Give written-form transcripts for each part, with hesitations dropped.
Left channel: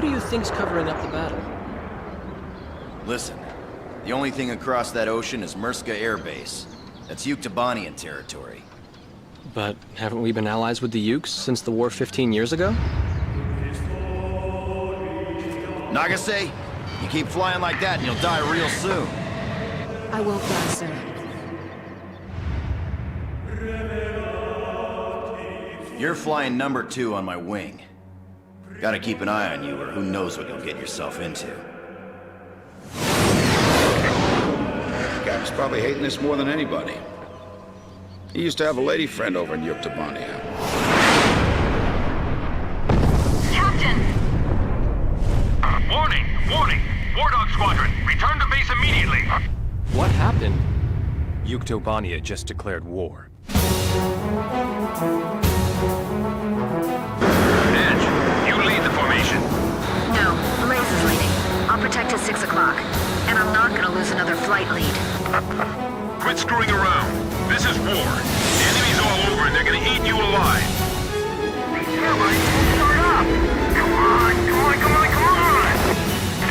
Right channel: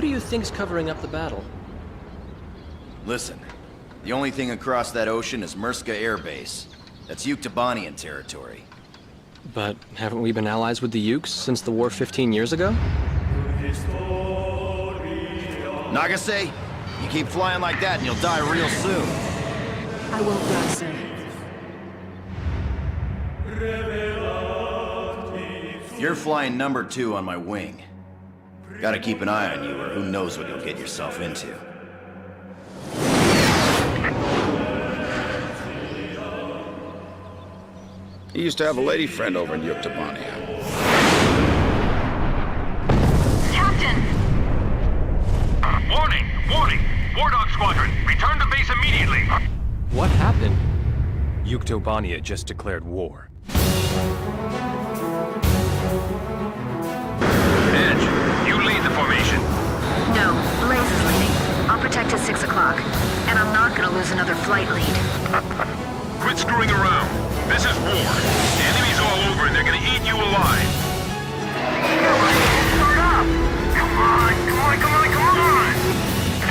Who do you think's covering up the battle? Listen, the only thing across that ocean is Murska Air Base. That's Yuktobanian territory. But haven't we been allies with the Ukes since the war 15 years ago? Nagase, you keep flying like that and you'll die real soon. I won't die, sir. You're flying number 2 on my wing. Gotta keep an eye on you, or who knows what you'll get yourself into. Captain's probably hating this more than anybody. He used to have a lady friend over in Yuktobania. Captain! Warning! Warning! War Dog Squadron, return to base immediately! What happened? Yuktobania just declared war. You lead the formation. No, Blaze is leading. I'll protect till 6 o'clock. And I'm not gonna lose another flight lead. Quit screwing around. This is war. The enemy's all over and they're gonna eat you alive. Come on!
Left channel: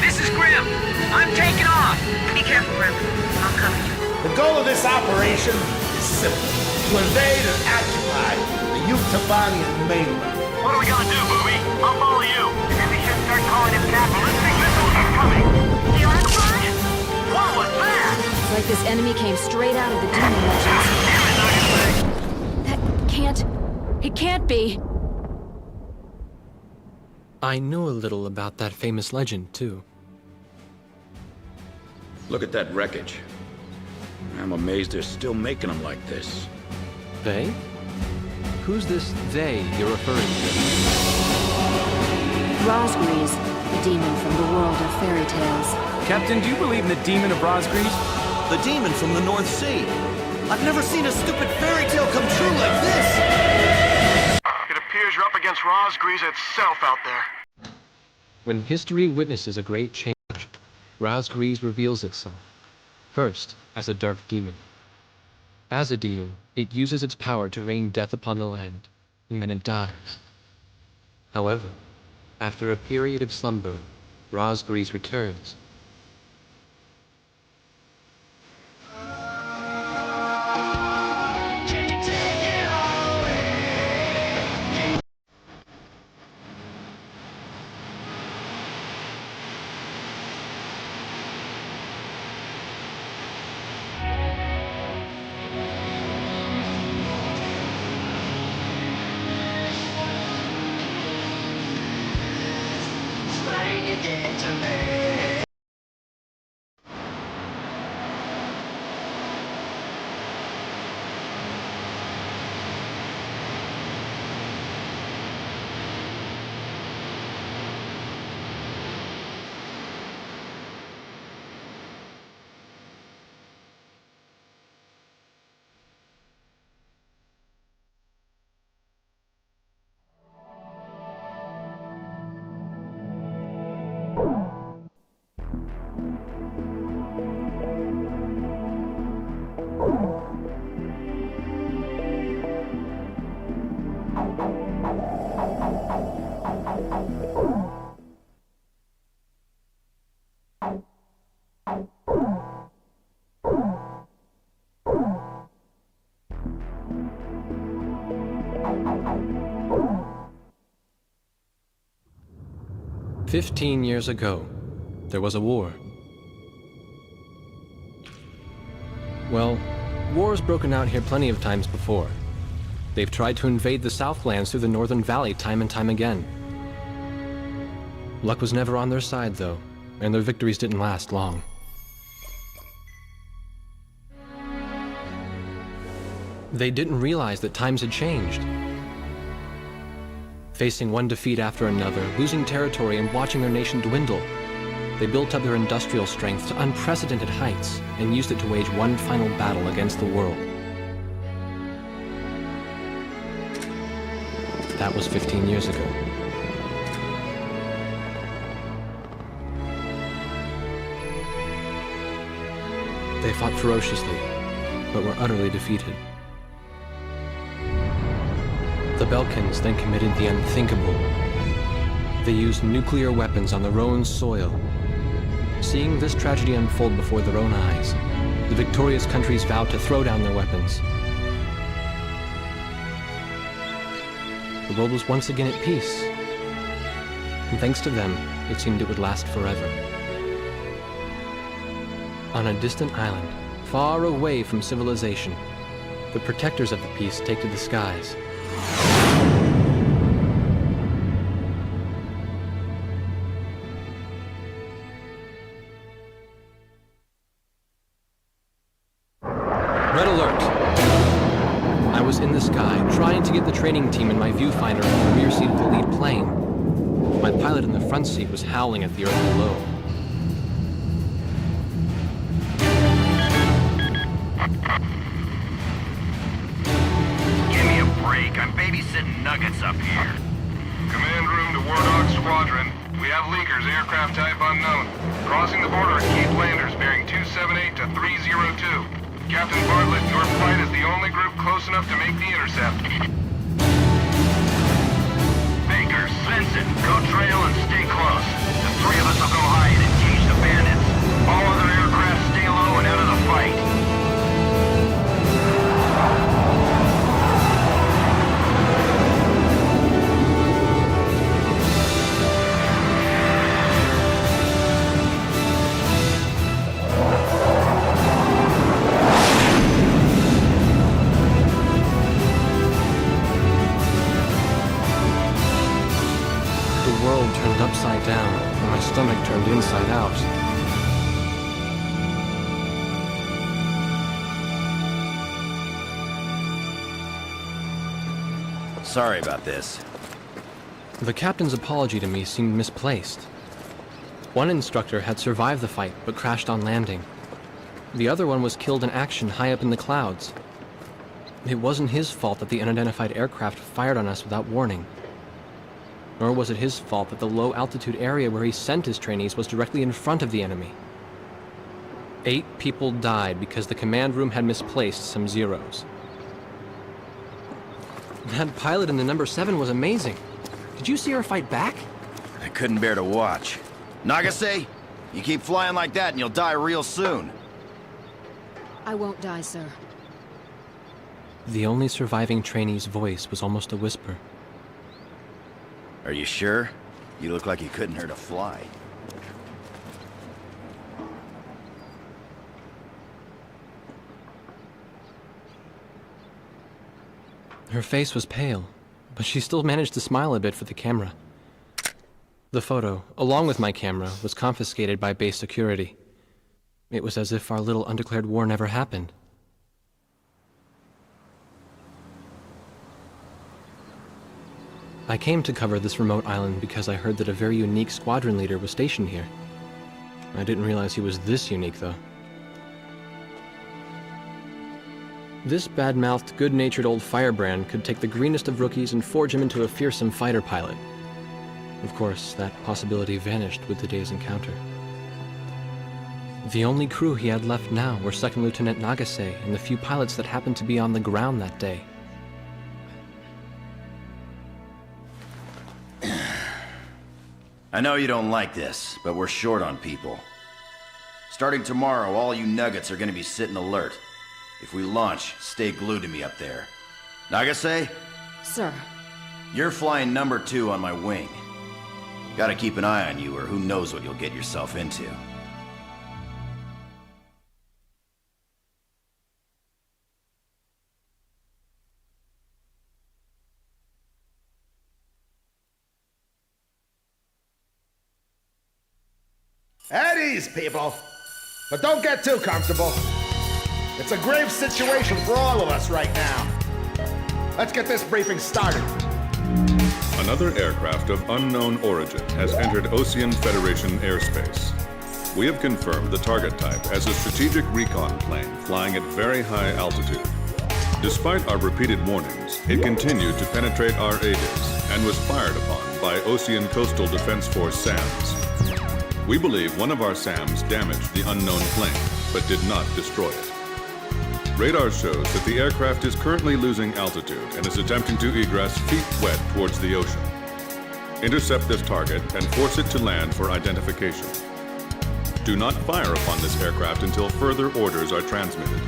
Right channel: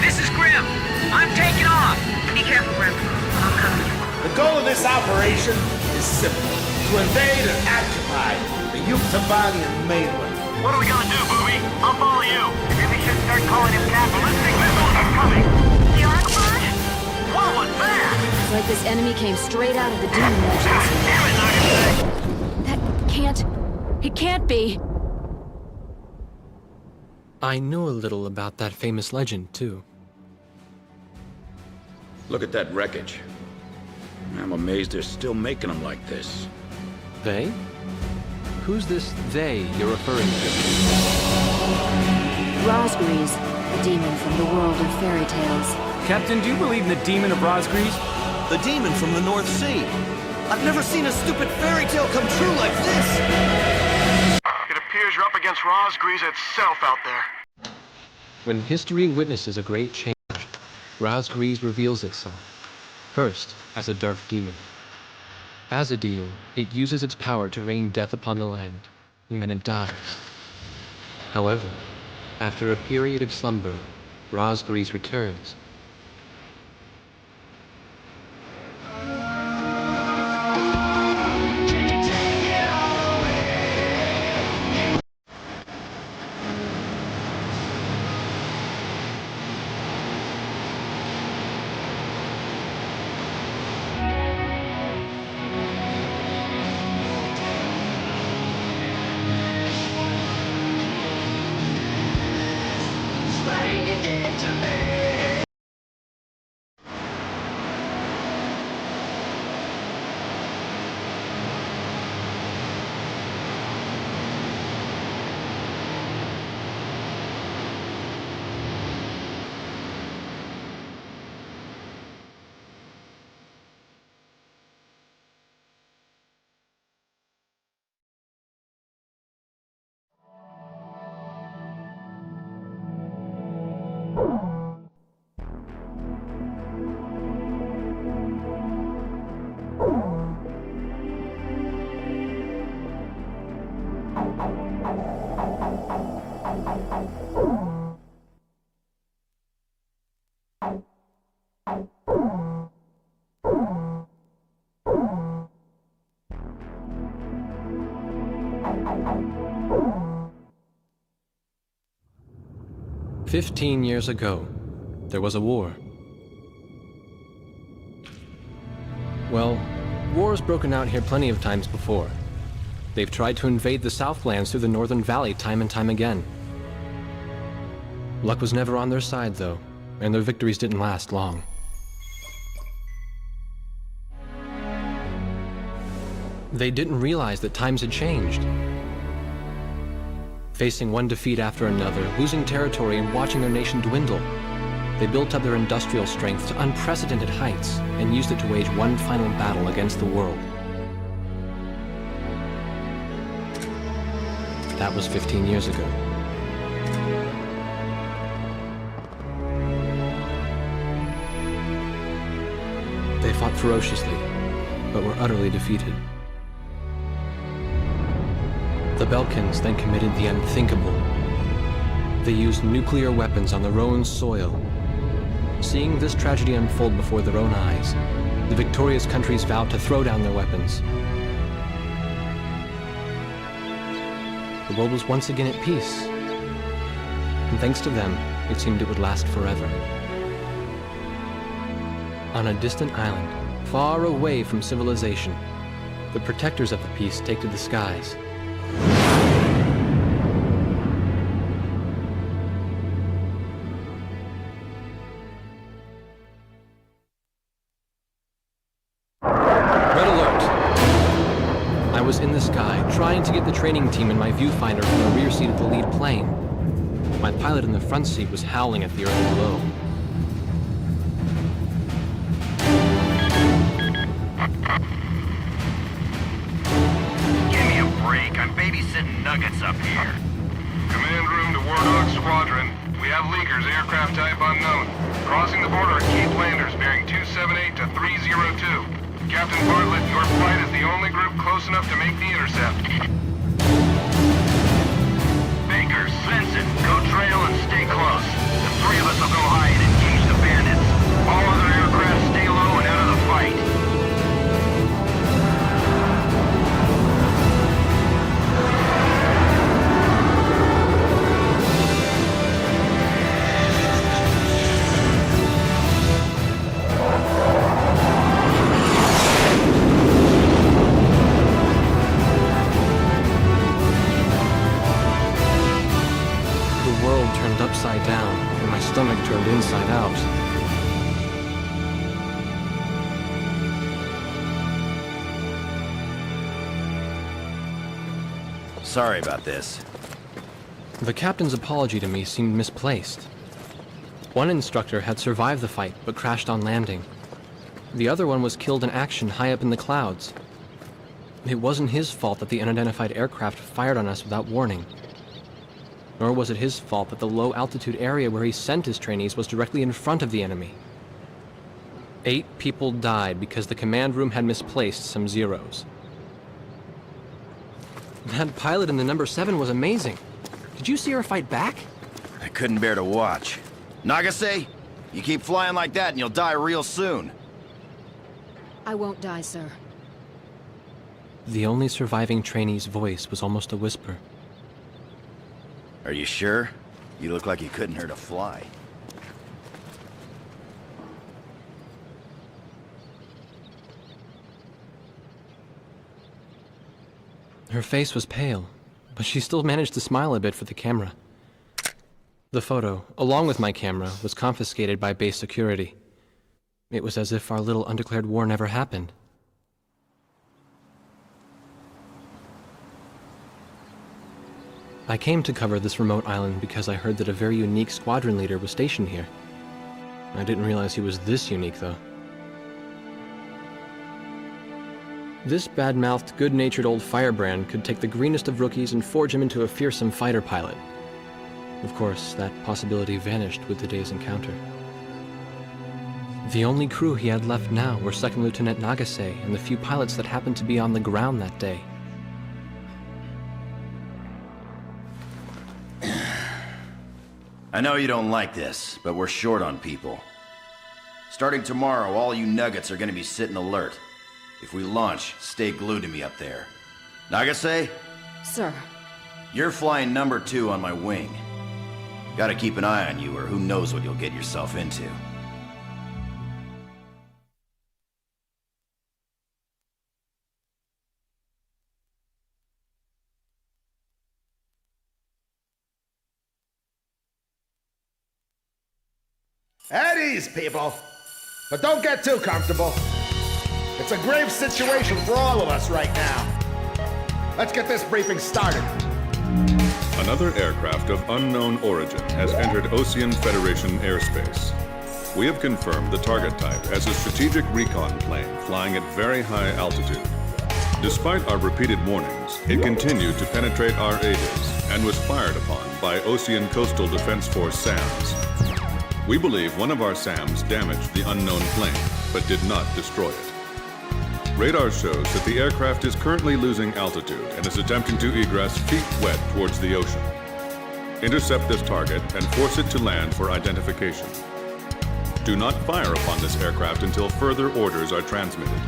This is Grim. I'm taking off. Be careful, Grim. I'm coming. The goal of this operation is simple: to invade and occupy the Yuktobanian mainland. What are we gonna do, Booby? I'll follow you. Maybe you should start calling it that ballistic missiles are coming. The Archbishop? What was that? It's like this enemy came straight out of the Demon Legends. That can't... It can't be. I know a little about that famous legend, too. Look at that wreckage. I'm amazed they're still making them like this. They? Who's this they you're referring to? Rosgreaves, a demon from the world of fairy tales. Captain, do you believe in the demon of Rosgreaves? The demon from the North Sea. I've never seen a stupid fairy tale come true like this. It appears you're up against Rosgreaves itself out there. When history witnesses a great change, Rosgreaves reveals itself. First, as a dark demon. As a demon, it uses its power to rain death upon the land, and it dies. However, after a period of slumber, Rosgreaves returns. "15 years ago, there was a war. Well, war's broken out here plenty of times before. They've tried to invade the Southlands through the Northern Valley time and time again. Luck was never on their side, though, and their victories didn't last long. They didn't realize that times had changed. Facing one defeat after another, losing territory and watching their nation dwindle, they built up their industrial strength to unprecedented heights and used it to wage one final battle against the world. That was 15 years ago. They fought ferociously, but were utterly defeated. The Belkans then committed the unthinkable. They used nuclear weapons on their own soil. Seeing this tragedy unfold before their own eyes, the victorious countries vowed to throw down their weapons. The world was once again at peace, and thanks to them, it seemed it would last forever. On a distant island, far away from civilization, the protectors of the peace take to the skies. Red alert! I was in the sky, trying to get the training team in my viewfinder from the rear seat of the lead plane. My pilot in the front seat was howling at the earth below. Give me a break. I'm babysitting nuggets up here. Command room to Warthog Squadron. We have leakers, aircraft type unknown. Crossing the border at Cape Landers, bearing 278 to 302. Captain Bartlett, your flight is the only group close enough to make the intercept. Baker, sense it. Go trail and stay close. The three of us will go high and engage the bandits. All other aircraft stay low and out of the fight. The world turned upside down, and my stomach turned inside out. Sorry about this. The captain's apology to me seemed misplaced. One instructor had survived the fight, but crashed on landing. The other one was killed in action high up in the clouds. It wasn't his fault that the unidentified aircraft fired on us without warning. Nor was it his fault that the low-altitude area where he sent his trainees was directly in front of the enemy. 8 people died because the command room had misplaced some zeros. That pilot in the number 7 was amazing. Did you see her fight back? I couldn't bear to watch. Nagase, you keep flying like that and you'll die real soon. I won't die, sir. The only surviving trainee's voice was almost a whisper. Are you sure? You look like you couldn't hurt a fly. Her face was pale, but she still managed to smile a bit for the camera. The photo, along with my camera, was confiscated by base security. It was as if our little undeclared war never happened. I came to cover this remote island because I heard that a very unique squadron leader was stationed here. I didn't realize he was this unique, though. This bad-mouthed, good-natured old firebrand could take the greenest of rookies and forge him into a fearsome fighter pilot. Of course, that possibility vanished with the day's encounter. The only crew he had left now were Second Lieutenant Nagase and the few pilots that happened to be on the ground that day. I know you don't like this, but we're short on people. Starting tomorrow, all you nuggets are gonna be sitting alert. If we launch, stay glued to me up there. Nagase? Sir. You're flying number 2 on my wing. Gotta keep an eye on you, or who knows what you'll get yourself into. At ease, people. But don't get too comfortable. It's a grave situation for all of us right now. Let's get this briefing started. Another aircraft of unknown origin has entered Ocean Federation airspace. We have confirmed the target type as a strategic recon plane flying at very high altitude. Despite our repeated warnings, it continued to penetrate our ADIS and was fired upon by Ocean Coastal Defense Force SAMs. We believe one of our SAMs damaged the unknown plane, but did not destroy it. Radar shows that the aircraft is currently losing altitude and is attempting to egress feet wet towards the ocean. Intercept this target and force it to land for identification. Do not fire upon this aircraft until further orders are transmitted.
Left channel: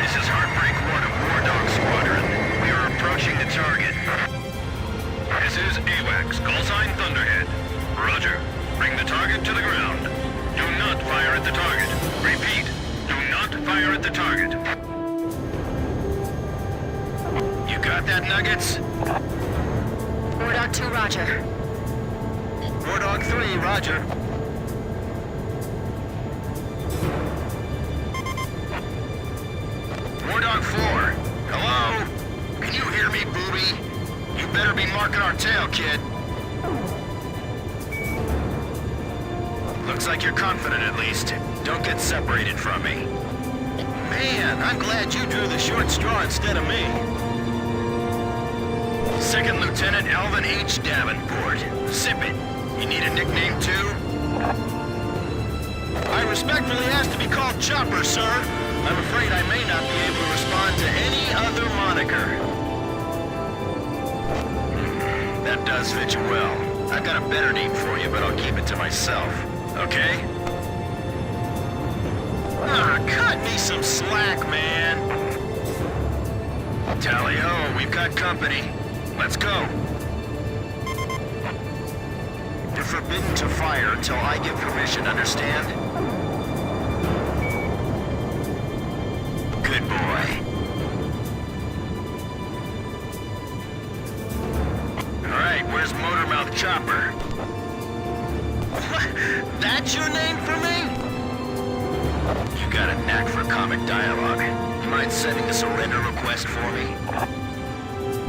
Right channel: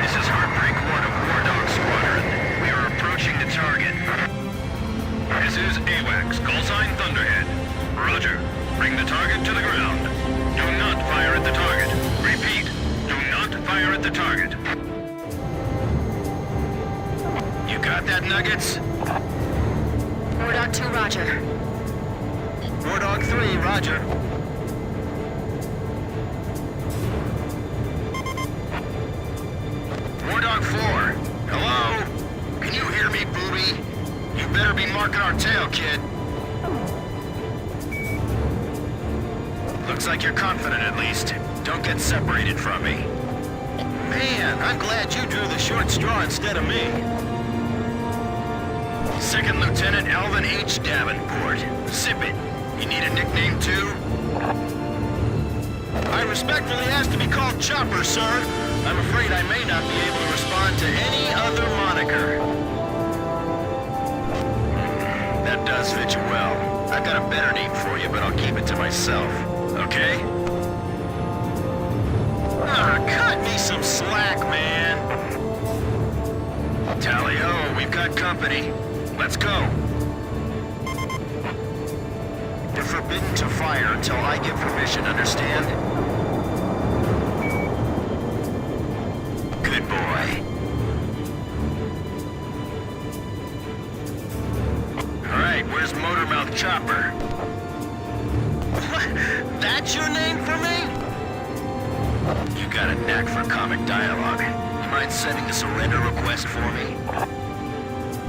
This is Heartbreak 1 of War Dog Squadron. We are approaching the target. This is AWACS, call sign Thunderhead. Roger. Bring the target to the ground. Do not fire at the target. Repeat, do not fire at the target. You got that, Nuggets? War Dog 2, roger. War Dog 3, roger. War Dog 4, hello? Can you hear me, booby? You better be marking our tail, kid. Looks like you're confident, at least. Don't get separated from me. Man, I'm glad you drew the short straw instead of me. Second Lieutenant Alvin H. Davenport. Sip it. You need a nickname, too? I respectfully ask to be called Chopper, sir. I'm afraid I may not be able to respond to any other moniker. That does fit you well. I've got a better name for you, but I'll keep it to myself. Okay? Ah, cut me some slack, man. Tally-ho, we've got company. Let's go. You're forbidden to fire until I give permission, understand? Good boy. All right, where's Motormouth Chopper? What? That's your name for me? You got a knack for comic dialogue. You mind sending a surrender request for me?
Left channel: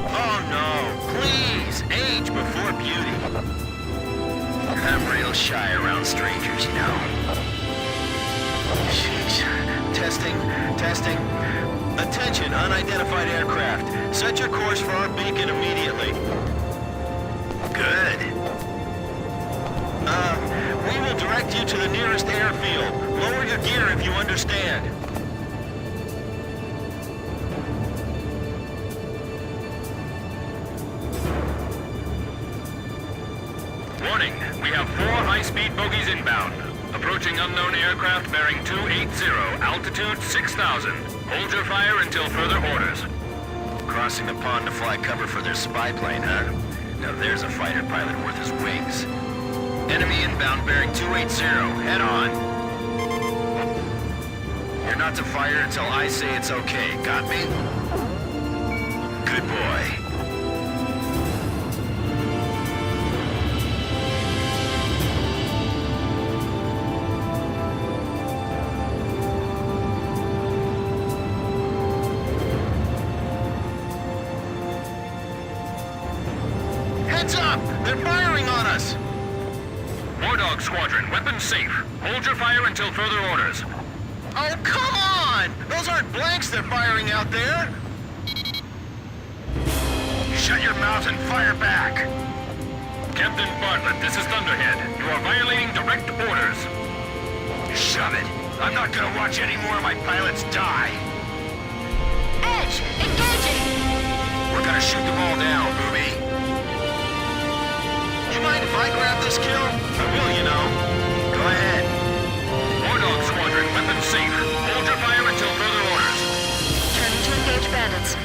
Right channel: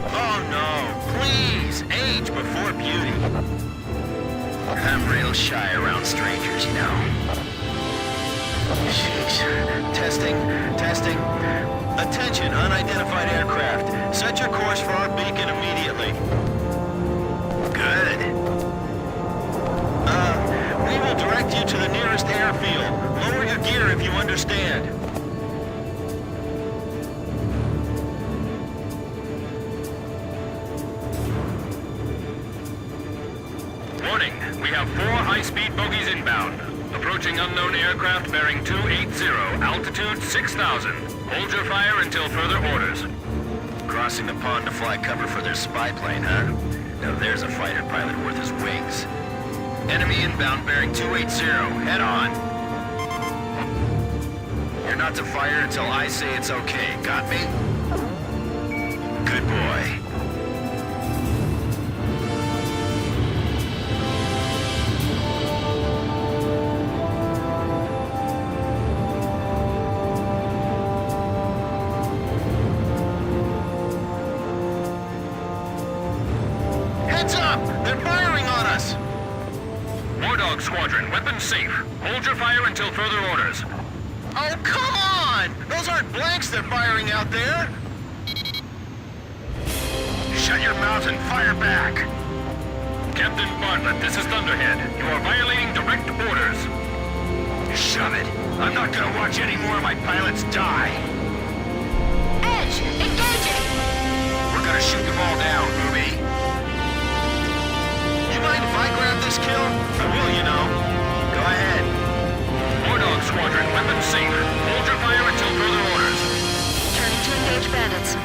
Oh no, please, age before beauty. I'm real shy around strangers, you know. Sheesh. Testing. Attention, unidentified aircraft. Set your course for our beacon immediately. Good. We will direct you to the nearest airfield. Lower your gear if you understand. Warning, we have 4 high-speed bogies inbound. Approaching unknown aircraft bearing 280, altitude 6,000. Hold your fire until further orders. Crossing the pond to fly cover for their spy plane, huh? Now there's a fighter pilot worth his wings. Enemy inbound bearing 280, head on. You're not to fire until I say it's okay, got me? Good boy. Heads up! They're firing on us! War Dog Squadron, weapons safe. Hold your fire until further orders. Oh, come on! Those aren't blanks they're firing out there! Shut your mouth and fire back! Captain Bartlett, this is Thunderhead. You are violating direct orders. Shove it. I'm not gonna watch any more of my pilots die. Edge, engaging! We're gonna shoot them all down, booby. You mind if I grab this kill? I will, you know. Go ahead. War Dog Squadron, weapons safe. Hold your fire until further orders. Turning to engage bandits.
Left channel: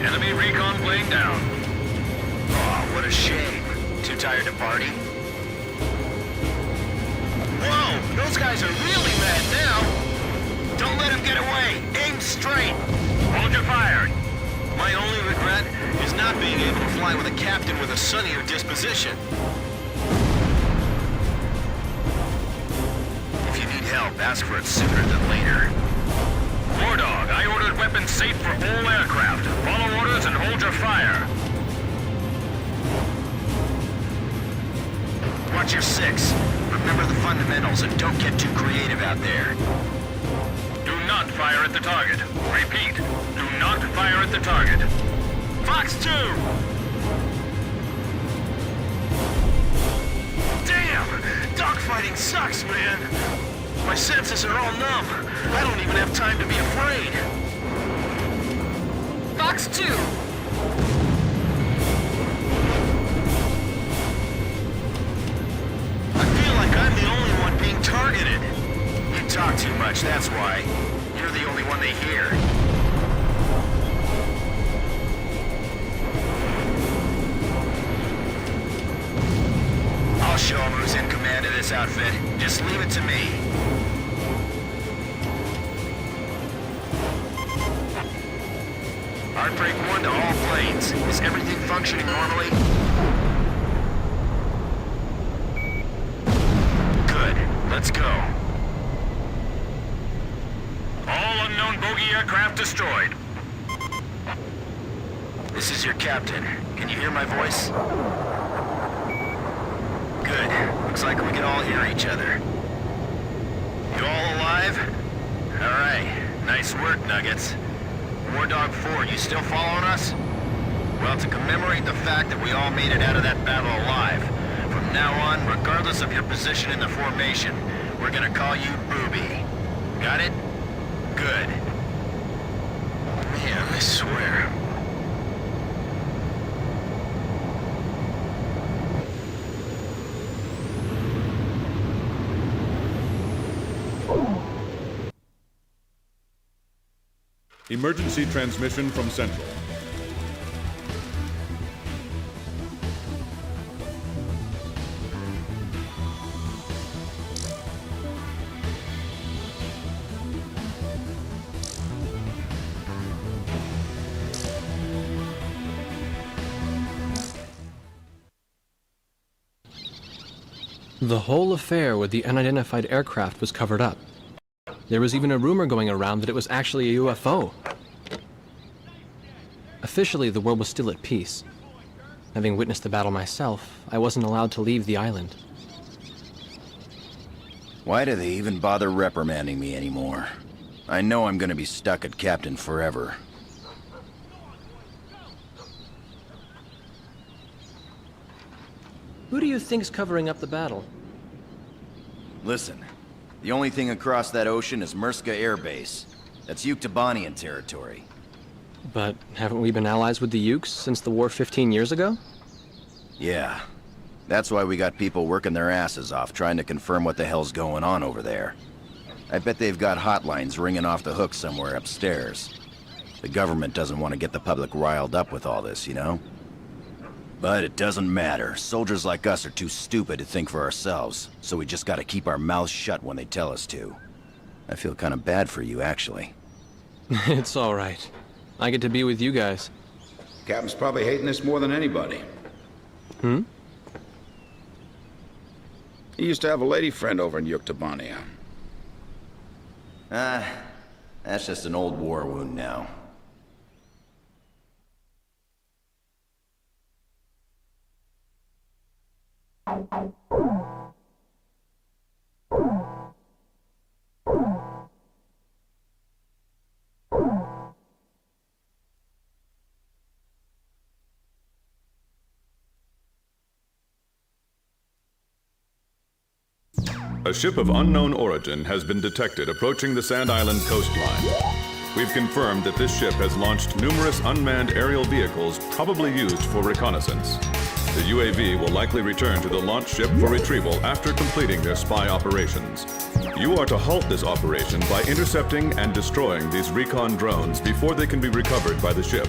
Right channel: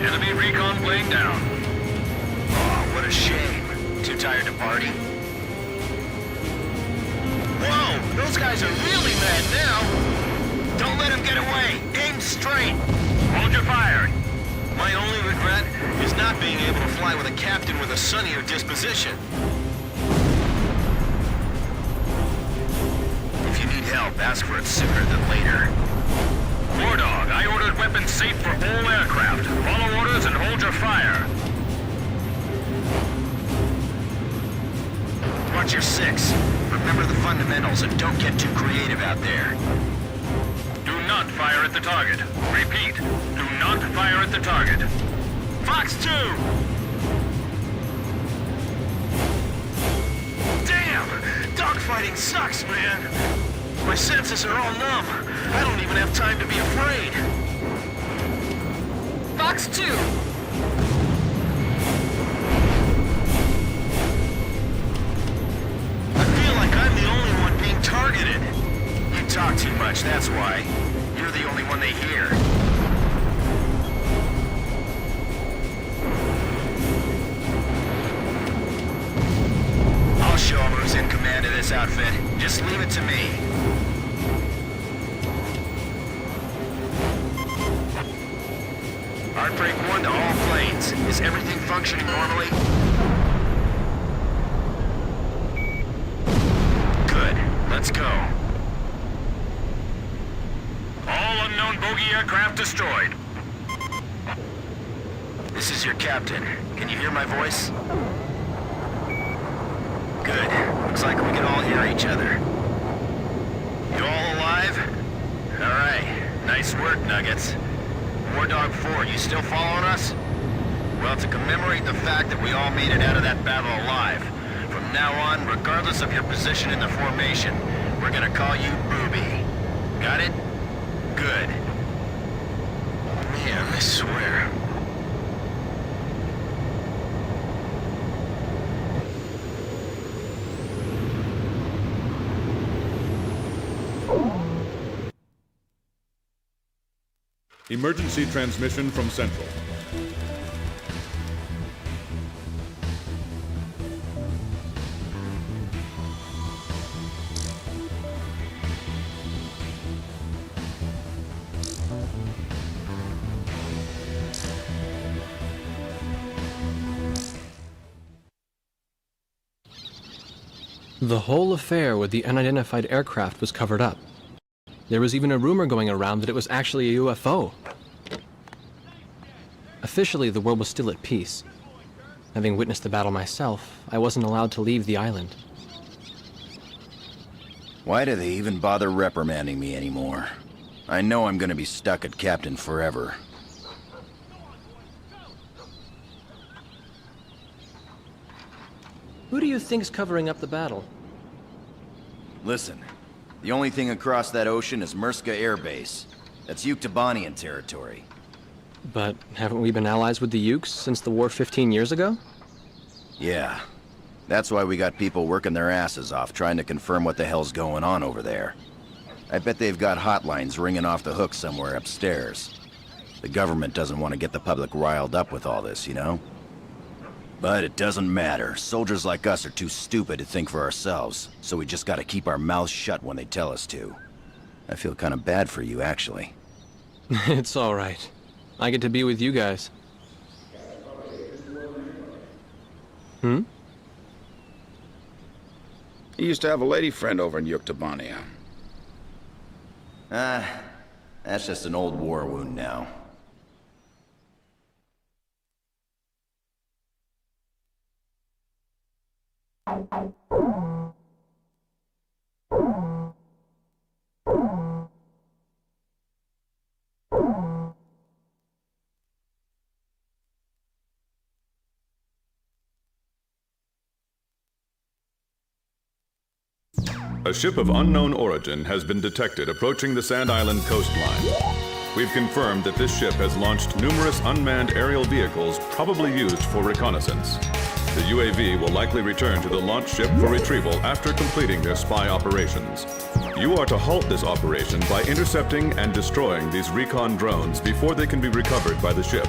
Enemy recon plane down. Oh, what a shame. Too tired to party? Whoa, those guys are really mad now. Don't let them get away. Aim straight. Hold your fire. My only regret is not being able to fly with a captain with a sunnier disposition. If you need help, ask for it sooner than later. War Dog, I ordered weapons safe for all aircraft. Follow orders and hold your fire. Watch your six. Remember the fundamentals and don't get too creative out there. Do not fire at the target. Repeat, do not fire at the target. Fox 2! Damn! Dogfighting sucks, man! My senses are all numb. I don't even have time to be afraid. Fox 2! I feel like I'm the only one being targeted. You talk too much, that's why. You're the only one they hear. I'll show them who's in command of this outfit. Just leave it to me. Heartbreak 1 to all planes. Is everything functioning normally? Good. Let's go. All unknown bogey aircraft destroyed. This is your captain. Can you hear my voice? Good. Looks like we can all hear each other. You all alive? Alright. Nice work, Nuggets. War Dog 4, you still following us? Well, to commemorate the fact that we all made it out of that battle alive, from now on, regardless of your position in the formation, we're gonna call you Booby. Got it? Good. Man, I swear. Emergency transmission from Central. The whole affair with the unidentified aircraft was covered up. There was even a rumor going around that it was actually a UFO. Officially, the world was still at peace. Having witnessed the battle myself, I wasn't allowed to leave the island. Why do they even bother reprimanding me anymore? I know I'm gonna be stuck at Captain forever. Who do you think's covering up the battle? Listen, the only thing across that ocean is Murska Air Base. That's Yuktobanian territory. But haven't we been allies with the Ukes since the war 15 years ago? Yeah. That's why we got people working their asses off trying to confirm what the hell's going on over there. I bet they've got hotlines ringing off the hook somewhere upstairs. The government doesn't want to get the public riled up with all this, you know? But it doesn't matter. Soldiers like us are too stupid to think for ourselves, so we just gotta keep our mouths shut when they tell us to. I feel kind of bad for you, actually. It's all right. I get to be with you guys. Captain's probably hating this more than anybody. Hmm? He used to have a lady friend over in Yuktobania. That's just an old war wound now. A ship of unknown origin has been detected approaching the Sand Island coastline. We've confirmed that this ship has launched numerous unmanned aerial vehicles probably used for reconnaissance. The UAV will likely return to the launch ship for retrieval after completing their spy operations. You are to halt this operation by intercepting and destroying these recon drones before they can be recovered by the ship.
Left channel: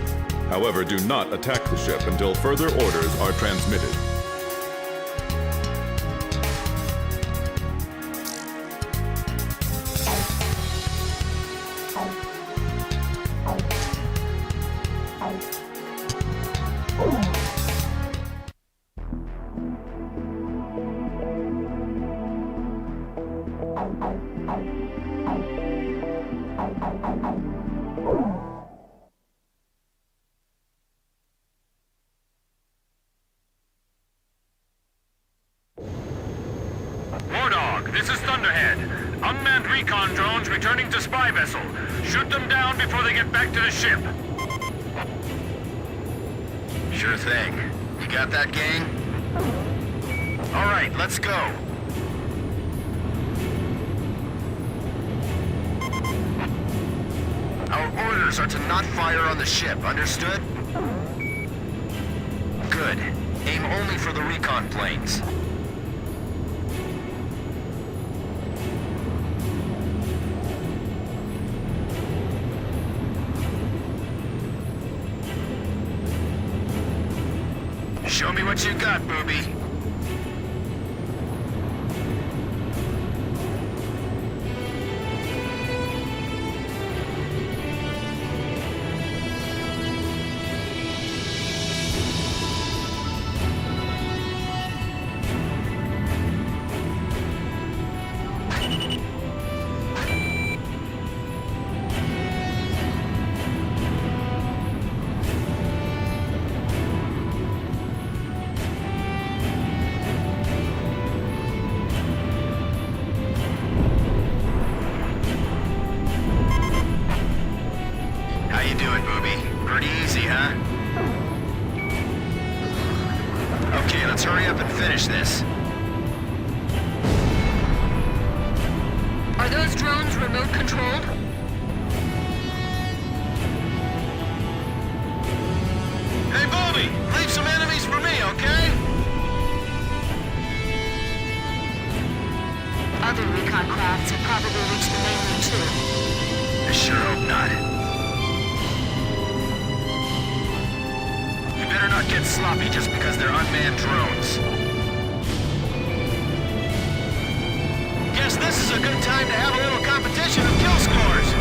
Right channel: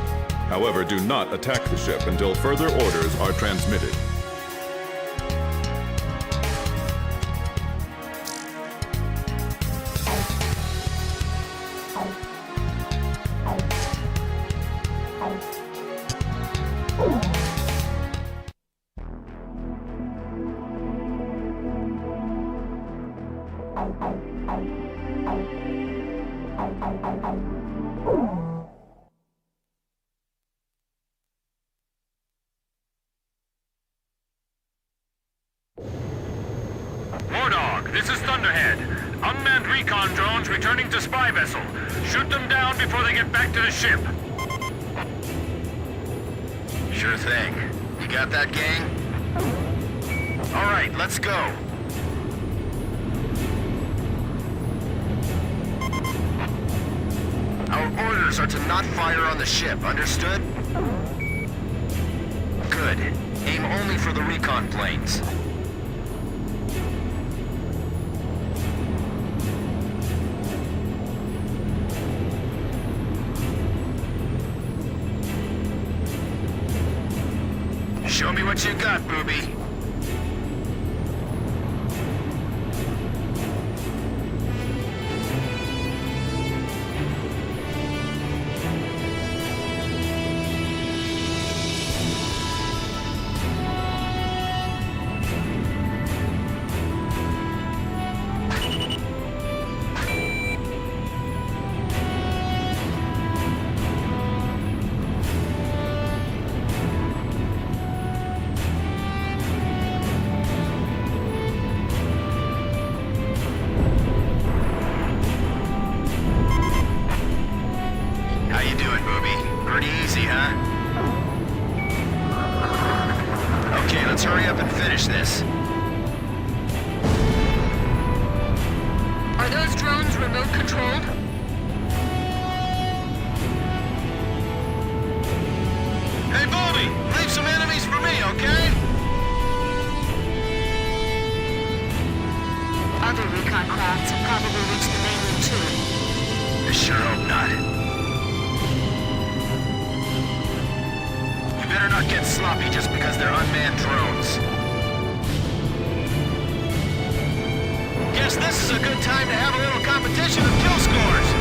However, do not attack the ship until further orders are transmitted. War Dog, this is Thunderhead. Unmanned recon drones returning to spy vessel. Shoot them down before they get back to the ship. Sure thing. You got that, gang? All right, let's go. Our orders are to not fire on the ship, understood? Good. Aim only for the recon planes. Show me what you got, booby. Okay, let's hurry up and finish this. Are those drones remote controlled? Hey, Bobby! Leave some enemies for me, okay? Other recon crafts have probably reached the mainland too. I sure hope not. You better not get sloppy just because they're unmanned drones. Guess this is a good time to have a little competition of kill scores.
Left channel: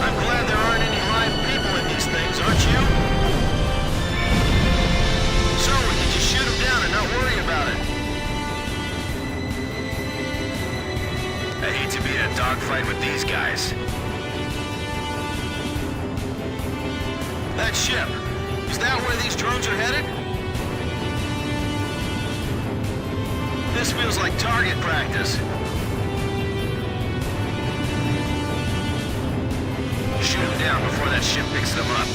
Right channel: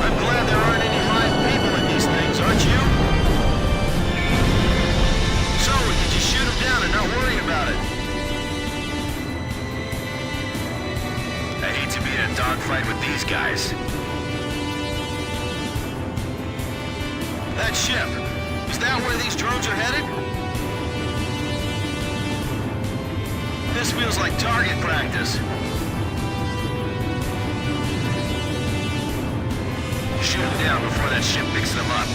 I'm glad there aren't any live people in these things, aren't you? So, we can just shoot them down and not worry about it. I hate to be in a dogfight with these guys. That ship, is that where these drones are headed? This feels like target practice. Shoot them down before that ship picks them up.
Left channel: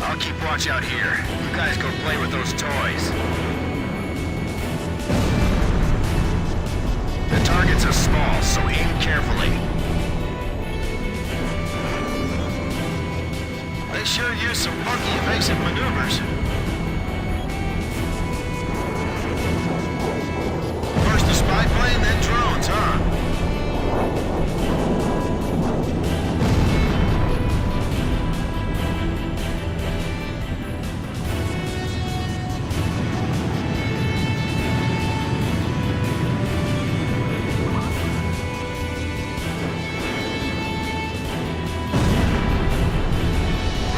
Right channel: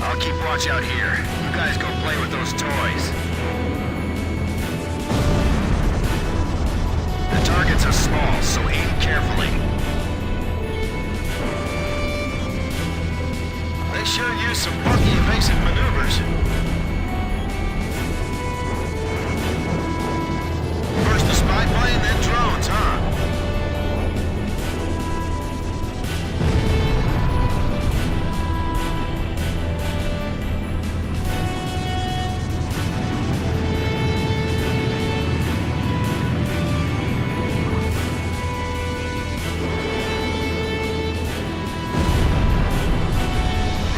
I'll keep watch out here. You guys go play with those toys. The targets are small, so aim carefully. They sure use some funky evasive maneuvers. First the spy plane, then drones, huh?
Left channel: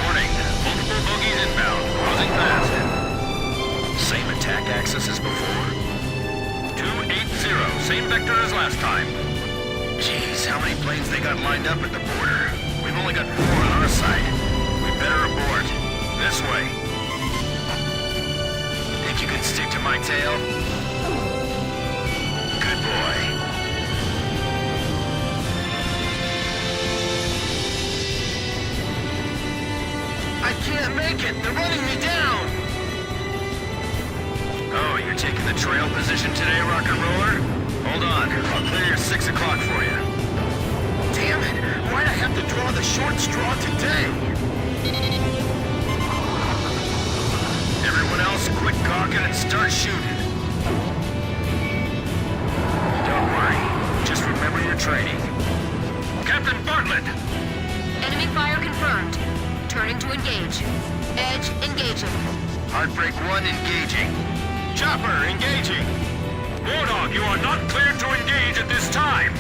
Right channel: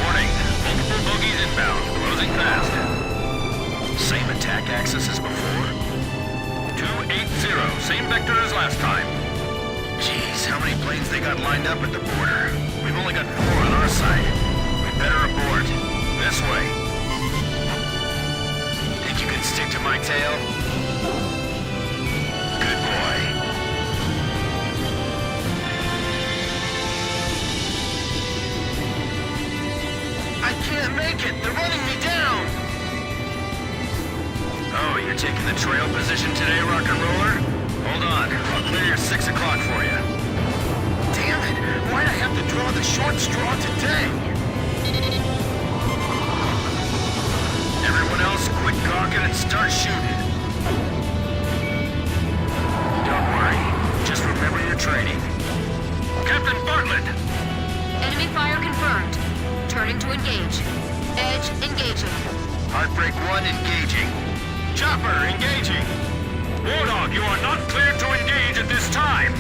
Warning, multiple bogies inbound, closing fast. Same attack axis as before? 280, same vector as last time. Jeez, how many planes they got lined up at the border? We've only got 4 on our side. We better abort. This way. Think you can stick to my tail? Good boy. I can't make it! They're running me down! Oh, you're taking the trail position today, rock and roller? Hold on, I'll clear your 6 o'clock for you. Damn it! Why'd I have to draw the short straw today? Everyone else, quit gawking and start shooting. Don't worry. Just remember your training. Captain Bartlett! Enemy fire confirmed. Turning to engage. Edge engaging. Heartbreak 1 engaging. Chopper, engaging! War Dog, you are not cleared to engage at this time!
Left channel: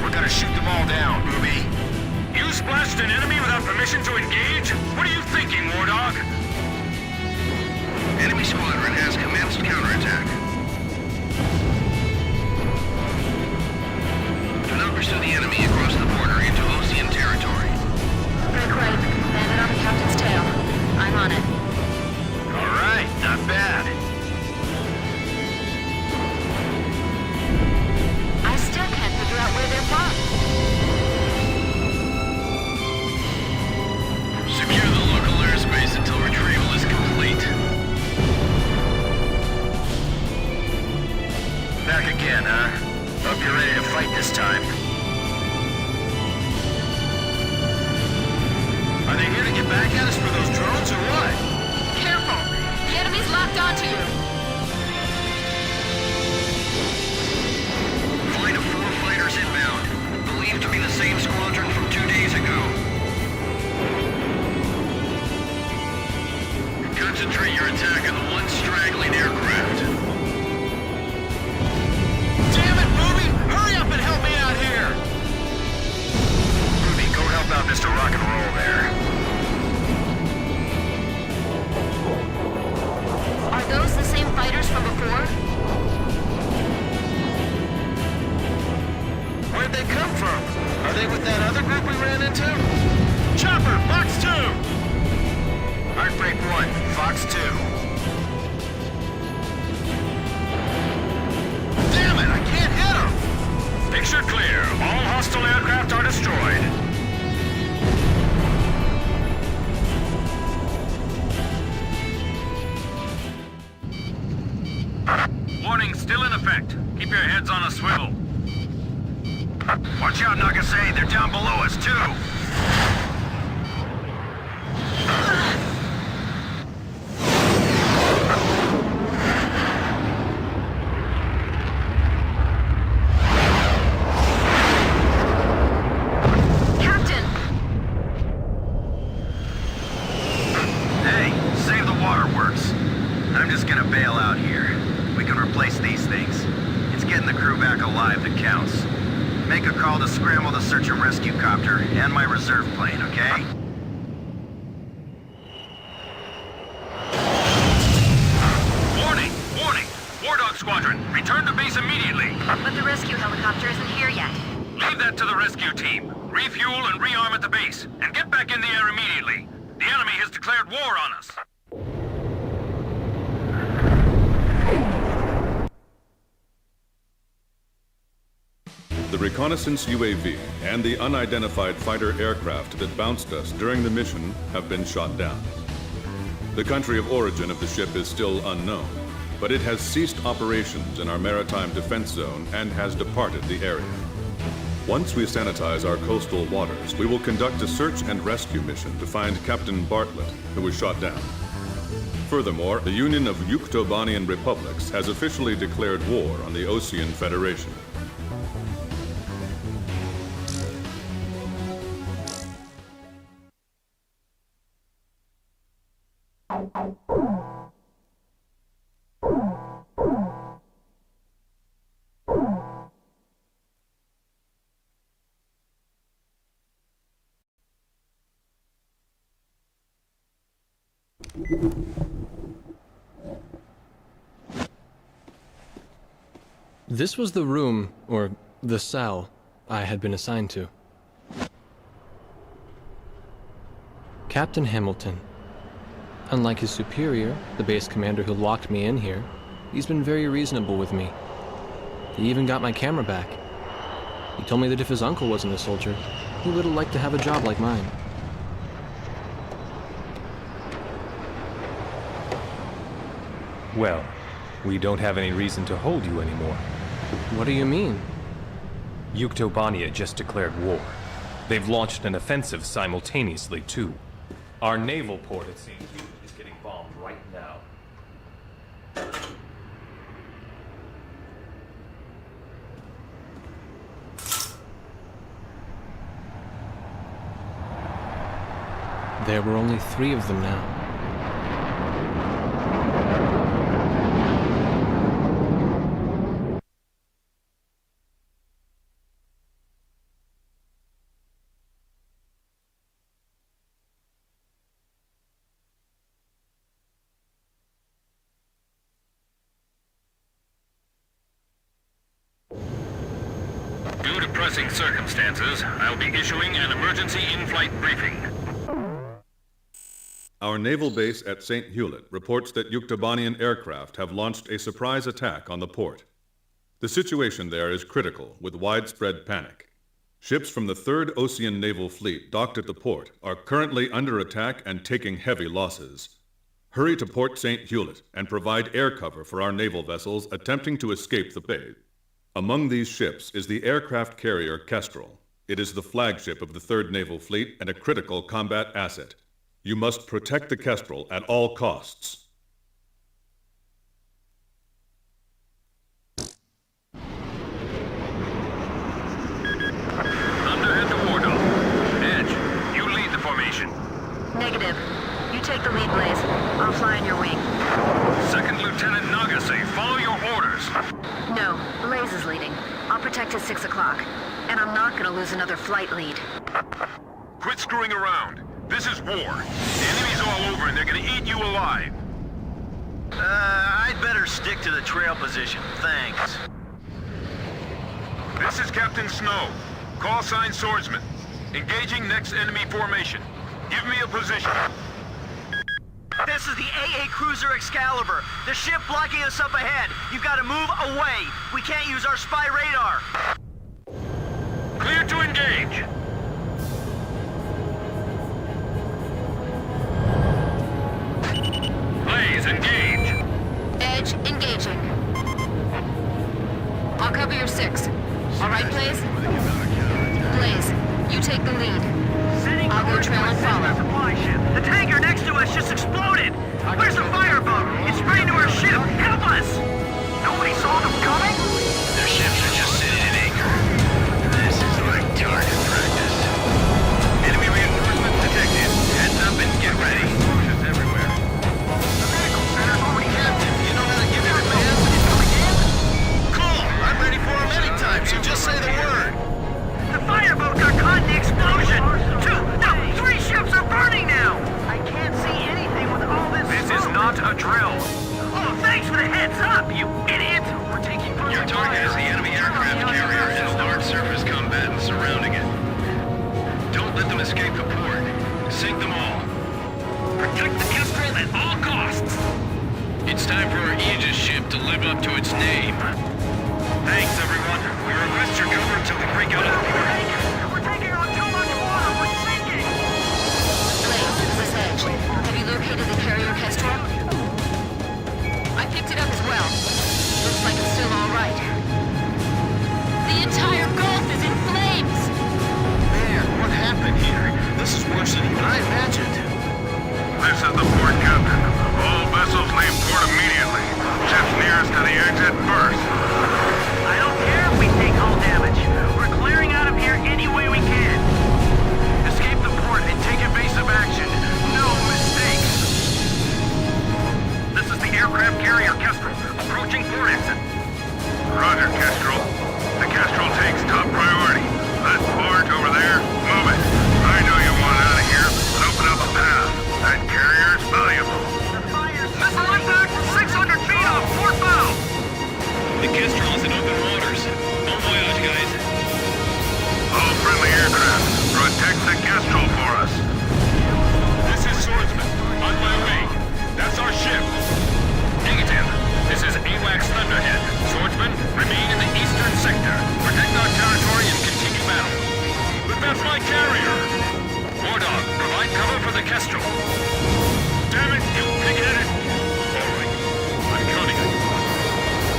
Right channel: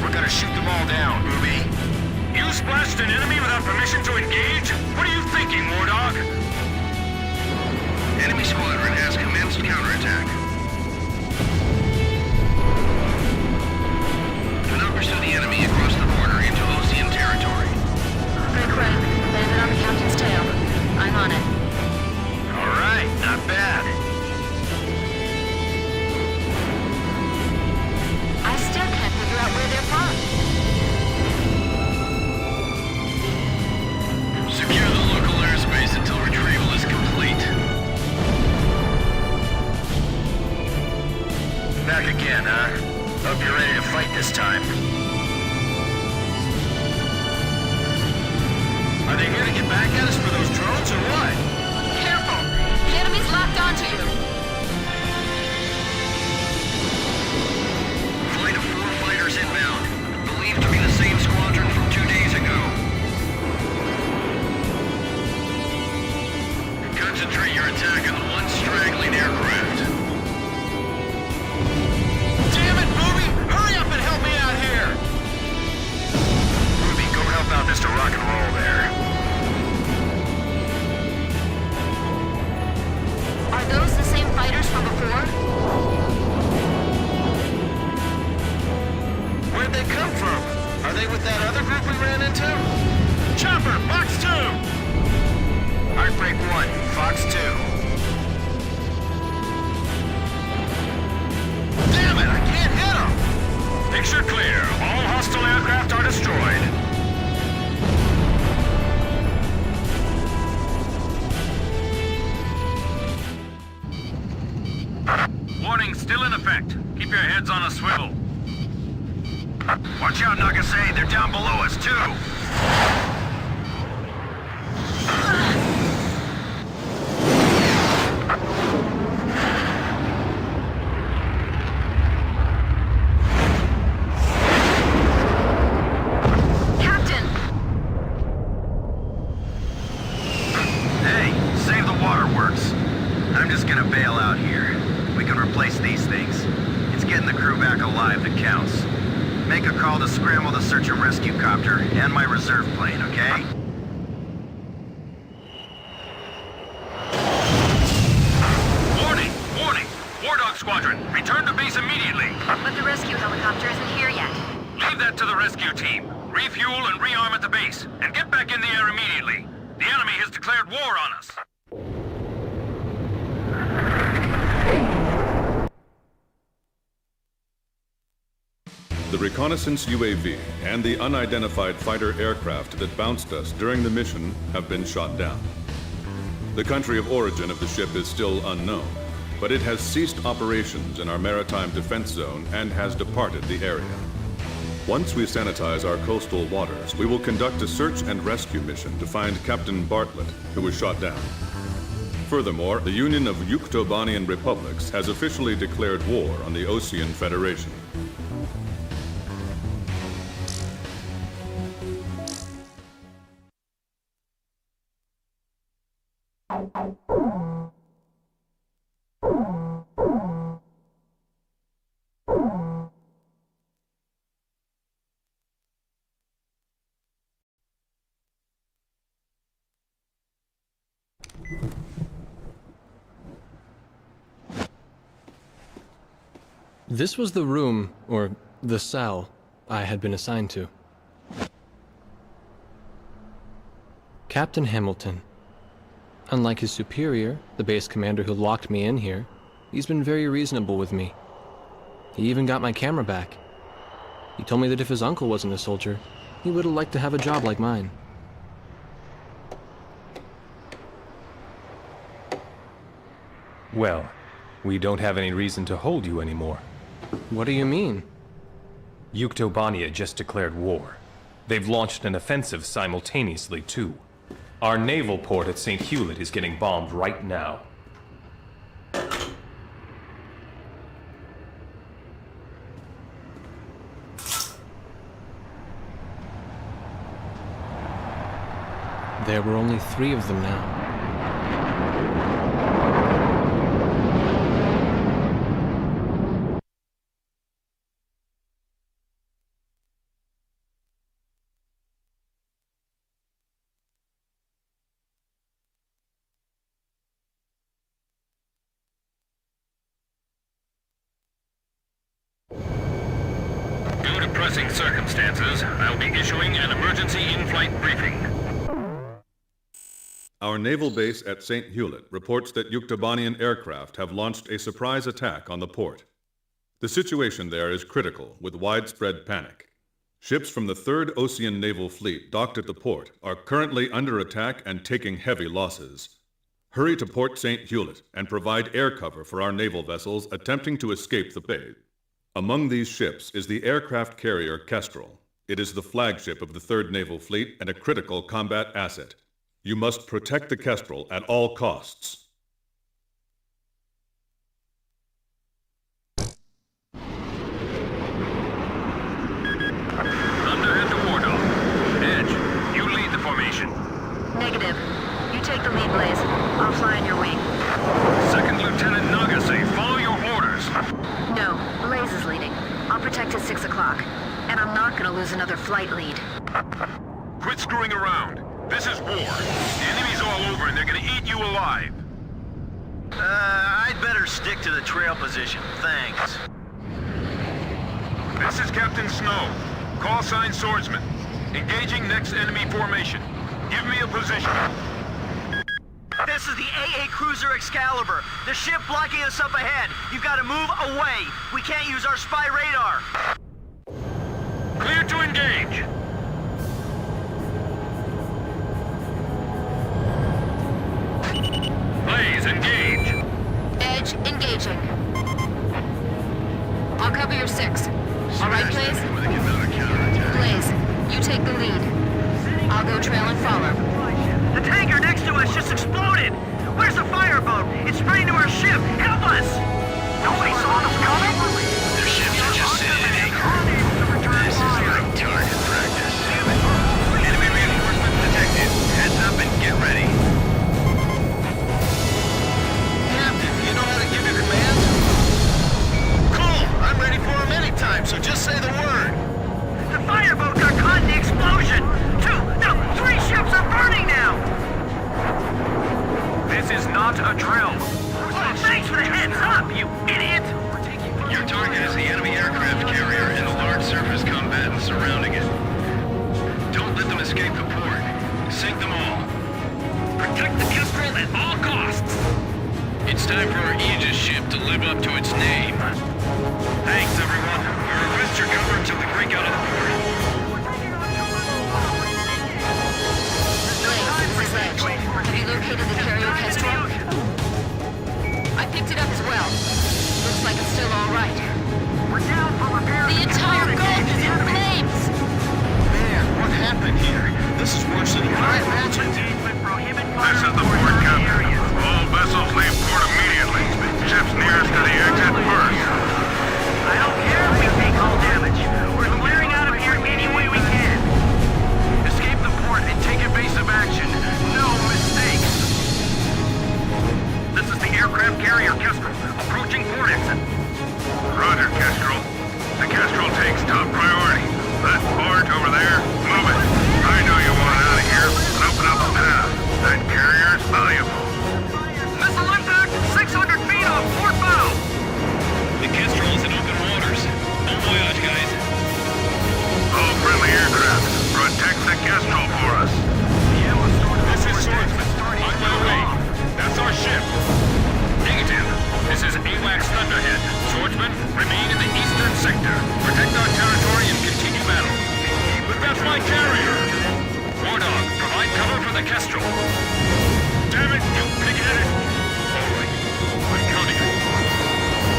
We're gonna shoot them all down, booby. splashed an enemy without permission to engage? What are you thinking, War Dog? Enemy squadron has commenced counterattack. Do not pursue the enemy across the border into Osean territory. Break right. Landed on the captain's tail. I'm on it. All right, not bad. I still can't figure out where they're from. Secure the local airspace until retrieval is complete. Back again, huh? Hope you're ready to fight this time. Are they here to get back at us for those drones or what? Careful! The enemy's locked onto you! Flight of 4 fighters inbound. Believed to be the same squadron from 2 days ago. Concentrate your attack on the one straggling aircraft. Damn it, Booby! Hurry up and help me out here! Booby, go help out Mr. Rock and Roll there. Are those the same fighters from before? Where'd they come from? Are they with that other group we ran into? Chopper, Fox 2! Heartbreak 1, Fox 2. Damn it, I can't hit them! Picture clear. All hostile aircraft are destroyed. Warning still in effect. Keep your heads on a swivel. Watch out, Nagasaki. They're down below us, too. Captain! Hey, save the waterworks. I'm just gonna bail out here. We can replace these things. It's getting the crew back alive that counts. Make a call to scramble the search and rescue copter and my reserve plane, okay? Warning! Warning! War Dog Squadron, return to base immediately! But the rescue helicopter isn't here yet. Leave that to the rescue team. Refuel and rearm at the base, and get back in the air immediately. The enemy has declared war on us. The reconnaissance UAV and the unidentified fighter aircraft that bounced us during the mission have been shot down. The country of origin of the ship is still unknown, but it has ceased operations in our maritime defense zone and has departed the area. Once we sanitize our coastal waters, we will conduct a search and rescue mission to find Captain Bartlett, who was shot down. Furthermore, the Union of Yuktobanian Republics has officially declared war on the Osean Federation. This was the room, or the cell, I had been assigned to. Captain Hamilton. Unlike his superior, the base commander who locked me in here, he's been very reasonable with me. He even got my camera back. He told me that if his uncle wasn't a soldier, he would have liked to have a job like mine. Well, we don't have any reason to hold you anymore. What do you mean? Yuktobania just declared war. They've launched an offensive simultaneously, too. Our naval port at St. Hewlett is getting bombed right now. There were only 3 of them now. pressing circumstances, I'll be issuing an emergency in-flight briefing. Our naval base at St. Hewlett reports that Yuktobanian aircraft have launched a surprise attack on the port. The situation there is critical, with widespread panic. Ships from the 3rd Ocean Naval Fleet docked at the port are currently under attack and taking heavy losses. Hurry to Port St. Hewlett and provide air cover for our naval vessels attempting to escape the bay. Among these ships is the aircraft carrier Kestrel. It is the flagship of the 3rd Naval Fleet and a critical combat asset. You must protect the Kestrel at all costs. Thunder into Wardog. Edge, you lead the formation. Negative. You take the lead, Blaze. I'll fly on your wing. 2nd Lieutenant Nagase, follow your orders. No, Blaze is leading. I'll protect at 6 o'clock. And I'm not gonna lose another flight lead. Quit screwing around. This is war. The enemy's all over and they're gonna eat you alive. I'd better stick to the trail position, thanks. This is Captain Snow. Call sign Swordsman. Engaging next enemy formation. Give me a position. This is the AA Cruiser Excalibur. The ship blocking us up ahead. You've got to move away. We can't use our spy radar. Clear to engage. Blaze, engage. Edge, engaging. I'll cover your 6. All right, Blaze? Blaze, you take the lead. I'll go trail and follow. The tanker next to us just exploded. Where's the fireboat? It's spraying to our ship. Help us! Nobody saw them coming? Their ships are just sitting at anchor. This is like target practice. Enemy reinforcements detected. Heads up and get ready. Captain, you know how to give your commands? Cool! I'm ready for them anytime, so just say the word. The fireboat got caught in the explosion! 3 ships are burning now! I can't see anything with all this... This is not a drill. Oh, thanks for the heads up, you idiot! We're taking... Your target is the enemy aircraft carrier and a large surface combatant surrounding it. Don't let them escape the port. Sink them all. Protect the Kestrel at all costs! It's time for our Aegis ship to live up to its name. Thanks, everyone. We request your cover until we break out of the port. Blaze, this is Edge. Have you located the carrier Kestrel? I picked it up as well. Looks like it's still all right. The entire Gulf is in flames! Man, what happened here? This is worse than even I imagined. This is the port captain. All vessels leave port immediately. Ships nearest to the exit first. I don't care if we take hull damage. We're clearing out of here any way we can. Escape the port and take evasive action. No mistakes. This is the aircraft carrier Kestrel, approaching port exit. Roger, Kestrel. The Kestrel takes top priority. That barge over there, move it. I know you want out of here, but open up a path. That carrier's valuable. Missile impact 600 feet off port bow. The Kestrel is in open waters. Bon voyage, guys. All friendly aircraft, protect the Kestrel for us. This is Swordsman. On my way. That's our ship. Negative. This is AWACS Thunderhead. Swordsman, remain in the eastern sector. Protect our territory and continue battle. But that's my carrier. Wardog, provide cover for the Kestrel. Damn it, you pig-headed. All right. I'm counting on you.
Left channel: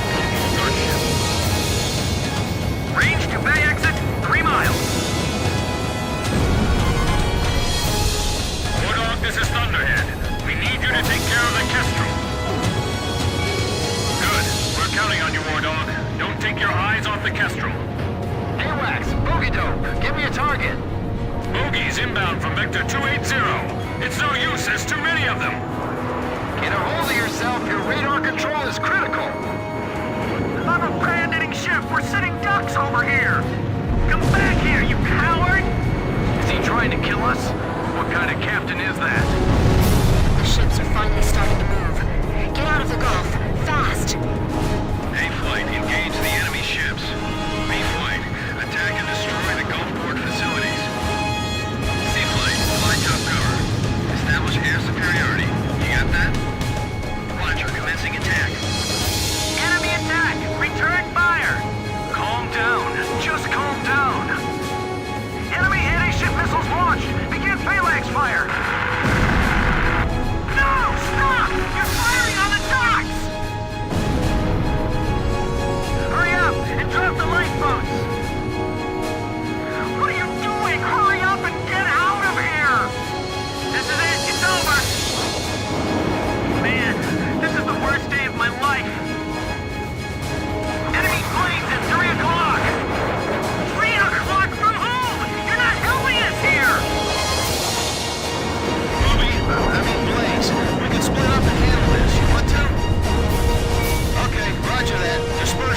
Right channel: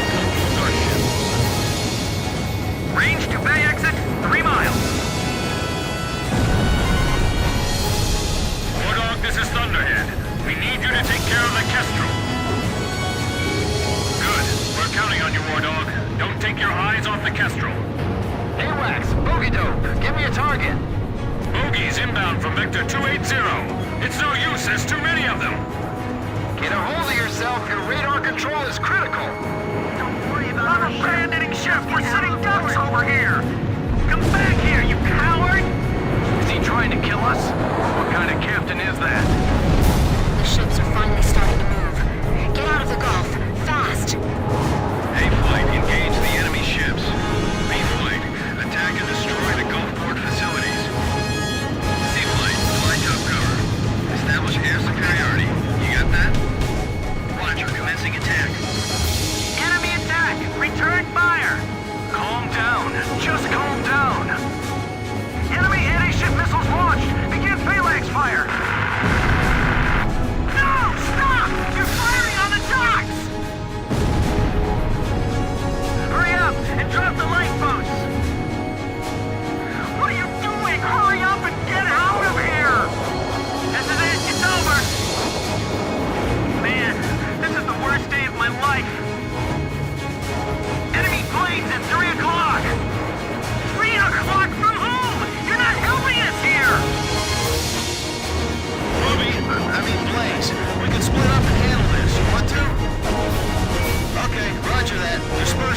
Don't lose our ship. Range to bay exit, 3 miles. Wardog, this is Thunderhead. We need you to take care of the Kestrel. Good. We're counting on you, Wardog. Don't take your eyes off the Kestrel. AWACS, bogey dope. Give me a target. Bogies inbound from Vector 280. It's no use, there's too many of them. Get a hold of yourself. Your radar control is critical. I'm abandoning ship. We're sitting ducks over here. Come back here, you coward! Is he trying to kill us? What kind of captain is that? The ships are finally starting to move. Get out of the Gulf, fast! A-Flight, engage the enemy ships. B-Flight, attack and destroy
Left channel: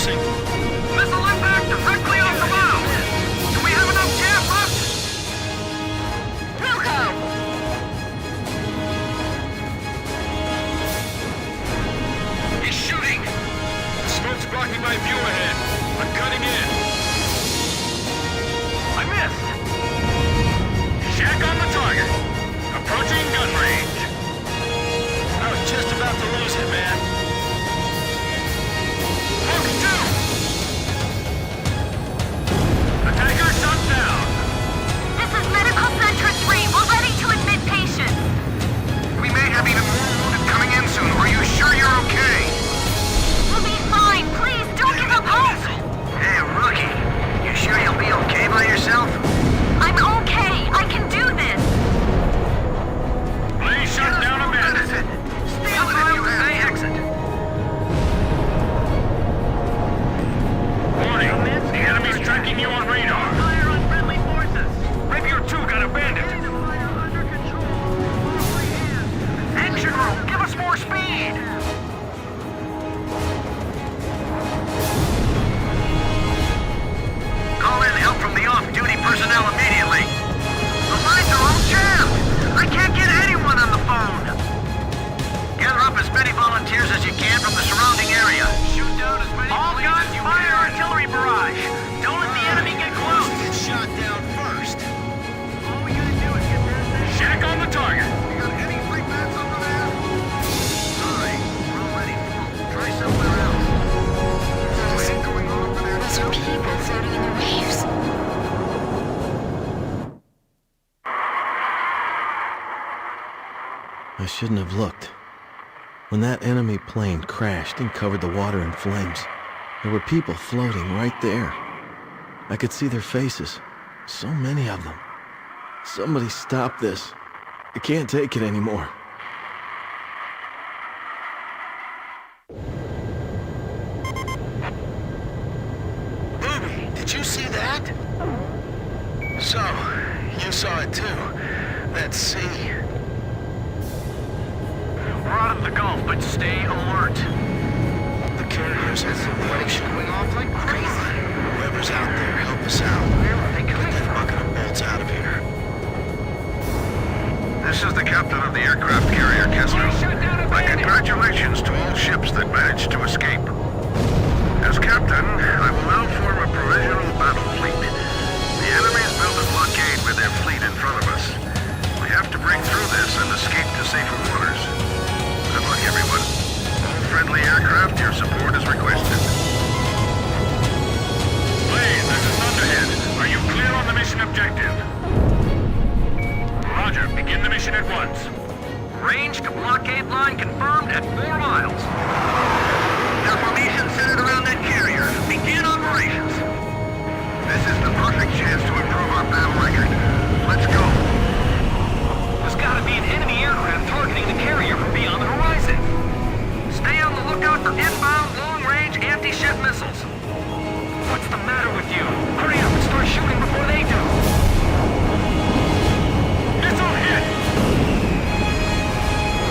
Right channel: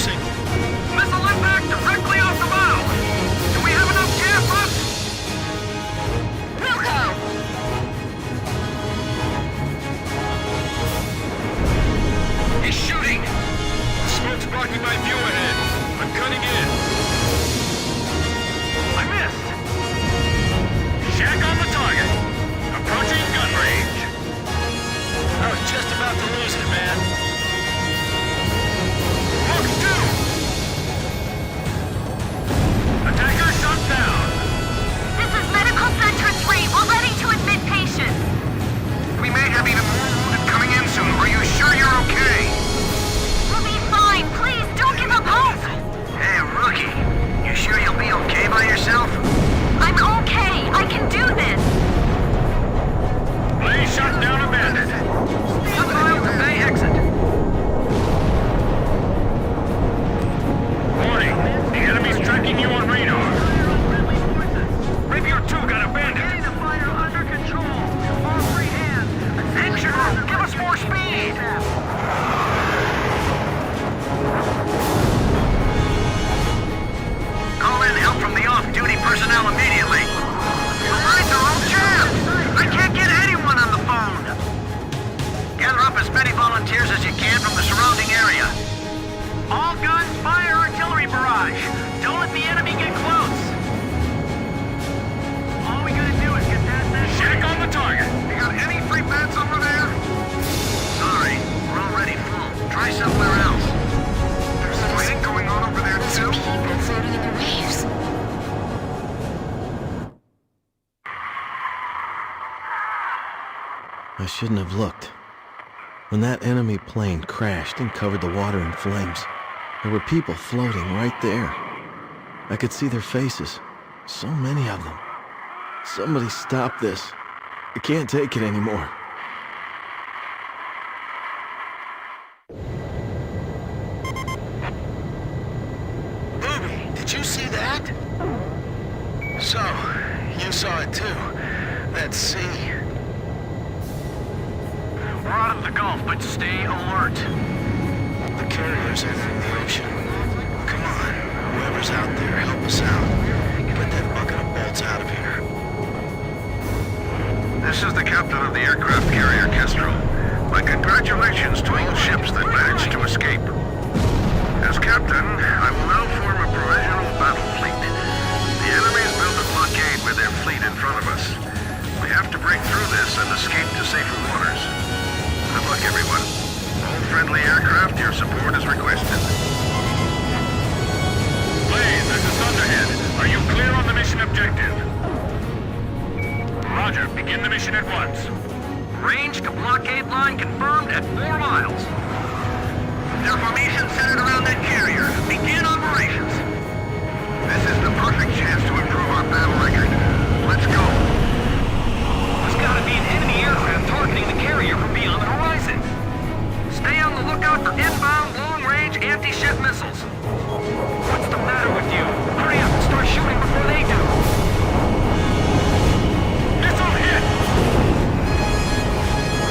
missing. Missile impact directly off the bow! Do we have enough jam left? Wilco! He's shooting! The smoke's blocking my view ahead. I'm cutting in. I missed! Shack on the target. Approaching gun range. I was just about to lose it, man. Mark 2! Attacker shot down. This is Medical Center 3. We're ready to admit patients. We may have even more wounded coming in soon. Are you sure you're okay? We'll be fine. Please, don't give up hope. Hey, rookie. You sure you'll be okay by yourself? I'm okay. I can do this. Blaze shot down a bandit. 1 mile to Bay exit. Warning. The enemy's tracking you on radar. Fire on friendly forces. Rapier 2 got a bandit. Getting the fire under control. All free hands. Engine room, give us more speed. Call in help from the off-duty personnel immediately. The lines are all jammed. I can't get anyone on the phone. Gather up as many volunteers as you can from the surrounding area. All guns, fire artillery barrage. Don't let the enemy get close. Shot down first. All we gotta do is get past that. Shack on the target. Any free pads over there? Alright, we're already full. Try somewhere else. Those are people floating in the waves. I shouldn't have looked. When that enemy plane crashed and covered the water in flames, there were people floating right there. I could see their faces. So many of them. Somebody stop this. I can't take it anymore. Booby, did you see that? So, you saw it too. That sea. We're out of the Gulf, but stay alert. The carrier's entering the ocean. Come on, whoever's out there, help us out. Get that bucket of bolts out of here. This is the captain of the aircraft carrier Kestrel. My congratulations to all ships that managed to escape. As captain, I will now form a provisional battle fleet. The enemy's built a blockade with their fleet in front of us. We have to break through this and escape to safer waters. Good luck, everyone. All friendly aircraft, your support is requested. Blaze, this is Thunderhead. Are you clear on the mission objective? Roger, begin the mission at once. Range to blockade line confirmed at 4 miles. Their formation centered around that carrier. Begin operations. This is the perfect chance to improve our battle record. Let's go. There's gotta be an enemy aircraft targeting the carrier from beyond the horizon. Stay on the lookout for inbound long-range anti-ship missiles. What's the matter with you? Hurry up and start shooting before they do. Missile hit!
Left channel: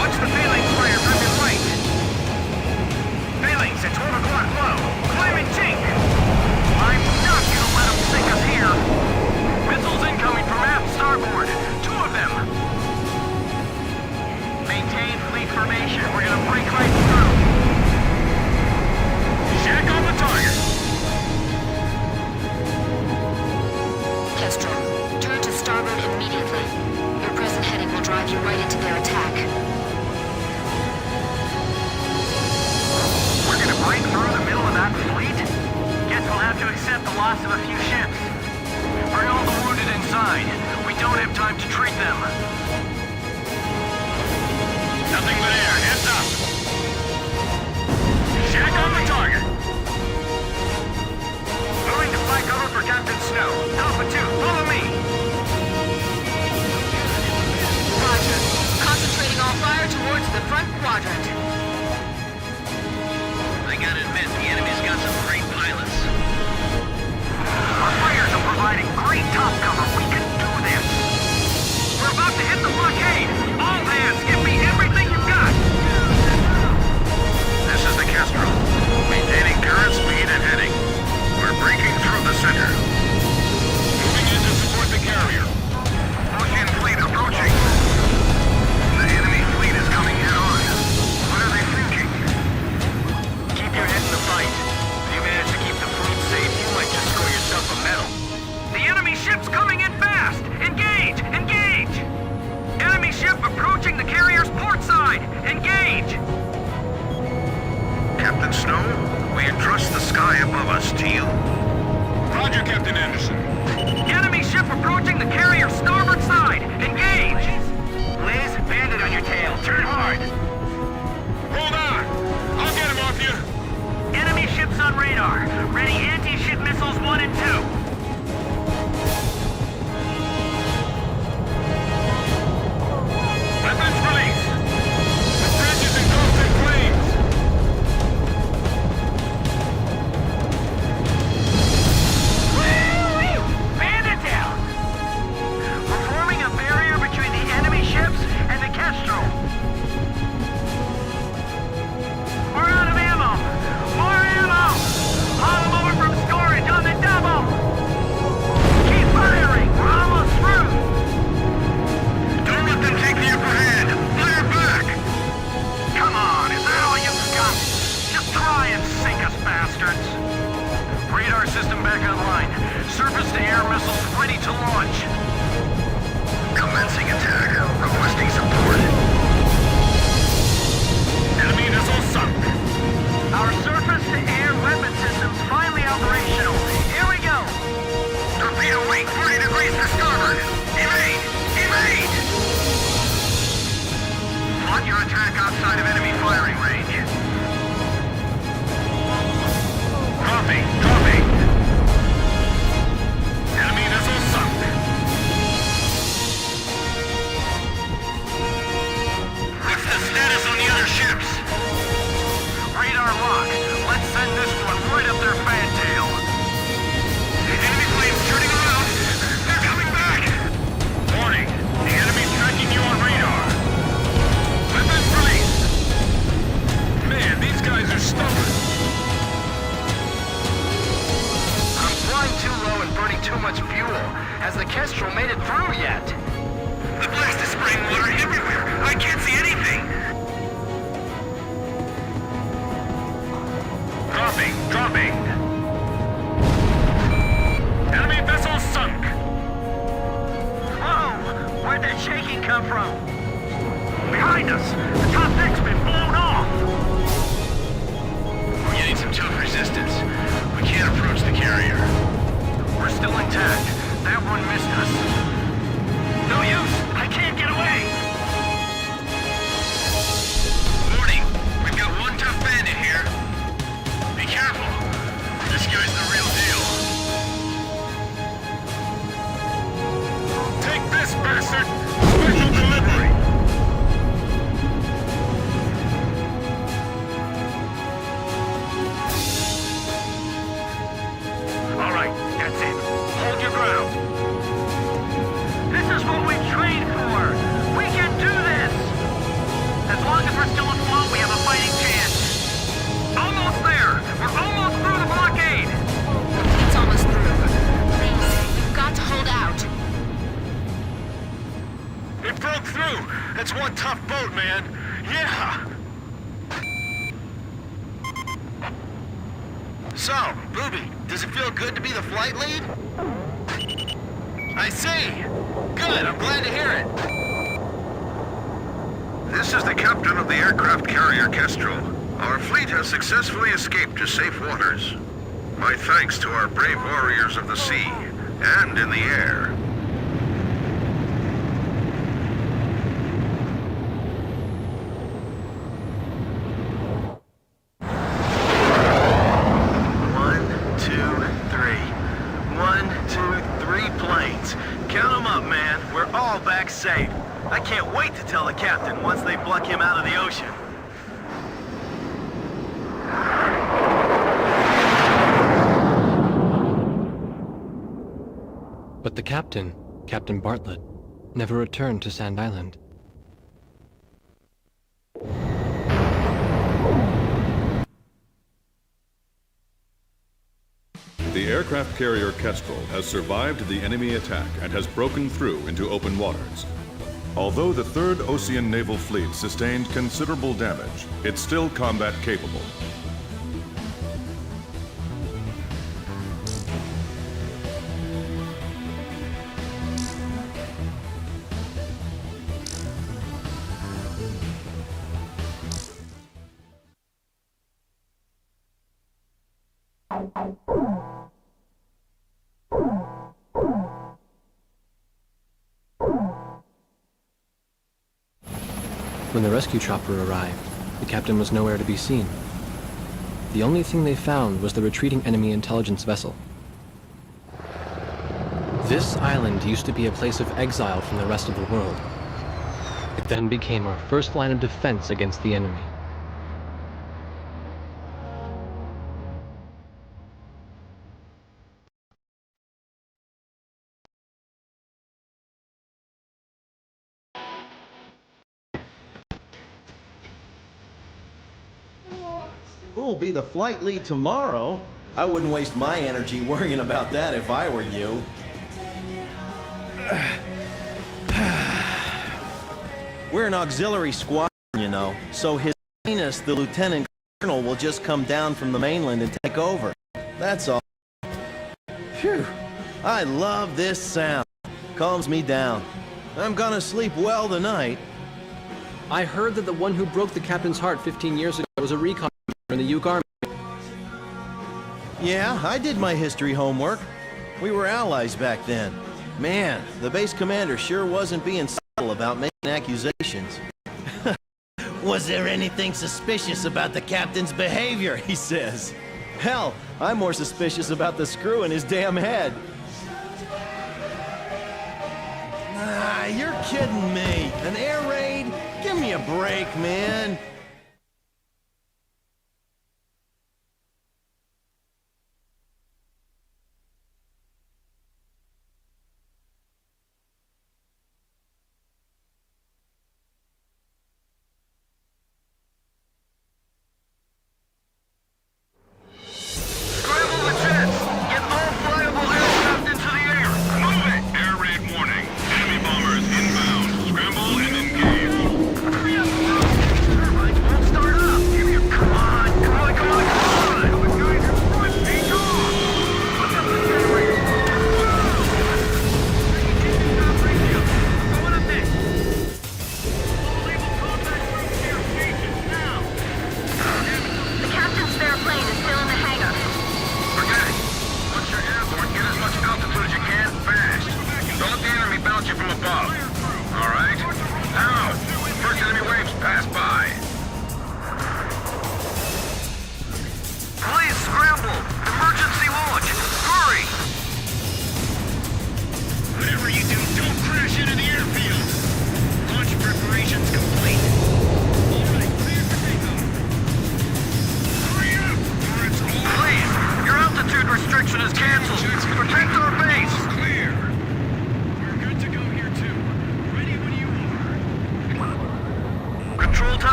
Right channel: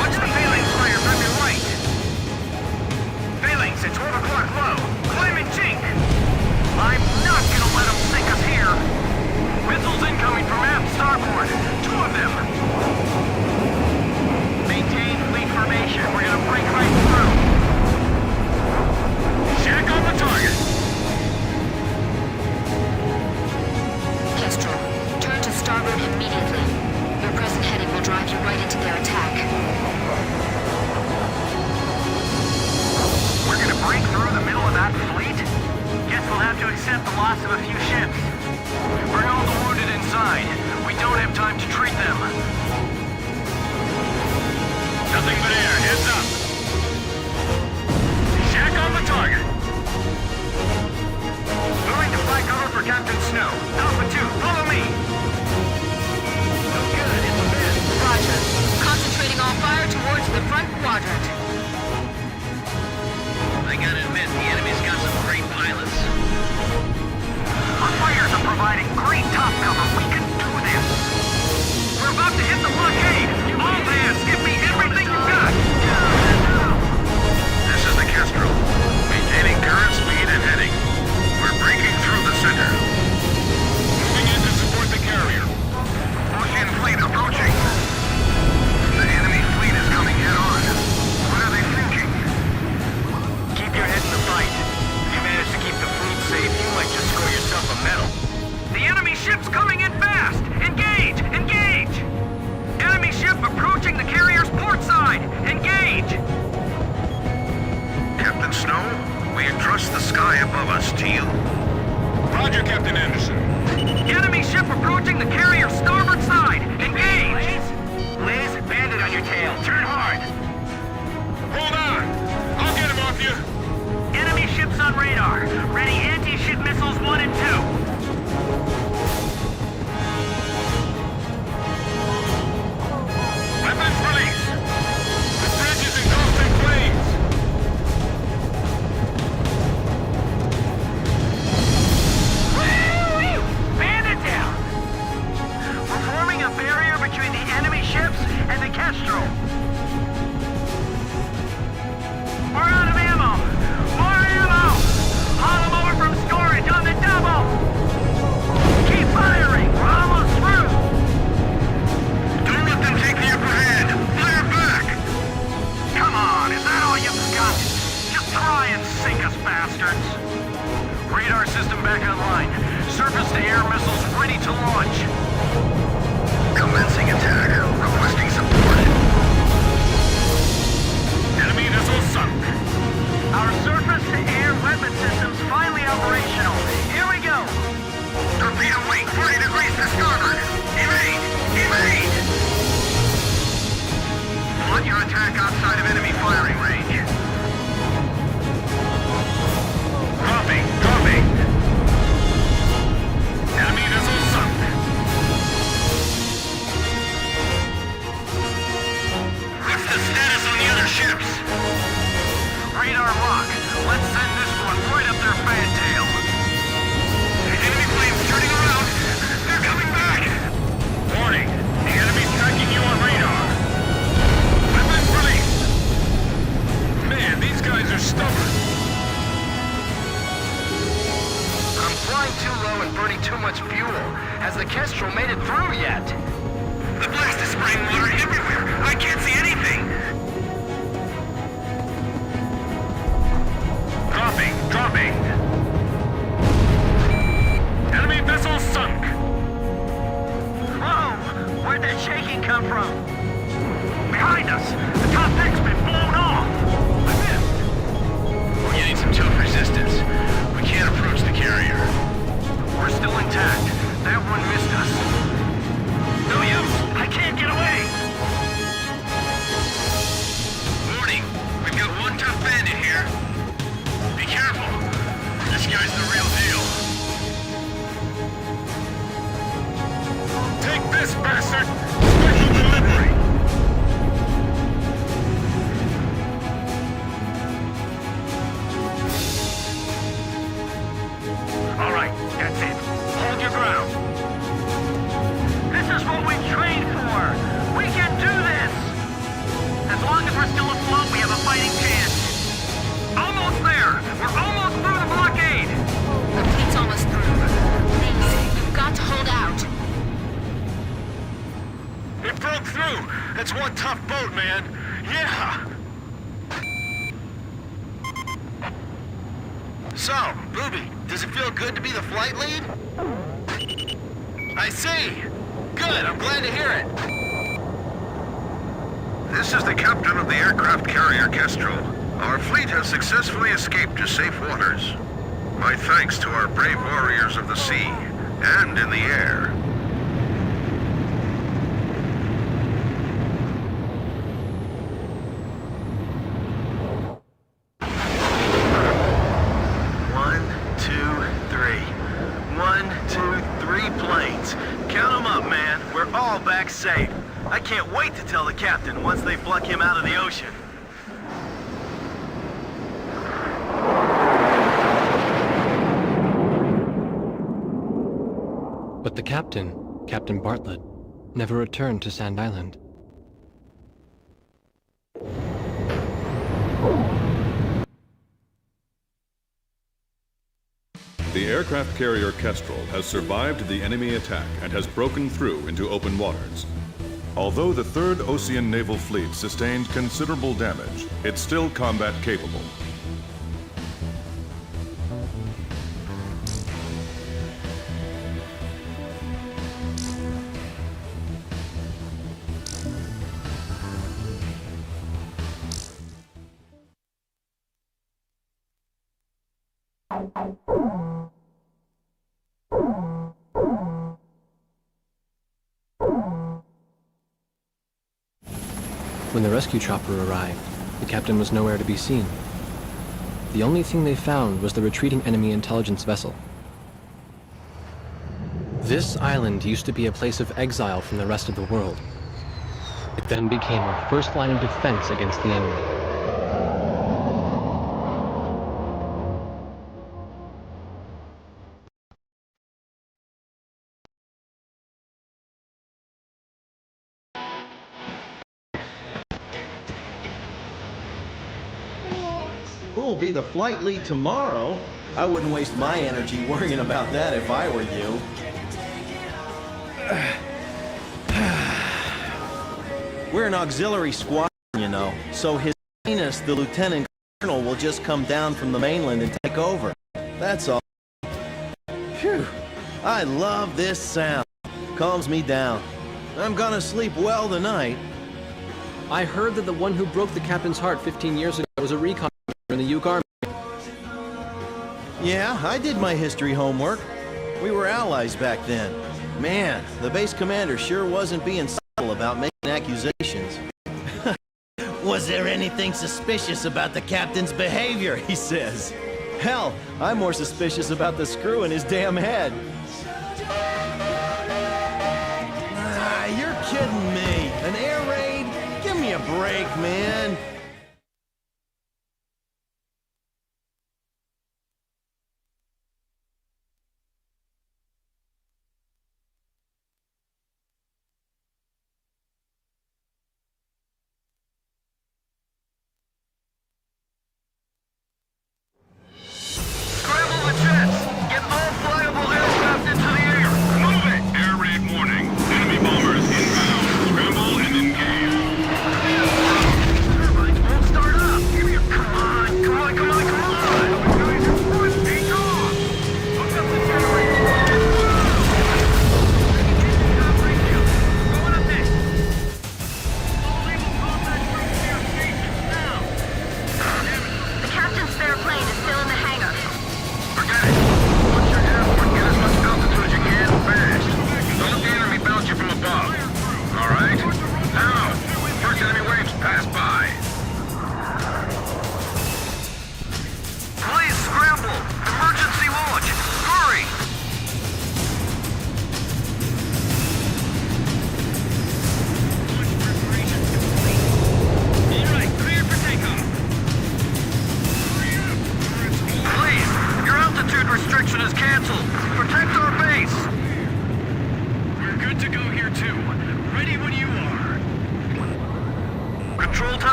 Watch the phalanx fire from your right. Phalanx at 12 o'clock low. Climbing chink. I'm not gonna let them sink us here. Missiles incoming from aft starboard. 2 of them. Maintain fleet formation. We're gonna break right through. Shack on the target. Kestrel, turn to starboard immediately. Your present heading will drive you right into their attack. We're gonna break through the middle of that fleet? Guess we'll have to accept the loss of a few ships. Bring all the wounded inside. We don't have time to treat them. Nothing but air. Heads up. Shack on the target. Moving to fly cover for Captain Snow. Alpha 2, follow me. Roger. Concentrating all fire towards the front quadrant. I gotta admit, the enemy's got some great pilots. Our fires are providing great top cover. We can do this. We're about to hit the blockade. All hands, give me everything you've got. This is the Kestrel. Maintain Gaining current speed and heading. We're breaking through the center. Moving in to support the carrier. Ocean fleet approaching. The enemy fleet is coming head on. What are they thinking? Keep your head in the fight. If you manage to keep the fleet safe, you might just score yourself a medal. The enemy ship's coming in fast! Engage! Engage! Enemy ship approaching the carrier's port side! Engage! Captain Snow, we entrust the sky above us to you. Roger, Captain Anderson. Enemy ship approaching the carrier's starboard side! Engage! Liz, bandit on your tail. Turn hard! Hold on. I'll get him off you. Enemy ships on radar. Ready anti-ship missiles 1 and 2. Weapons release. The bridge is engulfed in flames. Woo-wee! Bandit down! We're forming a barrier between the enemy ships and the Kestrel. We're out of ammo! More ammo! Haul them over from storage on the double! Keep firing! We're almost through! Don't let them take the upper hand. Fire back! Come on, is that all you've got? Just try and sink us, bastards! Radar system back online. Surface-to-air missiles ready to launch. Commencing attack. Requesting support. Enemy missile sunk. Our surface-to-air weapon system's finally operational. Here we go! Torpedo wing 40 degrees to starboard. Evade! Evade! Plot your attack outside of enemy firing range. Dropping. Dropping. Enemy missile sunk. What's the status on the other ships? Radar lock. Let's send this one right up their fantail. Enemy planes turning around. They're coming back. Warning. The enemy's tracking you on radar. Weapons released. Man, these guys are stubborn. I'm flying too low and burning too much fuel. Has the Kestrel made it through yet? The blast is spraying water everywhere. I can't see anything. Dropping. Dropping. Enemy vessel sunk. Whoa! Where'd that shaking come from? Behind us! The top deck's been blown off! We're getting some tough resistance. We can't approach the carrier. We're still intact. That one missed us. No use! I can't get away! Warning! We've got one tough bandit here. Be careful. This guy's the real deal. Take this, bastard! Special delivery! All right, that's it. Hold your ground. This is what we trained for. We can do this. As long as we're still afloat, we have a fighting chance. Almost there. We're almost through the blockade. The fleet's almost through. Please, you've got to hold out. It broke through! That's one tough boat, man! Yeah! So, Booby, does it feel good to be the flight lead? I see! Good, I'm glad to hear it. This is the captain of the aircraft carrier Kestrel. Our fleet has successfully escaped to safe waters. My thanks to our brave warriors of the sea and in the air. Safe. I can't wait to tell the captain once they pluck him out of the ocean. But the captain, Captain Bartlett, never returned to Sand Island. The aircraft carrier Kestrel has survived the enemy attack and has broken through into open waters. Although the 3rd Ocean Naval Fleet sustained considerable damage, it's still combat capable. When the rescue chopper arrived, the captain was nowhere to be seen. The only thing they found was the retreating enemy intelligence vessel. This island used to be a place of exile from the rest of the world. It then became our first line of defense against the enemy. Who'll be the flight lead tomorrow? I wouldn't waste my energy worrying about that if I were you. We're an auxiliary squadron, you know, so His Highness the Lieutenant Colonel will just come down from the mainland and take over. That's all. Phew. I love this sound. Calms me down. I'm gonna sleep well tonight. I heard that the one who broke the captain's heart 15 years ago was a recon in the Yuk Army. Yeah, I did my history homework. We were allies back then. Man, the base commander sure wasn't being subtle about making accusations. Was there anything suspicious about the captain's behavior, he says. Hell, I'm more suspicious about the screw in his damn head. Ah, you're kidding me. An air raid? Give me a break, man.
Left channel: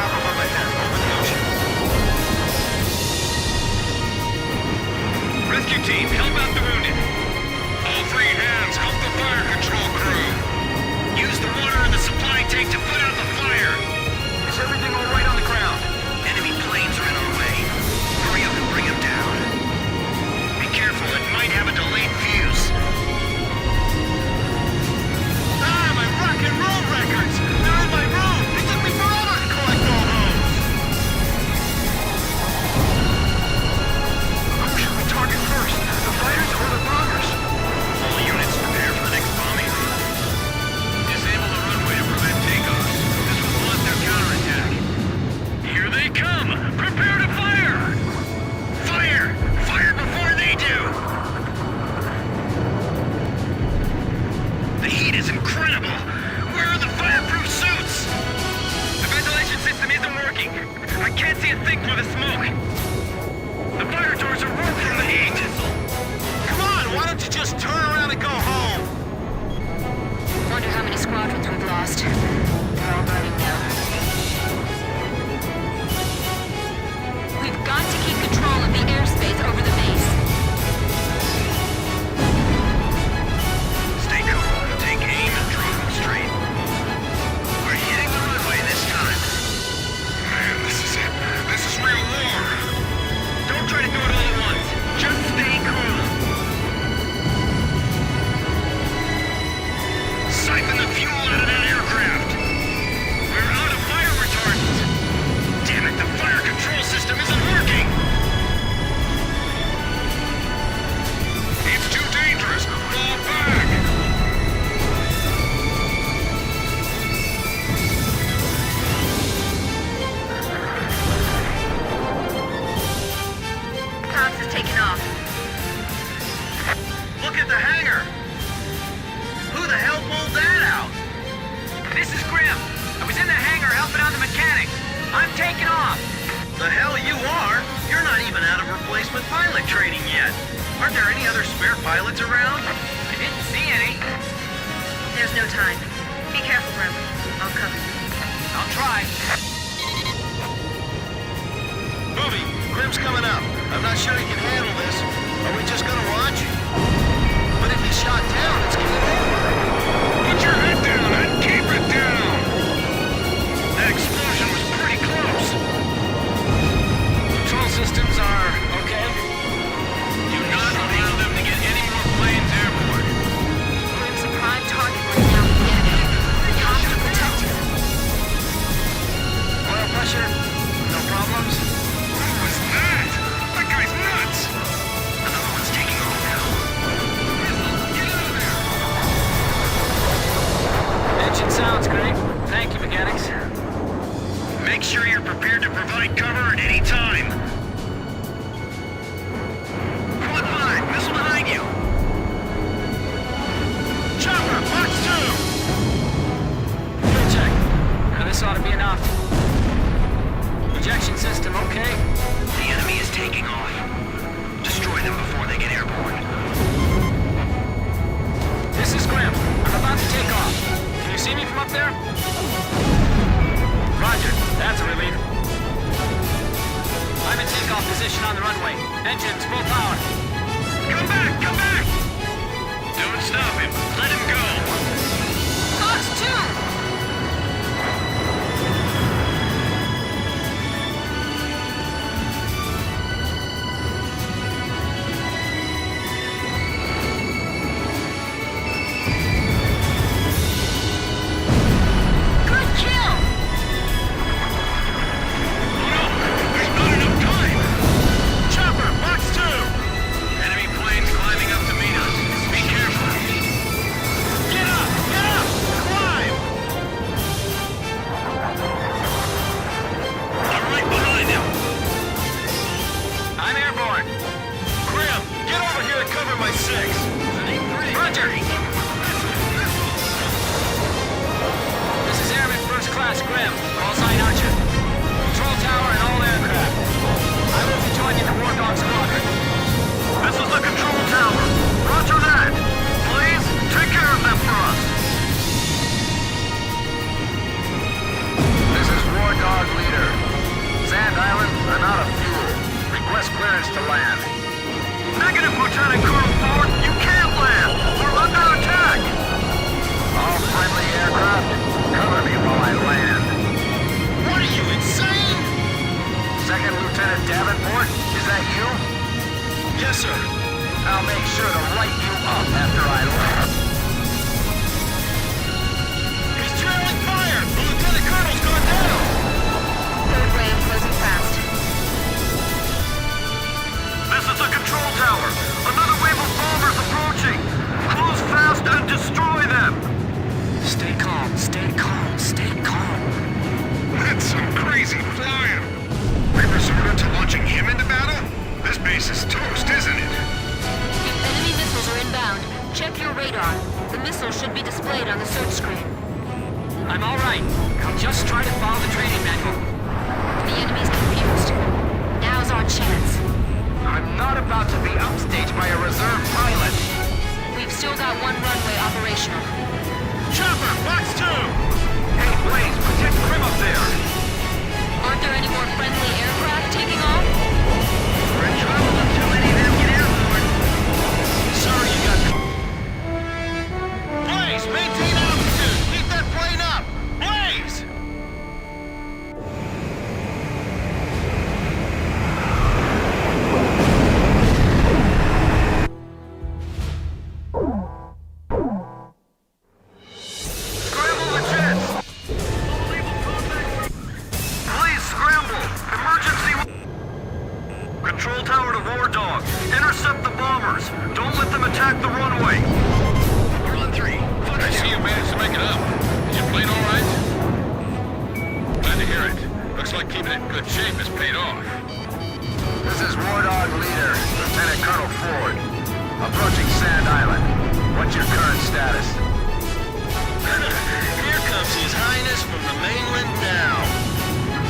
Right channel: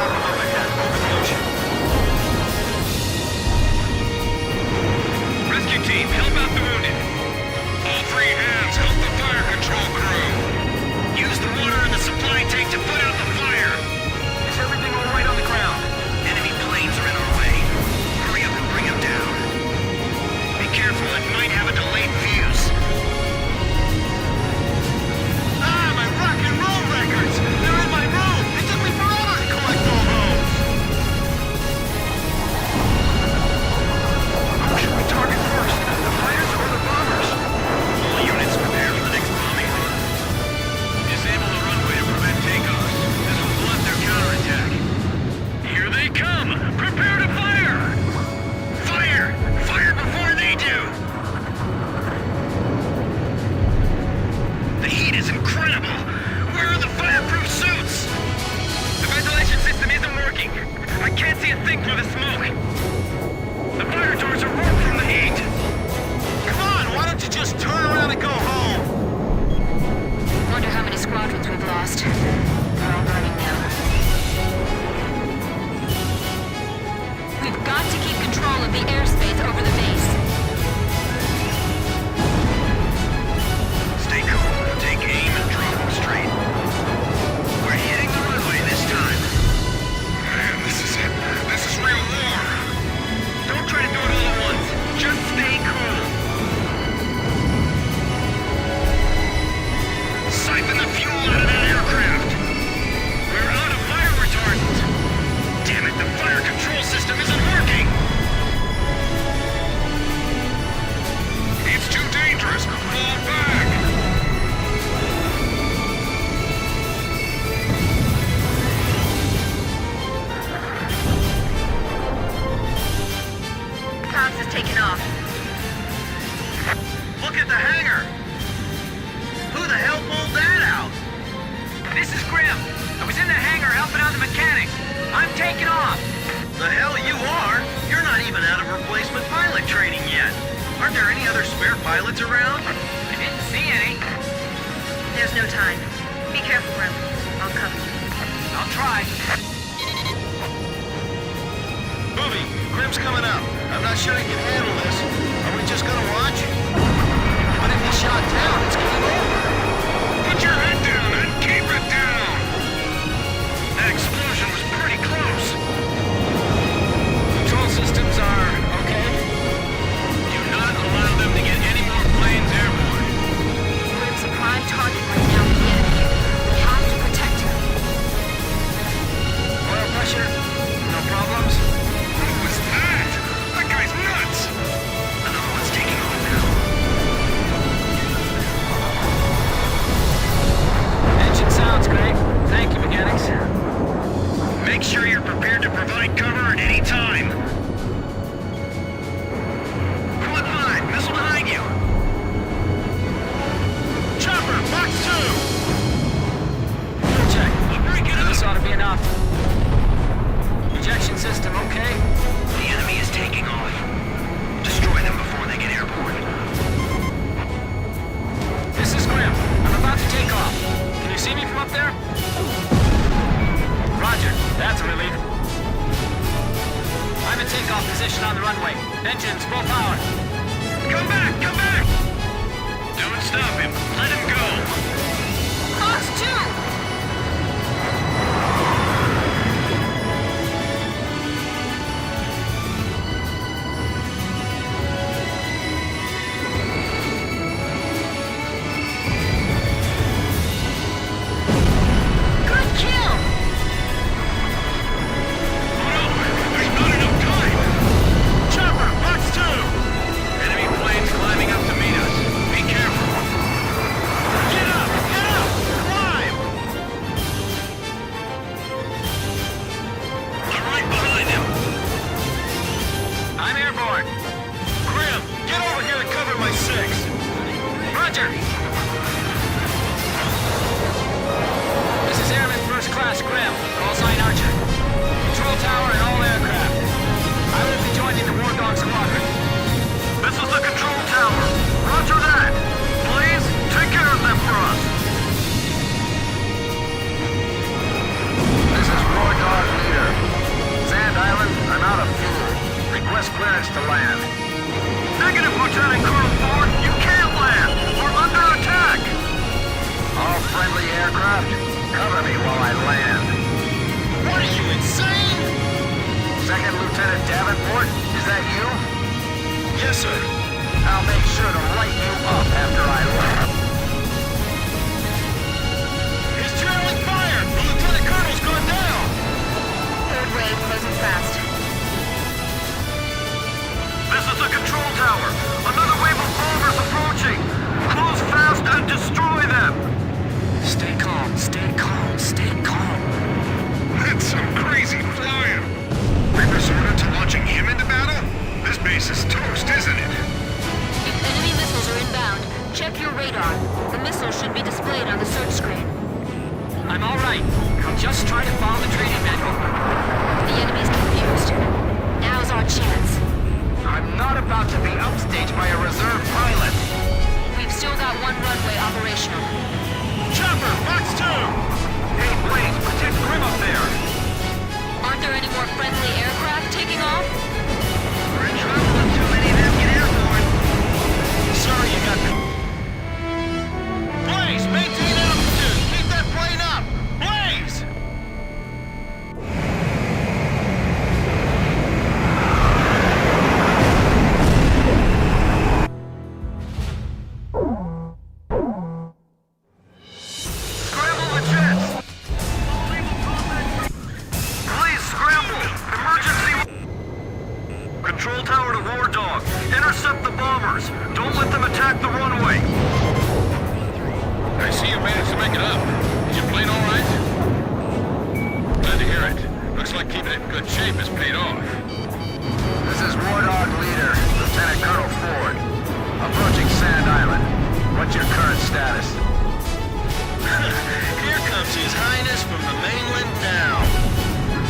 stop him up ahead, over the ocean. Rescue team, help out the wounded. All three hands, help the fire control crew. Use the water in the supply tank to put out the fire. Is everything all right on the ground? Enemy planes are in our way. Hurry up and bring them down. Be careful, it might have a delayed fuse. Ah, my rock and roll records! They're in my room! It took me forever to collect all those! Who should we target first? The fighters or the bombers? All units prepare for the next bombing run. Disable the runway to prevent takeoffs. This will blunt their counterattack. Here they come! Prepare to fire! Fire! Fire before they do! The heat is incredible! Where are the fireproof suits? The ventilation system isn't working. I can't see a thing through the smoke. The fire doors are warped from the heat. Come on, why don't you just turn around and go home? Wonder how many squadrons we've lost. They're all burning now. We've got to keep control of the airspace over the base. Stay cool, take aim and drop them straight. We're hitting the runway this time. Man, this is it. This is real war. Don't try to do it all at once. Just stay cool. Siphon the fuel out of that aircraft. We're out of fire retardant. Damn it, the fire control system isn't working. It's too dangerous. Fall back. Pops is taking off. Look at the hangar! Who the hell pulled that out? This is Grim. I was in the hangar helping out the mechanic. I'm taking off. The hell you are? You're not even out of replacement pilot training yet. Aren't there any other spare pilots around? Didn't see any. There's no time. Be careful, Grim. I'll cover you. I'll try. Booby, Grim's coming up. I'm not sure he can handle this. Are we just gonna watch? But if he's shot down, it's game over. Put your head down and keep it down. That explosion was pretty close. Control systems are okay? Do not allow them to get any more planes airborne. Grim's a prime target right now with the enemy. We have to protect him. Oil pressure? No problems? Who was that? That guy's nuts. Another one's taking off now. Engine sounds great. Thank you, mechanics. Make sure you're prepared to provide cover at any time. Quad 5, missile behind you. Chopper, box 2! Fuel check. Now this ought to be enough. Ejection system okay? The enemy is taking off. Destroy them before they get airborne. This is Grim. I'm about to take off. Can you see me from up there? Roger. That's a relief. I'm in takeoff position on the runway. Engines full power. Come back! Come back! Don't stop him. Let him go. Fox 2! I'm airborne. Grim, get over here and cover my 6. Roger. This is Airman First Class Grim. Call sign Archer. Control tower and all aircraft. I will be joining the War Dog Squadron. This is the control tower. Roger that. Please, take care of them for us. This is War Dog Leader. Sand Island, I'm out of fuel. Request clearance to land. Negative, Lieutenant Colonel Ford. You can't land. We're under attack. All friendly aircraft, cover me while I land. What are you, insane? Second Lieutenant Davenport, is that you? Yes, sir. I'll make sure to light you up after I land. He's trailing fire. The Lieutenant Colonel's gone down. Third wave closing fast. This is the control tower. Another wave of bombers approaching. Close fast and destroy them. Stay calm, stay calm, stay calm. That's some crazy flying. We resorted to launching him into battle? This base is toast, isn't it? If enemy missiles are inbound, check your radar. The missile should be displayed on the search screen. I'm all right. I'll just try to follow the training manual. The enemy's confused. Now's our chance. I'm not about to be upstaged by a reserve pilot. We've still got one runway operational. Chopper, Fox 2! Hey, Blaze, protect Grim up there. Aren't there any more friendly aircraft taking off? We're in trouble if too many of them get airborne. Sorry you got... Blaze, maintain altitude! Keep that plane up! Blaze! Scramble the jets! Please scramble! Emergency... Control tower to War Dog. Intercept the bombers. Don't let them attack the runway. I see you managed to make it up. Is your plane all right? Glad to hear it. Looks like keeping it in good shape has paid off. This is War Dog leader, Lieutenant Colonel Ford. Approaching Sand Island. What's your current status? Here comes His Highness from the mainland now.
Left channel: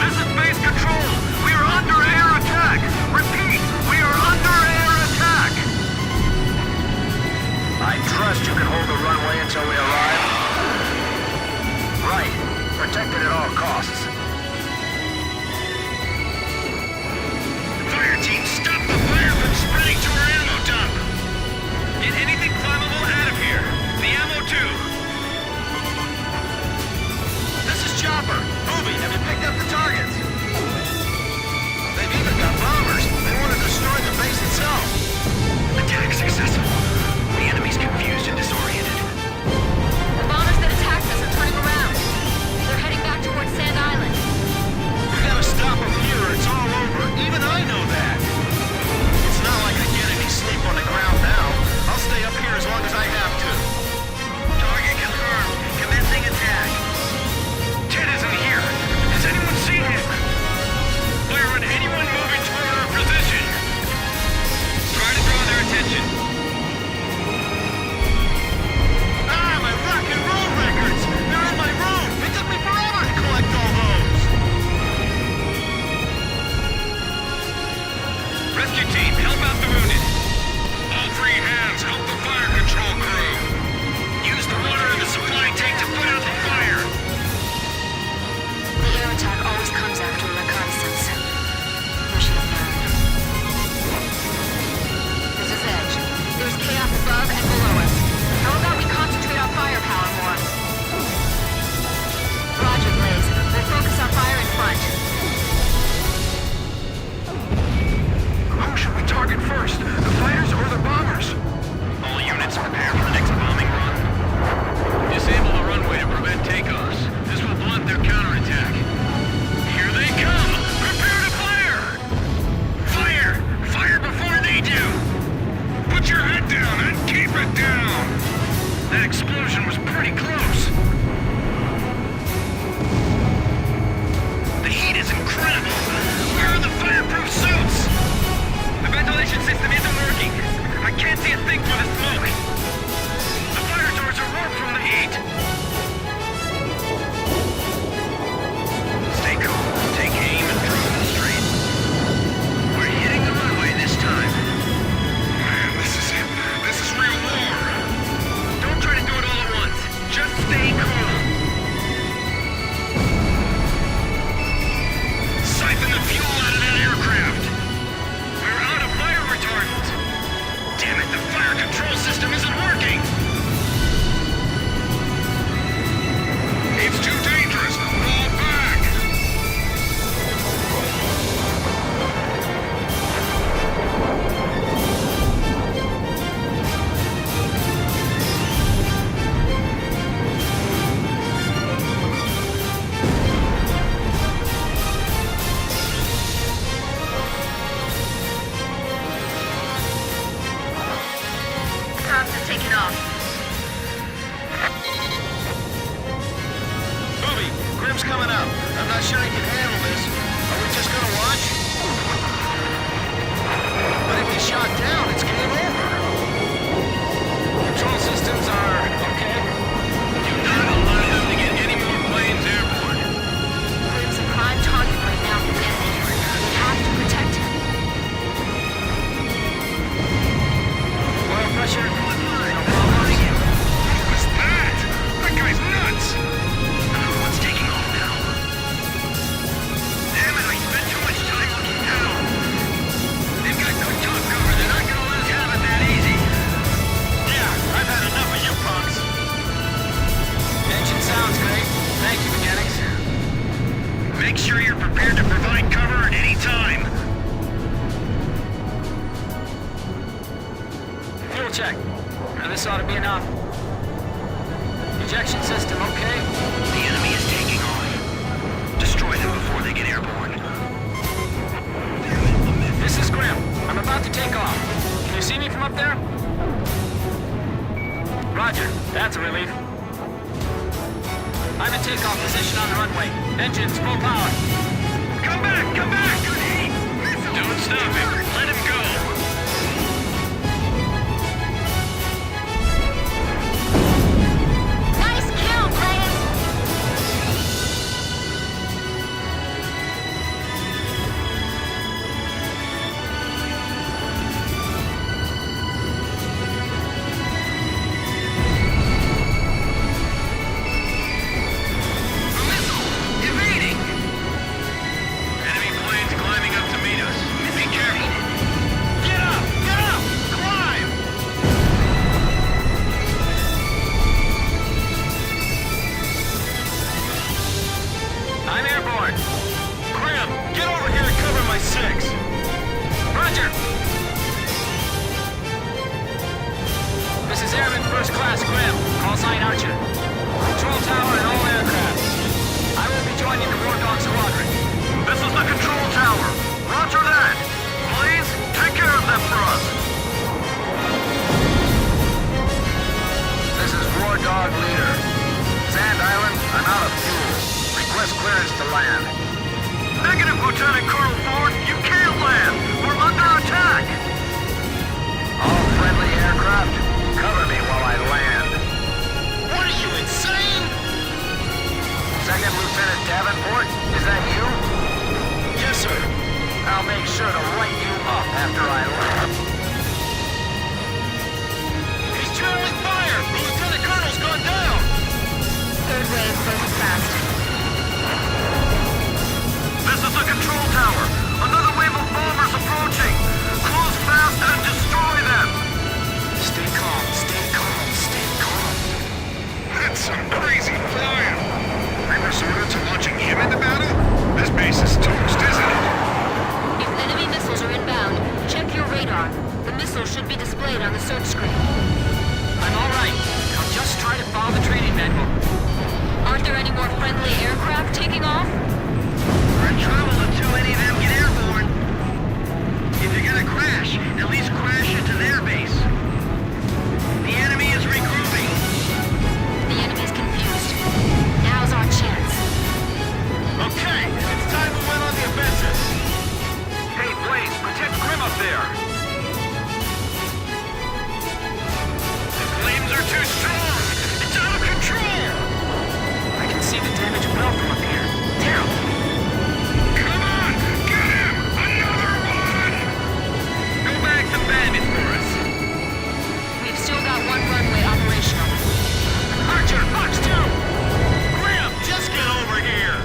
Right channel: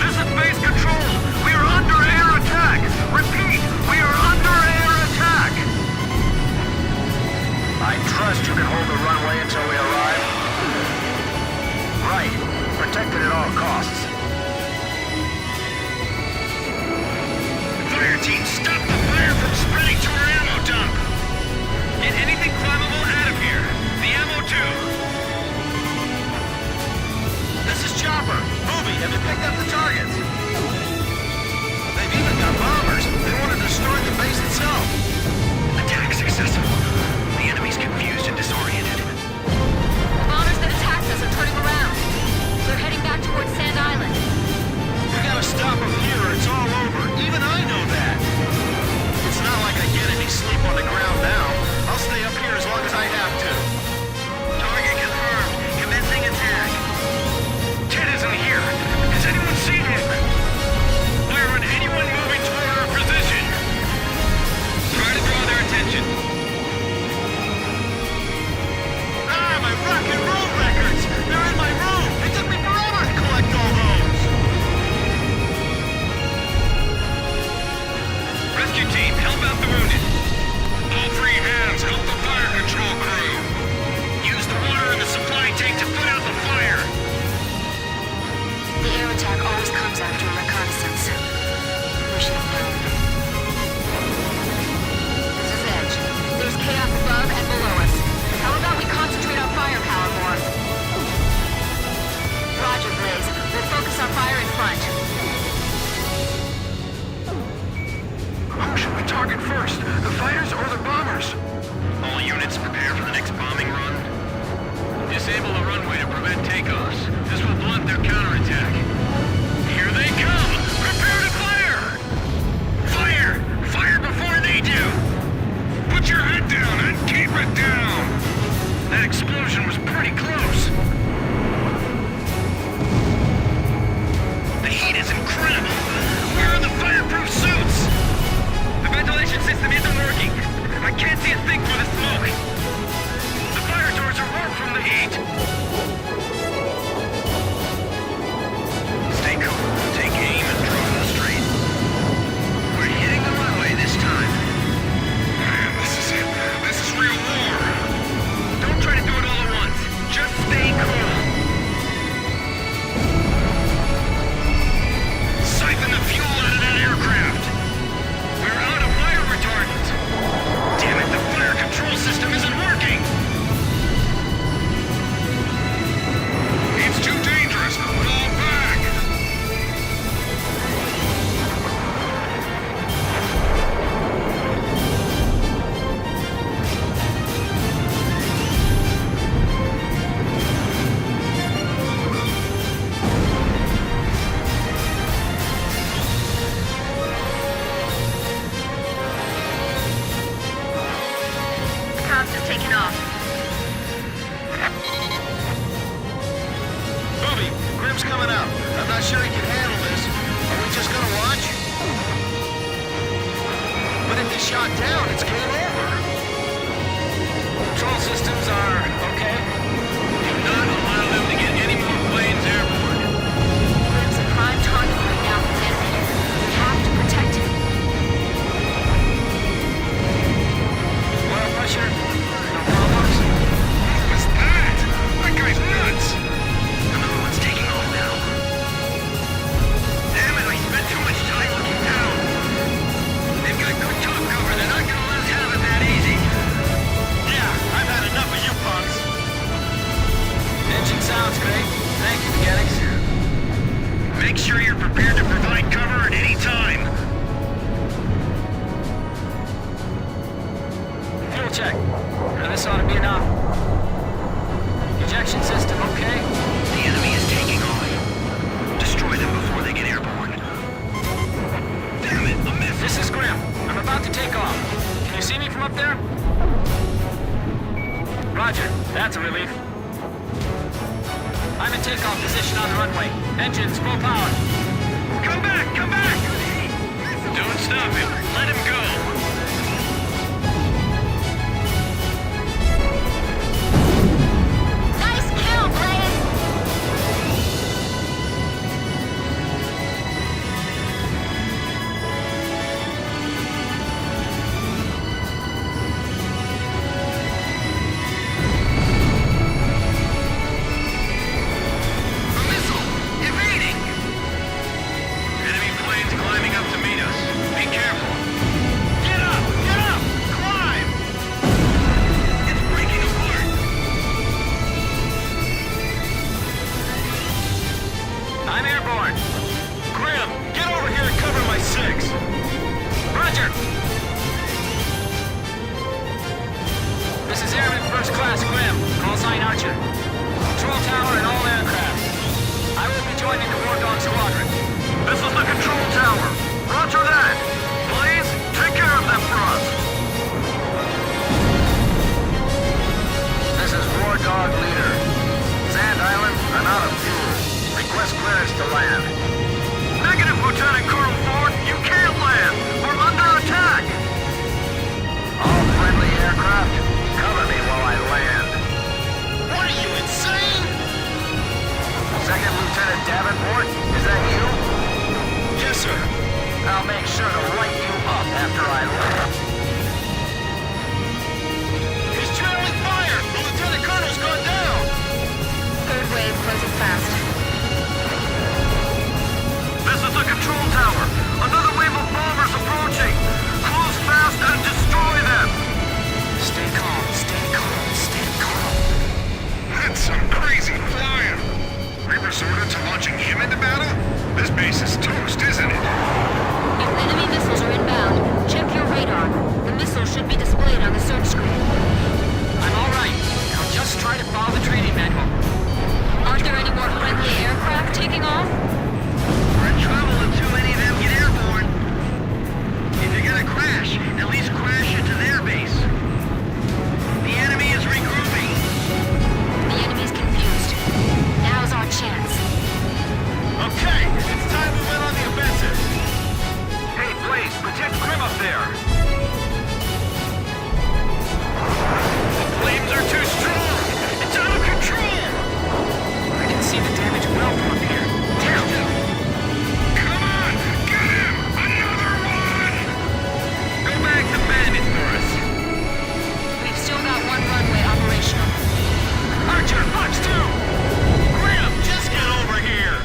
This is base control. We are under air attack. Repeat, we are under air attack. I trust you can hold the runway until we arrive. Right. Protected at all costs. Fire team, stop the fire from spreading to our ammo dump. Get anything flammable out of here. The ammo too. This is Chopper. Booby, have you picked up the targets? They've even got bombers. They want to destroy the base itself. Attack successful. The enemy's confused and disoriented. The bombers that attacked us are turning around. They're heading back towards Sand Island. We gotta stop them here or it's all over. Even I know that. It's not like I get any sleep on the ground now. I'll stay up here as long as I have to. Target confirmed. Commencing attack. Ted isn't here. Has anyone seen him? Fire on anyone moving toward our position. Try to draw their attention. Ah, my rock and roll records! They're in my room! It took me forever to collect all those! Rescue team, help out the wounded. All three hands, help the fire control crew. Use the water in the supply tank to put out the fire! The air attack always comes after a reconnaissance. We should have known. This is Edge. There's chaos above and below us. How about we concentrate our firepower more? Roger, Blaze. We'll focus our fire in front. Who should we target first? The fighters or the bombers? All units prepare for the next bombing run. Disable the runway to prevent takeoffs. This will blunt their counterattack. Here they come! Prepare to fire! Fire! Fire before they do! Put your head down and keep it down! That explosion was pretty close. The heat is incredible! Where are the fireproof suits? The ventilation system isn't working. I can't see a thing through the smoke. The fire doors are warped from the heat. Stay cool. Take aim and draw them straight. We're hitting the runway this time. Man, this is it. This is real war. Don't try to do it all at once. Just stay cool. Siphon the fuel aircraft! We're out of fire retardant! Damn it, the fire control system isn't working! It's too dangerous. Fall back. Props taking off. Booby, Grim's coming up. I'm not sure he can handle this. Are we just gonna watch? But if he's shot down, it's game over. Control systems are okay. Do not allow them to get any more planes airborne. Grim's a prime target right now for the enemy. We have to protect him. Oil pressure? No problems? What was that? That guy's nuts. Another one's taking off now. Damn it, I spent too much time looking down. They've got good top cover. They're not gonna let us have it that easy. Yeah, I've had enough of you punks. Engine sounds great. Thank you, mechanics. Make sure you're prepared to provide cover at any time. Fuel check. Now this ought to be enough. Ejection system, okay? The enemy is taking off. Destroy them before they get airborne. This is Grim. I'm about to take off. Can you see me from up there? Roger. That's a relief. I'm in takeoff position on the runway. Engines full power. Come back! Come back! Don't stop him. Let him go. Nice kill, Blaze! A missile! Evading! Enemy planes climbing up to meet us. Be careful. Get up! Get up! Climb! It's breaking apart. I'm airborne. Grim, get over here and cover my 6. Roger. This is Airman First Class Grim. Call sign Archer. Control tower and all aircraft. I will be joining the War Dog Squadron. This is the control tower. Roger that. Blaze, take care of them for us. This is War Dog Leader. Sand Island, I'm out of fuel. Request clearance to land. Negative, Lieutenant Colonel Ford. You can't land. We're under attack. All friendly aircraft, cover me while I land. What are you, insane? Second Lieutenant Davenport, is that you? Yes, sir. I'll make sure to light you up after I land. He's trailing fire. The Lieutenant Colonel's gone down. Third wave closing fast. This is the control tower. Another wave of bombers approaching. Close fast and destroy them. Stay calm, stay calm, stay calm. That's some crazy flying. We resorted to launching him into battle? This base is toast, isn't it? If enemy missiles are inbound, check your radar. The missile should be displayed on the search screen. I'm all right. I'll just try to follow the training manual. Aren't there any more friendly aircraft taking off? We're in trouble if too many of them get airborne. If you're gonna crash, at least crash into their base. The enemy is regrouping. The enemy's confused. Now's our chance. Okay, it's time we went on the offensive. Hey, Blaze, protect Grim up there. The flames are too strong. It's out of control. I can see the damage well from up here. Damn. Come on! Get him! Another one! Go back to Bandit for us. We've still got one runway operational. Archer, Fox 2! Grim, just get over here!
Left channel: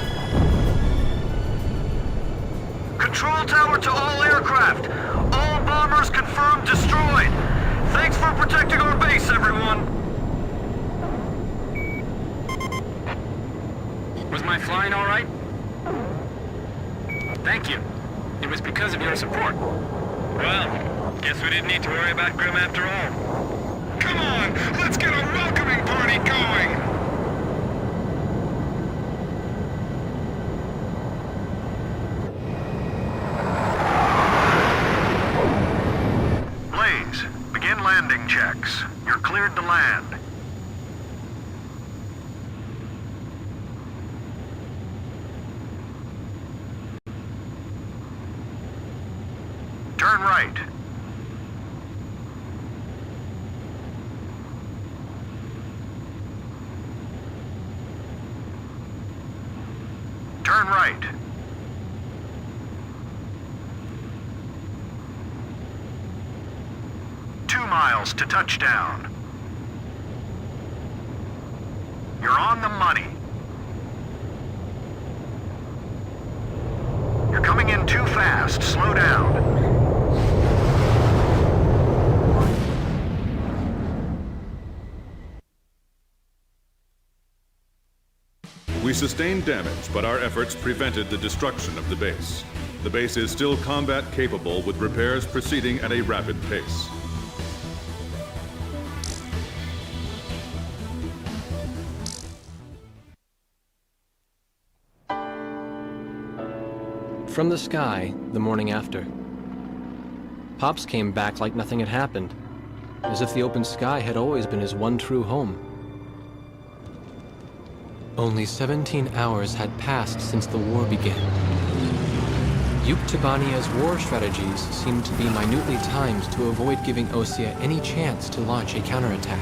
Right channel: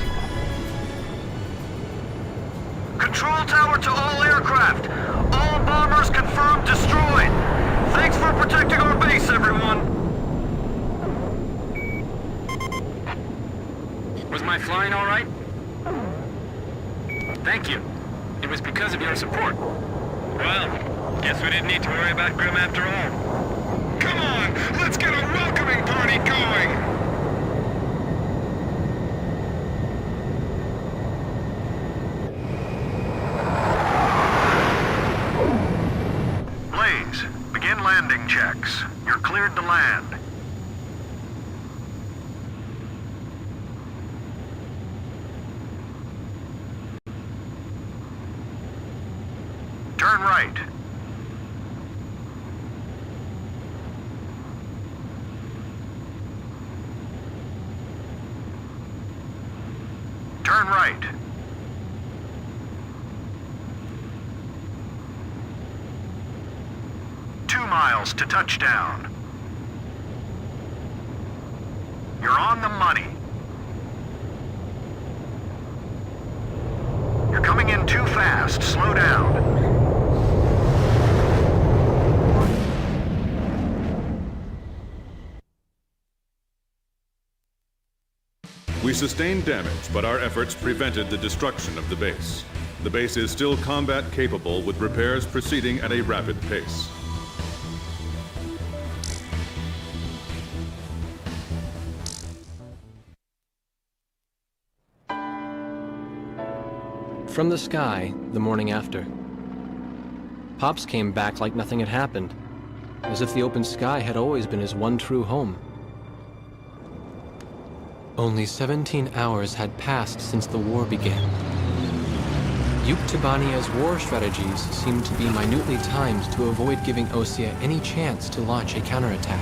Control tower to destroyed. Thanks for protecting our base, everyone. Was my flying all right? Thank you. It was because of your support. Well, guess we didn't need to worry about Grim after all. Come on, let's get a welcoming party going! Blaze, begin landing checks. You're cleared to land. Turn right. Turn right. Miles to touchdown. You're on the money. You're coming in too fast. Slow down. We sustained damage, but our efforts prevented the destruction of the base. The base is still combat capable, with repairs proceeding at a rapid pace. From the sky, the morning after. Pops came back like nothing had happened, as if the open sky had always been his one true home. Only 17 hours had passed since the war began. Yuktobania's war strategies seemed to be minutely timed to avoid giving Osea any chance to launch a counterattack.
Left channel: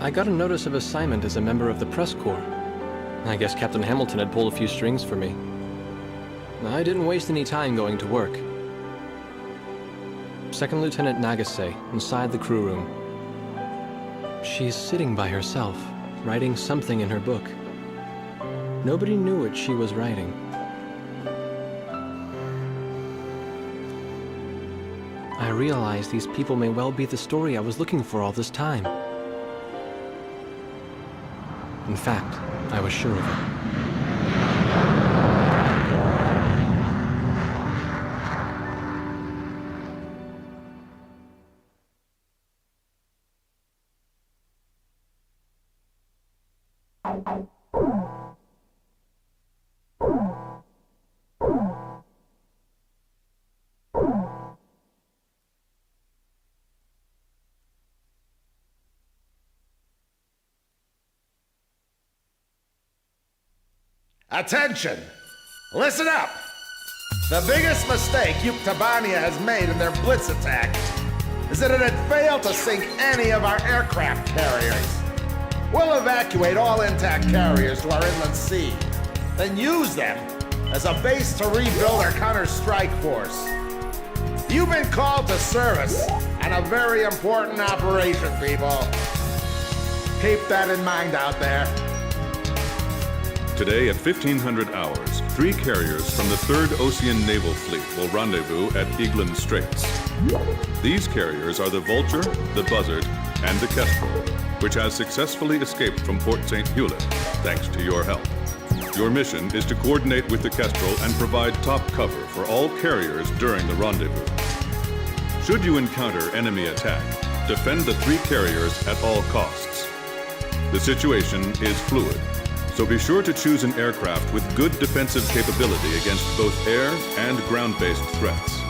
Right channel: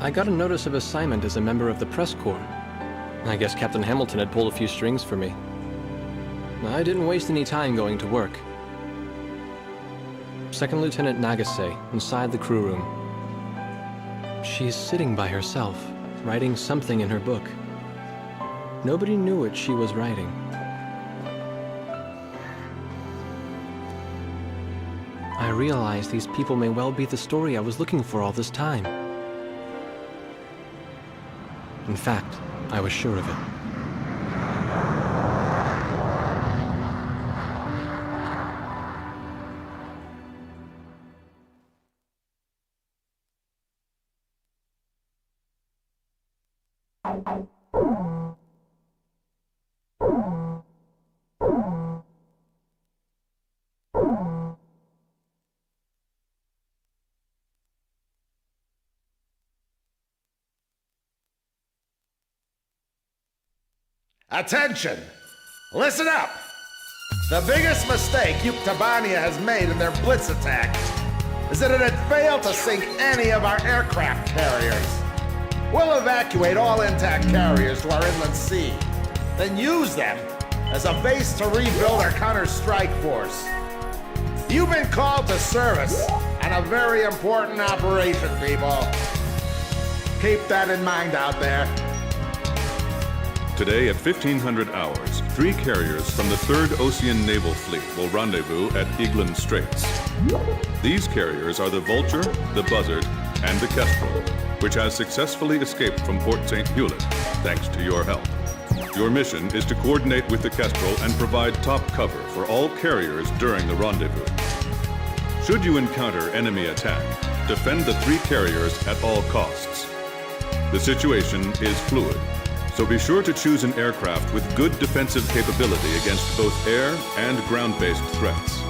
I got a notice of assignment as a member of the press corps. I guess Captain Hamilton had pulled a few strings for me. I didn't waste any time going to work. Second Lieutenant Nagase, inside the crew room. She's sitting by herself, writing something in her book. Nobody knew what she was writing. I realized these people may well be the story I was looking for all this time. In fact, I was sure of it. Attention! Listen up! The biggest mistake Yuktobania has made in their blitz attack is that it had failed to sink any of our aircraft carriers. We'll evacuate all intact carriers to our inland sea, then use them as a base to rebuild our counter-strike force. You've been called to service on a very important operation, people. Keep that in mind out there. Today at 1500 hours, 3 carriers from the 3rd Ocean Naval Fleet will rendezvous at Eglin Straits. These carriers are the Vulture, the Buzzard, and the Kestrel, which has successfully escaped from Port St. Hewlett, thanks to your help. Your mission is to coordinate with the Kestrel and provide top cover for all carriers during the rendezvous. Should you encounter enemy attack, defend the 3 carriers at all costs. The situation is fluid, so be sure to choose an aircraft with good defensive capability against both air and ground-based threats.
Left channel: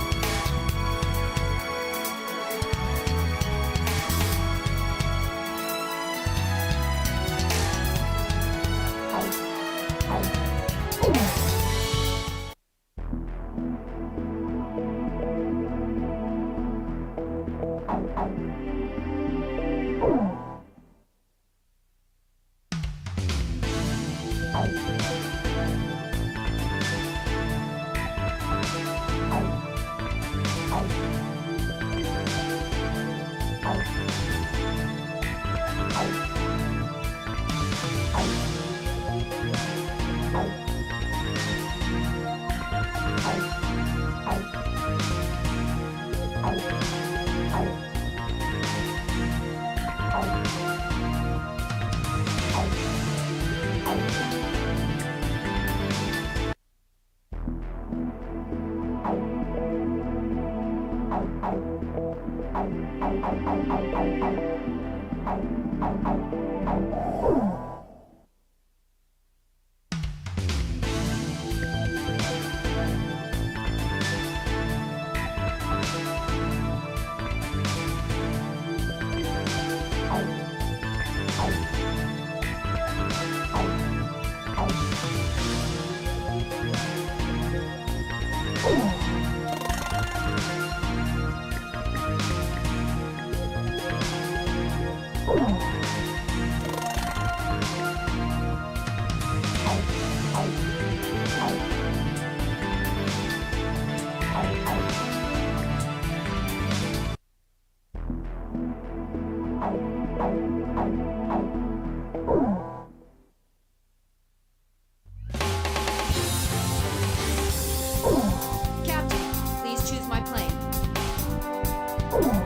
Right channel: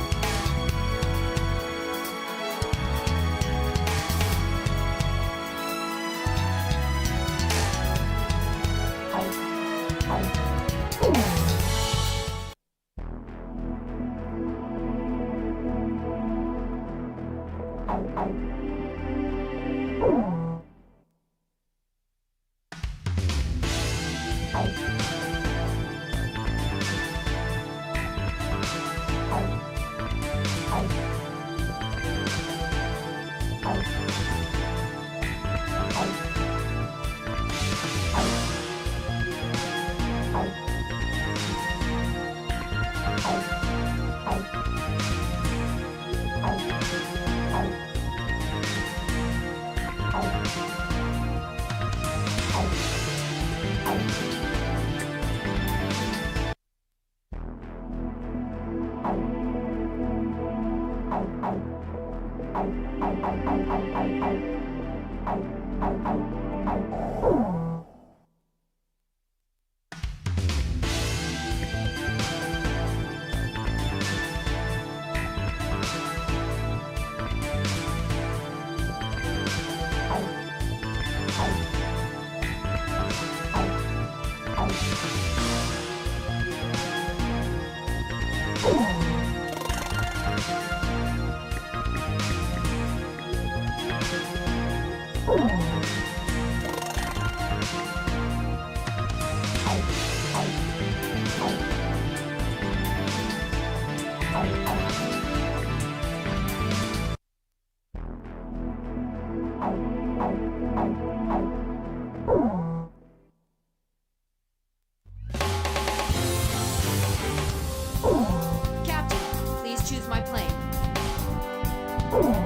Captain, please choose my plane.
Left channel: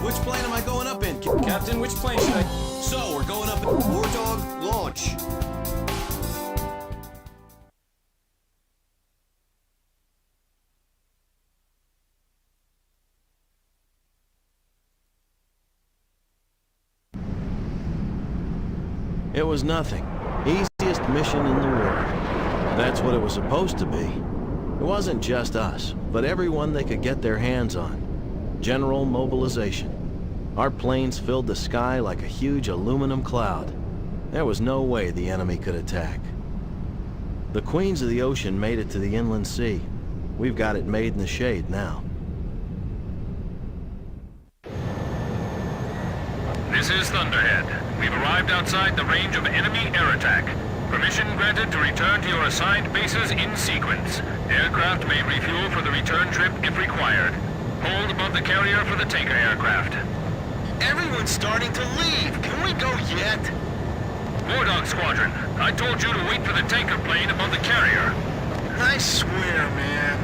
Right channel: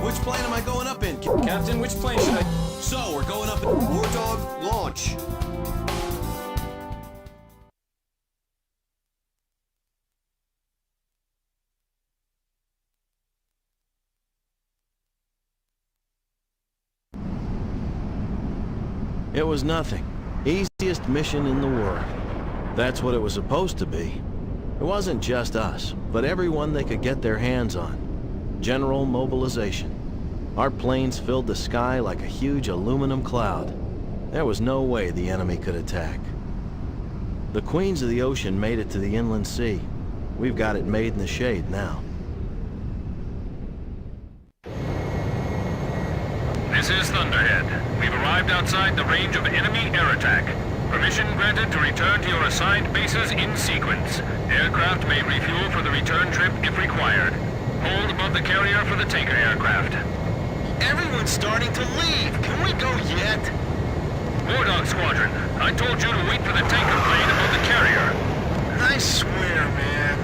Which plane am I going up in? Captain, which plane should I... So, we're going up in War Dog, launch. It was nothing. Easiest mission in the world. That's what it was supposed to be. It wasn't just us, but everyone they could get their hands on. General mobilization. Our planes filled the sky like a huge aluminum cloud. There was no way the enemy could attack. The Queens of the Ocean made it to the inland sea. We've got it made in the shade now. This is Thunderhead. We've arrived outside the range of enemy air attack. Permission granted to return to your assigned bases in sequence. Aircraft may refuel for the return trip if required. Hold above the carrier for the tanker aircraft. Everyone's starting to leave. Can we go yet? War Dog Squadron, I told you to wait for the tanker plane above the carrier. I swear, man.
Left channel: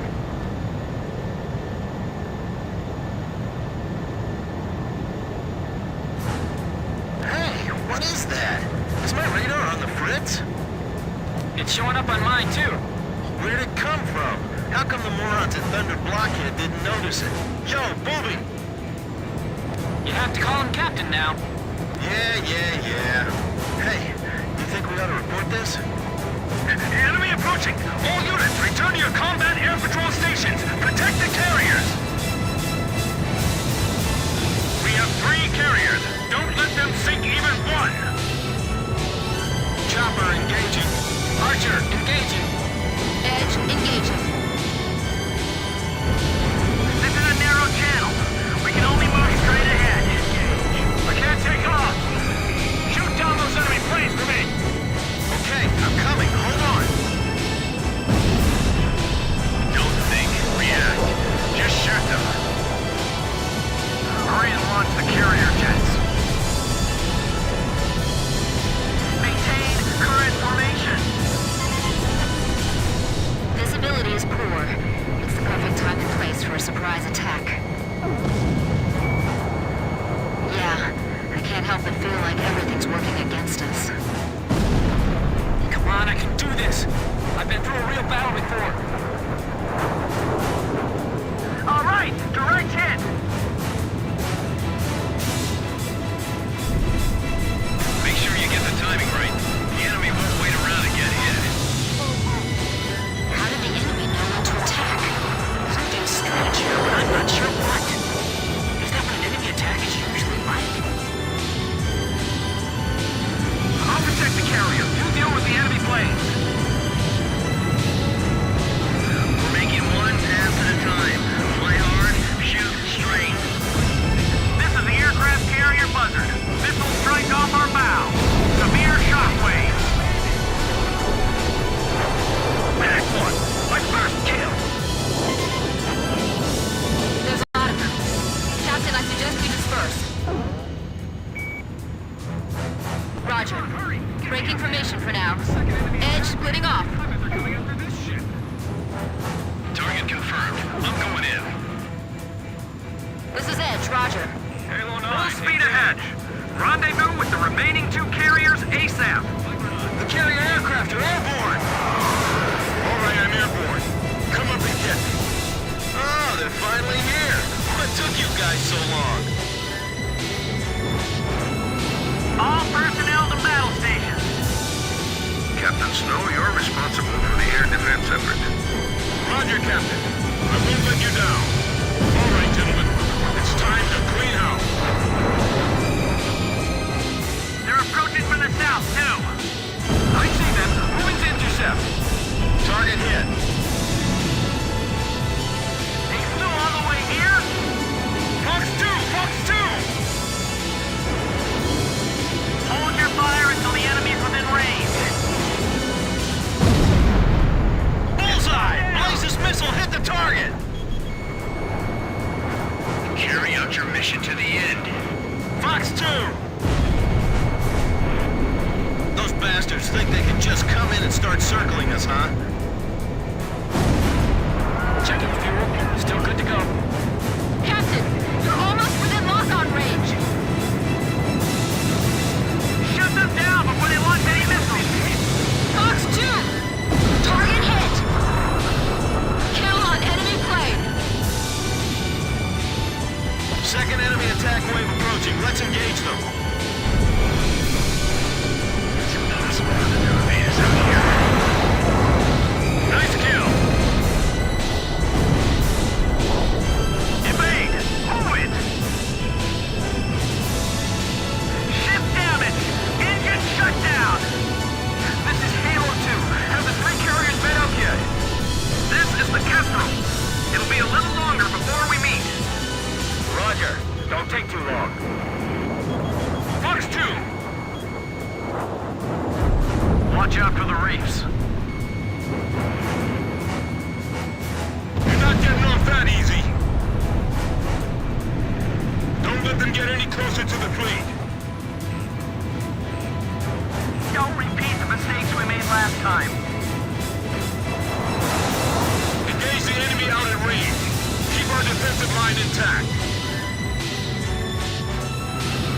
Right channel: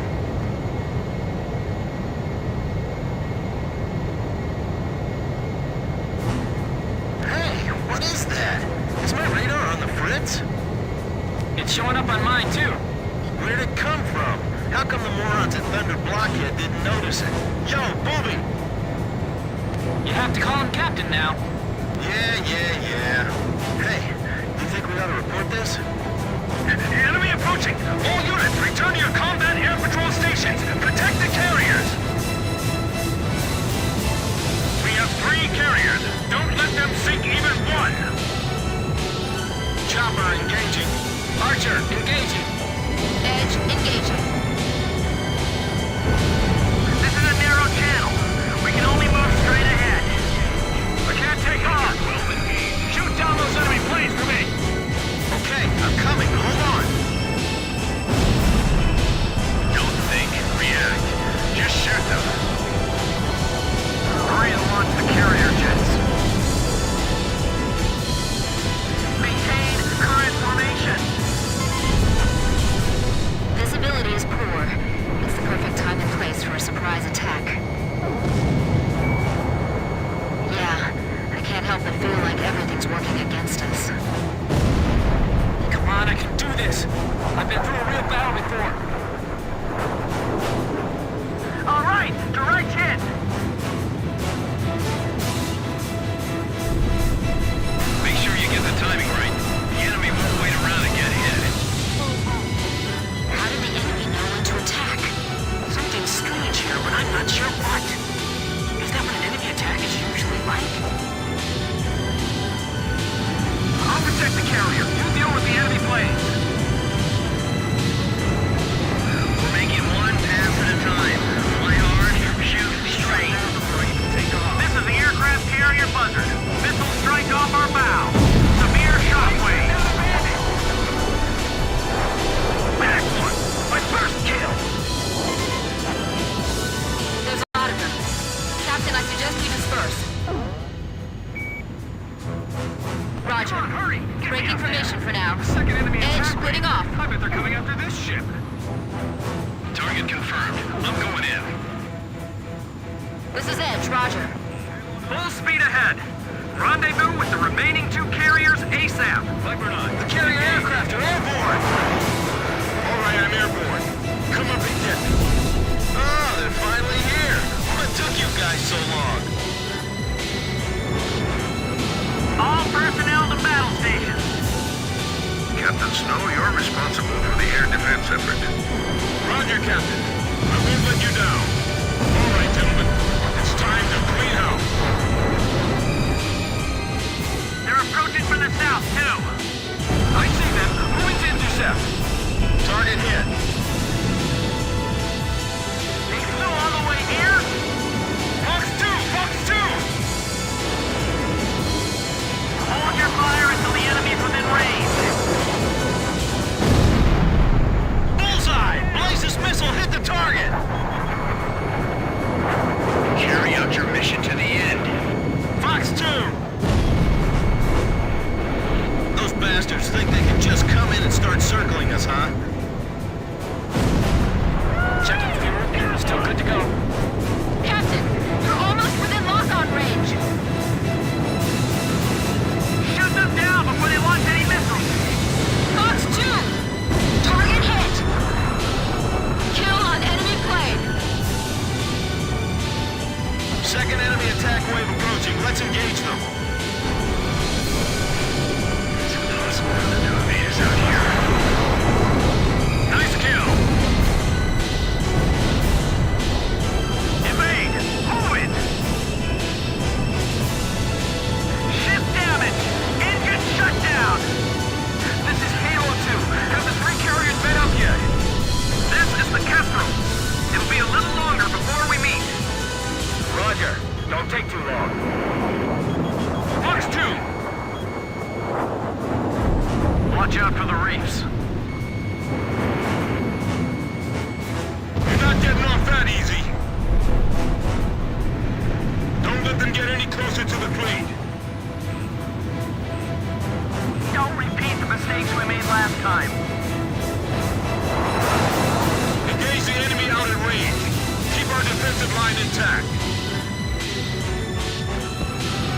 Hey, what is that? Is my radar on the fritz? It's showing up on mine, too. Where'd it come from? How come the morons at Thunder Blockhead didn't notice it? Yo, Booby! You have to call him Captain now. Yeah. Hey, you think we ought to report this? Enemy approaching! All units, return to your combat air patrol stations! Protect the carriers! We have 3 carriers. Don't let them sink even one! Chopper engaging. Archer, engaging. Edge, engaging. This is a narrow channel. We can only move straight ahead. I can't take off! Shoot down those enemy planes for me! Okay, I'm coming. Hold on. Don't think, react. Just shoot them. Hurry and launch the carrier jets. Maintain current formation. Visibility is poor. It's the perfect time and place for a surprise attack. Yeah, I can't help but feel like everything's working against us. Come on, I can do this. I've been through a real battle before. All right, direct hit. Make sure you get the timing right. The enemy won't wait around to get hit. How did the enemy know when to attack? Something's strange here, but I'm not sure what. Is that what an enemy attack is usually like? I'll protect the carrier. You deal with the enemy planes. We're making one pass at a time. Fly hard, shoot straight. This is the aircraft carrier Buzzard. Missile strike off our bow. Severe shockwaves. Back one! My first kill! There's a lot of them. Captain, I suggest we disperse. Roger. Breaking formation for now. Edge splitting off. Target confirmed. I'm going in. This is Edge, Roger. Full speed ahead. Rendezvous with the remaining 2 carriers ASAP. The carrier aircraft are airborne! All right, I'm airborne. Come up and get me. Oh, they're finally here. What took you guys so long? All personnel to battle stations. Captain Snow, you're responsible for the air defense effort. Roger, Captain. I won't let you down. All right, gentlemen. It's time to clean house. They're approaching from the south, too. I see them. Moving to intercept. Target hit. They flew all the way here? Fox 2! Fox 2! Hold your fire until the enemy's within range. Bullseye! Blaze's missile hit the target! Carry out your mission to the end. Fox 2! Those bastards think they can just come in and start circling us, huh? Checking fuel. Still good to go. Captain, you're almost within lock-on range. Shoot them down before they launch any missiles. Fox 2! Target hit! Kill on enemy plane. Second enemy attack wave approaching. Let's engage them. It's impossible for them to evade us out here. Nice kill! Evade! Move it! Ship damage! Engine shut down! This is Halo 2. Have the 3 carriers met up yet? This is the Kestrel. It'll be a little longer before we meet. Roger. Don't take too long. Fox 2! Watch out for the reefs. You're not getting off that easy. Don't let them get any closer to the fleet. Don't repeat the mistakes we made last time. Engage the enemy out at range. Keep our defensive line intact.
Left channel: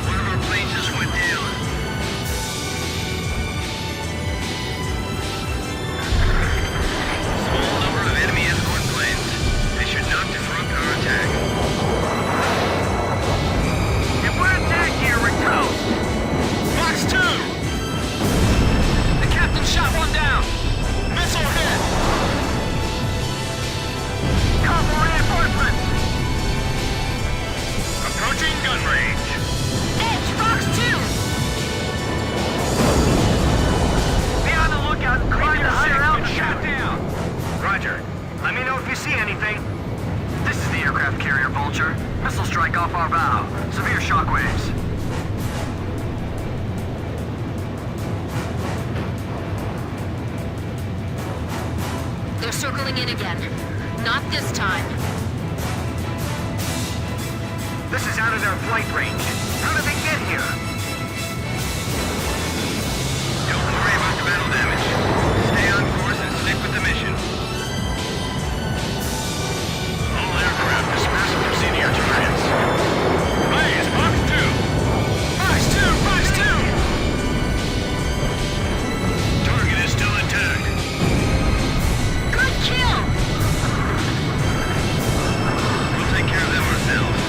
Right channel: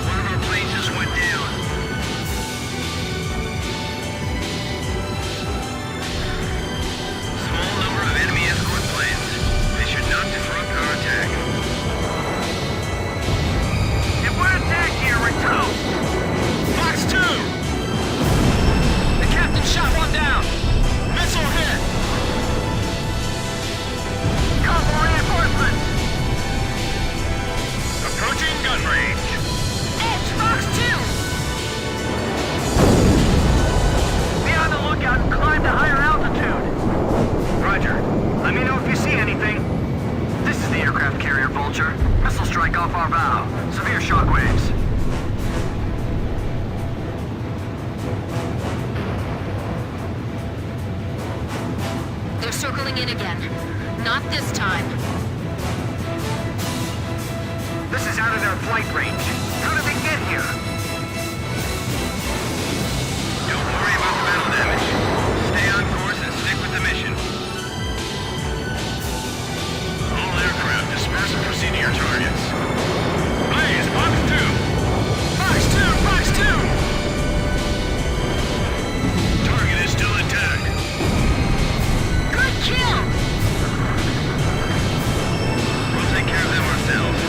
One of our planes just went down. Small number of enemy escort planes. They should not disrupt our attack. If we're attacked here, we're toast! Fox 2! The captain shot one down. Missile hit! Call for reinforcements! Approaching gun range. Edge, Fox 2! Be on the lookout and climb to higher altitude! Roger. Let me know if you see anything. This is the aircraft carrier Vulture. Missile strike off our bow. Severe shockwaves. They're circling in again. Not this time. This is out of their flight range. How did they get here? Don't worry about the battle damage. Stay on course and stick with the mission. All aircraft disperse and proceed to your targets. Blaze, Fox 2! Fox 2! Fox 2! Target is still intact. Good kill! We'll take care of them ourselves.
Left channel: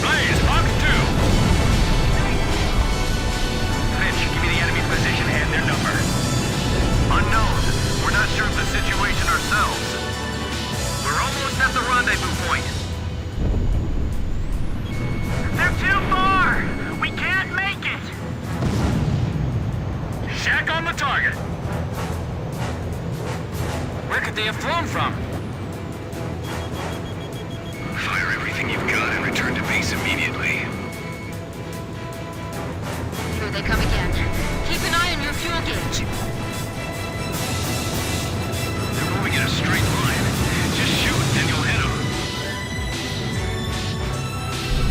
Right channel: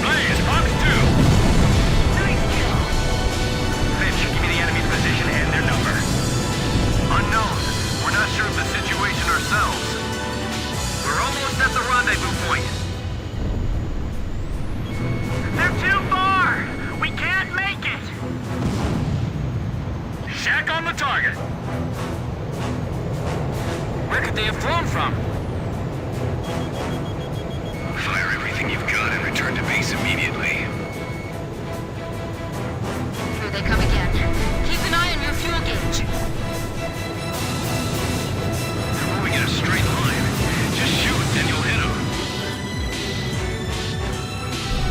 Blaze, Fox 2! Nice kill! Finch, give me the enemy's position and their number. Unknown. We're not sure of the situation ourselves. We're almost at the rendezvous point. They're too far! We can't make it! Shack on the target! Where could they have flown from? Fire everything you've got and return to base immediately. Here they come again. Keep an eye on your fuel gauge. They're moving in a straight line. Just shoot, then you'll hit them.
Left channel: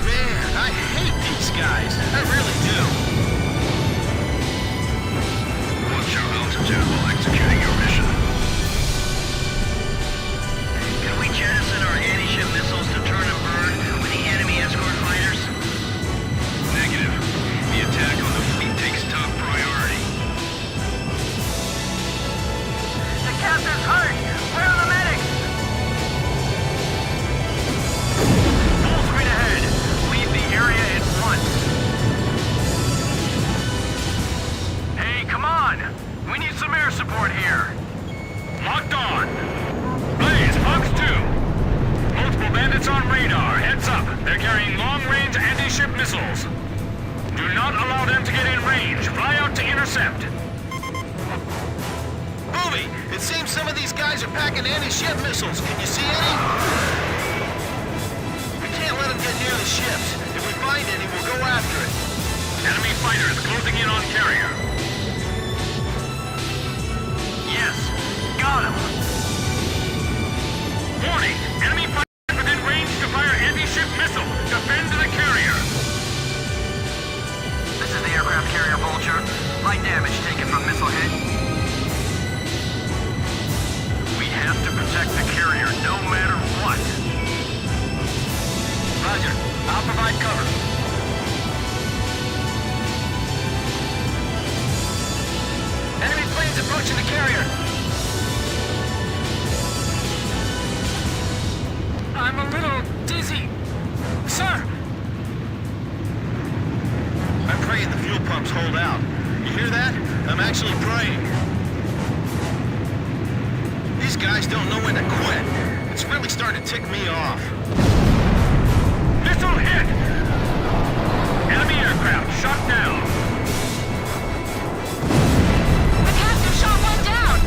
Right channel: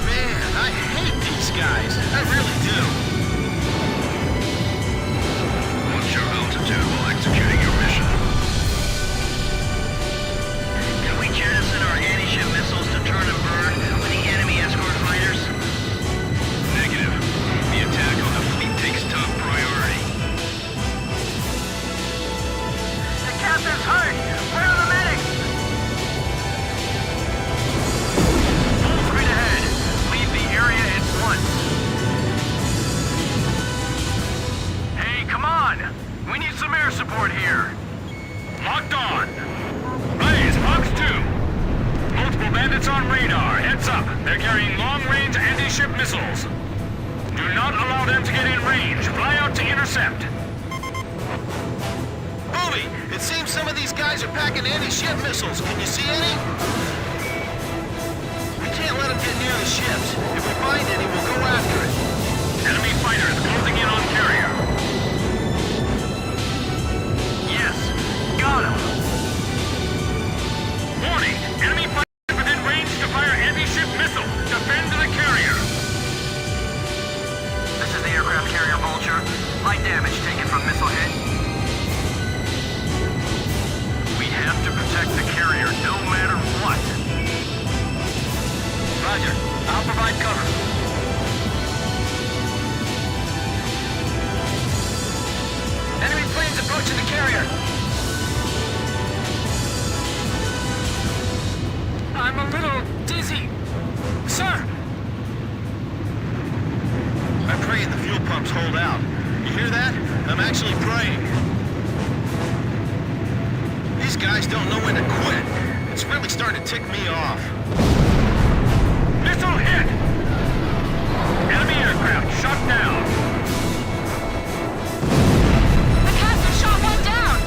Man, I hate these guys. I really do. Watch your altitude while executing your mission. Can we jettison our anti-ship missiles to turn and burn with the enemy escort fighters? Negative. We need some air support here. Locked on. Blaze, Fox 2. Multiple bandits on radar. Heads up. They're carrying long-range anti-ship missiles. Do not allow them to get in range. Fly out to intercept. Booby, it seems some of these guys are packing anti-ship missiles. Can you see any? We can't let them get near the ships. If we find any, we'll go after it. Enemy fighters closing in on carrier. Yes, got him. Warning! Enemy fighters within range to fire anti-ship missile. Defend the carrier. This is the aircraft carrier Vulture. Light damage taken from missile hit. We have to protect the carrier no matter what. Roger. I'll provide cover. Enemy planes approaching the carrier. I'm a little dizzy. Sir! I'm praying the fuel pumps hold out. You hear that? I'm actually praying. These guys don't know when to quit. It's really starting to tick me off. Missile hit! Enemy aircraft shot down. The captain shot one down!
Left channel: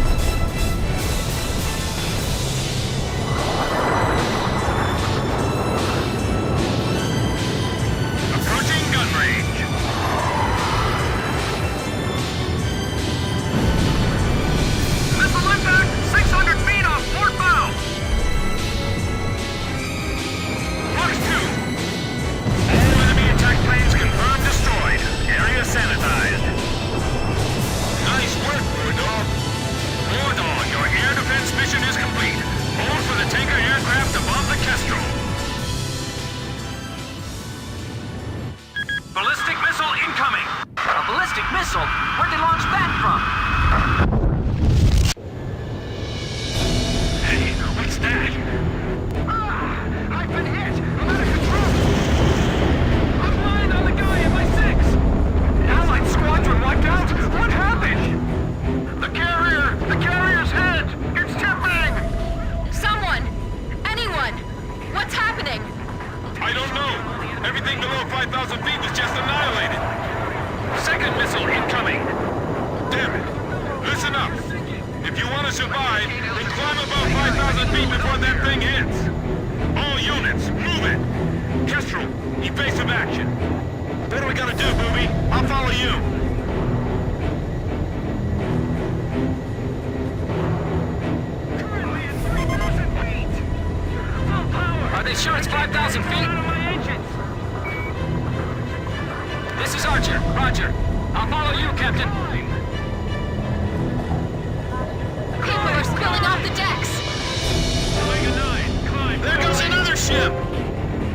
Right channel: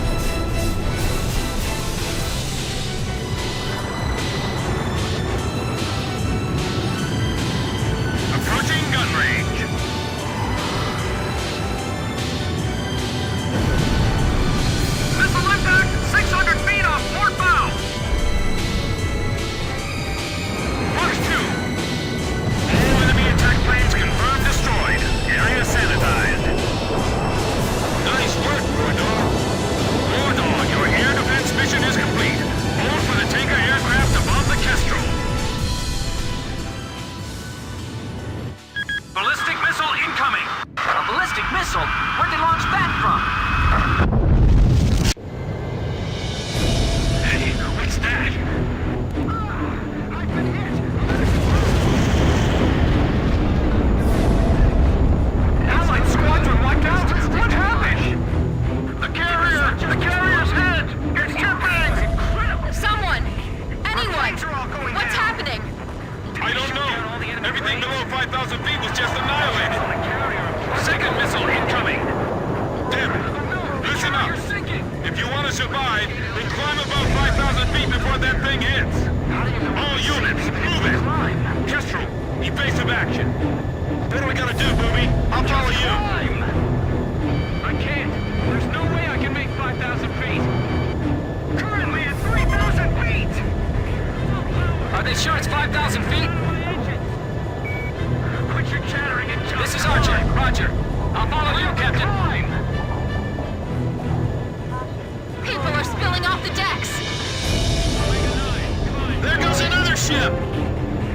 Approaching gun range. Missile impact 600 feet off port bow. Fox 2. All enemy attack planes confirmed destroyed. Area sanitized. Nice work, War Dog. War Dog, your air defense mission is complete. Hold for the tanker aircraft above the Kestrel. Ballistic missile incoming! A ballistic missile? Where'd they launch that from? Hey, what's that? I've been hit. I'm out of control. I'm flying on the guy in my 6. Allied squadron wiped out? What happened? The carrier's hit. It's tipping. Someone! Anyone! What's happening? I don't know. Everything below 5,000 feet was just annihilated. Second missile incoming. Damn it. Listen up. If you want to survive, then climb above 5,000 feet before that thing hits. All units, move it. Kestrel, evasive action. What do we gotta do, Booby? I'll follow you. I can't. There's no way I can make 5,000 feet. Full power. Are they sure it's 5,000 feet? Out of my engines. Quit your chattering and This is Archer. Roger. I'll follow you, Captain. People are spilling off the decks! Omega 9, climb. There goes another ship.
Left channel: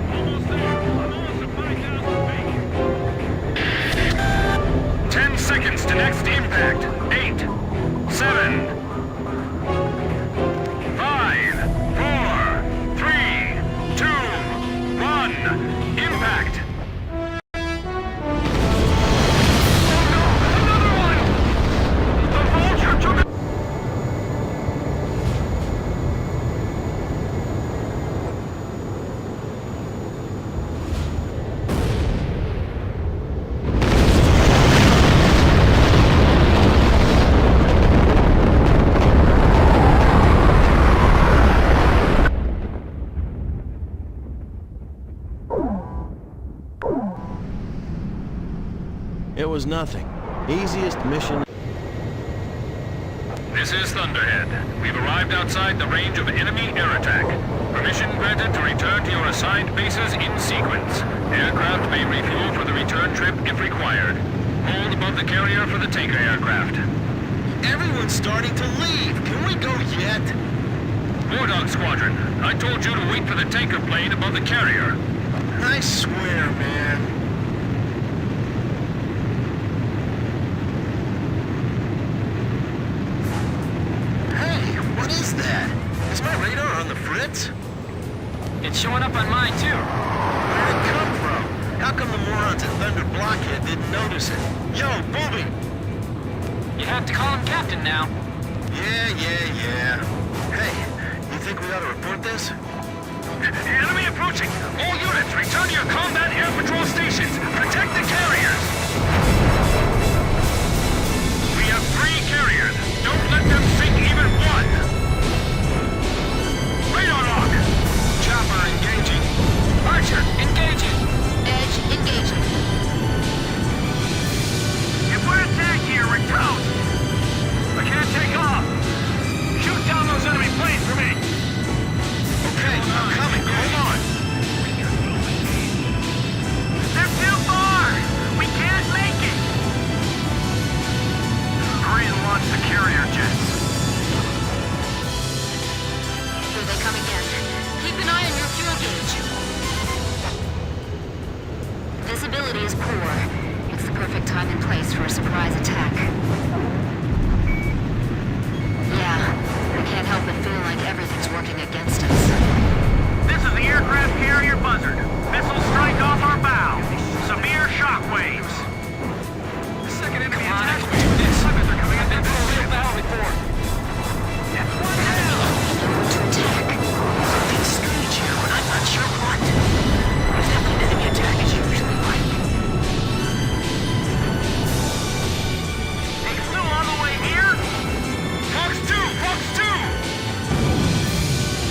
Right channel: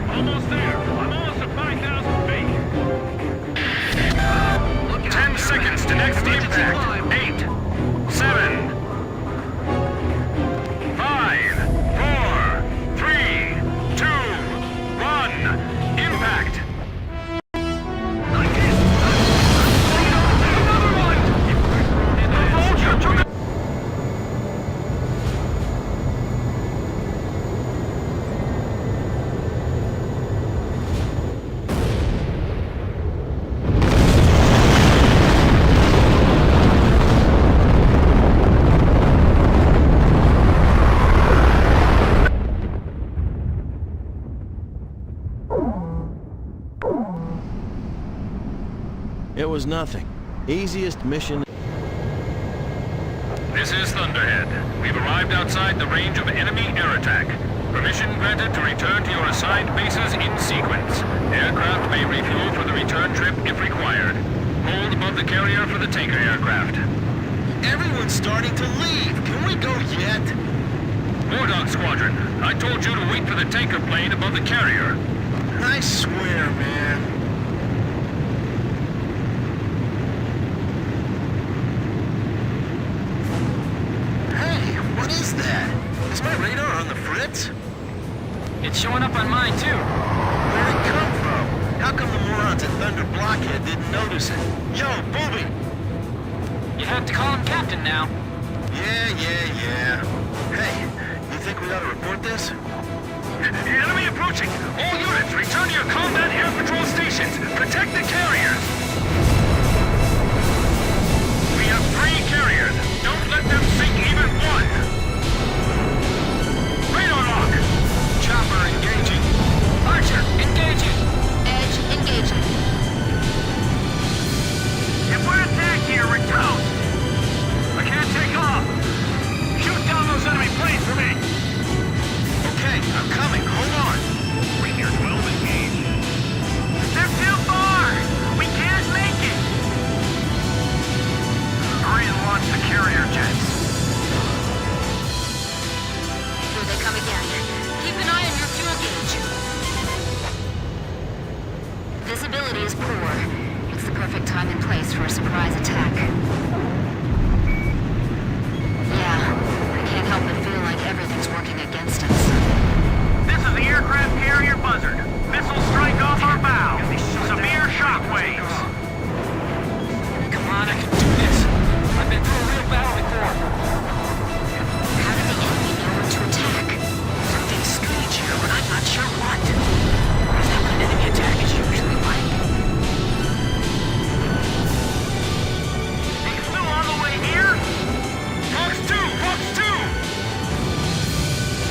Almost there. I'm almost at 5,000 feet. 10 seconds to next impact. 8, 7, 5, 4, 3, 2, 1. Impact. Oh no! Another one! The Vulture took a... It was nothing. Easiest mission. This is Thunderhead. We've arrived outside the range of enemy air attack. Permission granted to return to your assigned bases in sequence. Aircraft may refuel for the return trip if required. Hold above the carrier for the tanker aircraft. Everyone's starting to leave. Can we go yet? War Dog Squadron, I told you to wait for the tanker plane above the carrier. I swear, man. Hey, what is that? Is my radar on the fritz? It's showing up on mine, too. Where'd it come from? How come the morons at Thunder Blockhead didn't notice it? Yo, Booby! You have to call him Captain now. Yeah. Hey, you think we ought to report this? Enemy approaching! All units, return to your combat air patrol stations! Protect the carriers! We have 3 carriers! Don't let them sink even one! Radar lock! Chopper engaging. Archer, engaging. Edge engaging. If we're attacked here, we're toast! I can't take off! Shoot down those enemy planes for me! Okay, I'm coming. Hold on. They're too far! We can't make it! Hurry and launch the carrier jets. Here they come again. Keep an eye on your fuel gauge. Visibility is poor. It's the perfect time and place for a surprise attack. Yeah, I can't help but feel like everything's working against us. This is the aircraft carrier Buzzard. Missiles strike off our bow. Severe shockwaves. Come on, I can do this. I've been through a real battle before. How did the enemy know when to attack? Something strange here, but I'm not sure what. Is that what an enemy attack is usually like? They flew all the way here? Fox 2! Fox 2!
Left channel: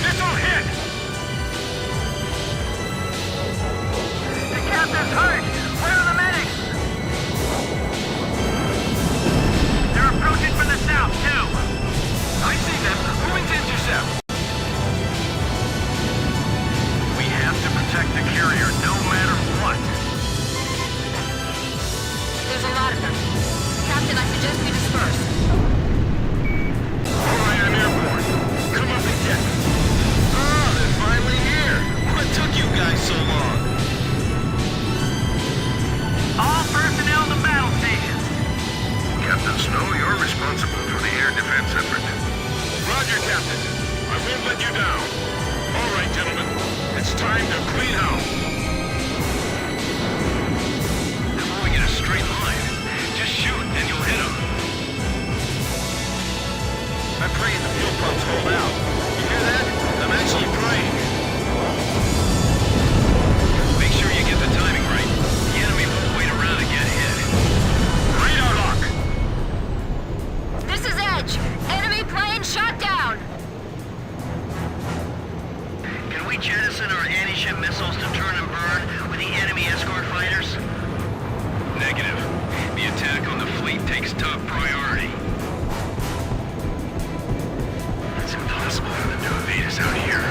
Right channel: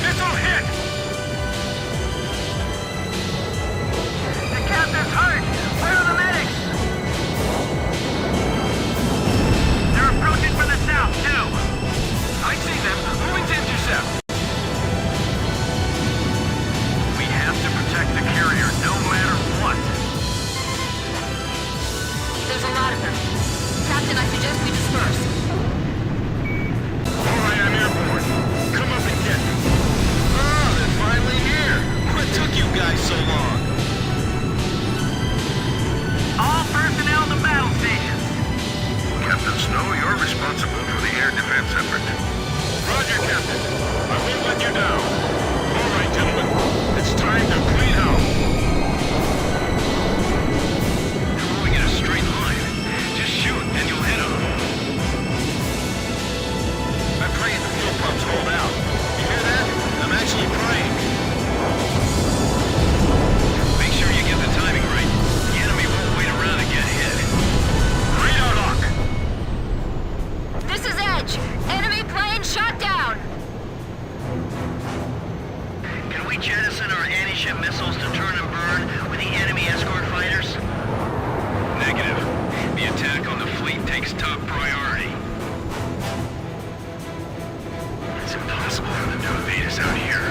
Missile hit! The captain's hurt! Where are the medics? They're approaching from the south, too. I see them. Moving to intercept. We have to protect the carrier no matter what. There's a lot of them. Captain, I suggest we disperse. All right, I'm airborne. Come up and get me. Oh, they're finally here. What took you guys so long? All personnel to battle stations. Captain Snow, you're responsible for the air defense effort. Roger, Captain. I won't let you down. All right, gentlemen. It's time to clean house. They're moving in a straight line. Just shoot and you'll hit them. I'm praying the fuel pumps hold out. You hear that? I'm actually praying. Make sure you get the timing right. The enemy won't wait around and get hit. Radar lock! This is Edge. Enemy plane shot down. Can we jettison our anti-ship missiles to turn and burn with the enemy escort fighters? Negative. The attack on the fleet takes top priority. It's impossible for them to evade us out here.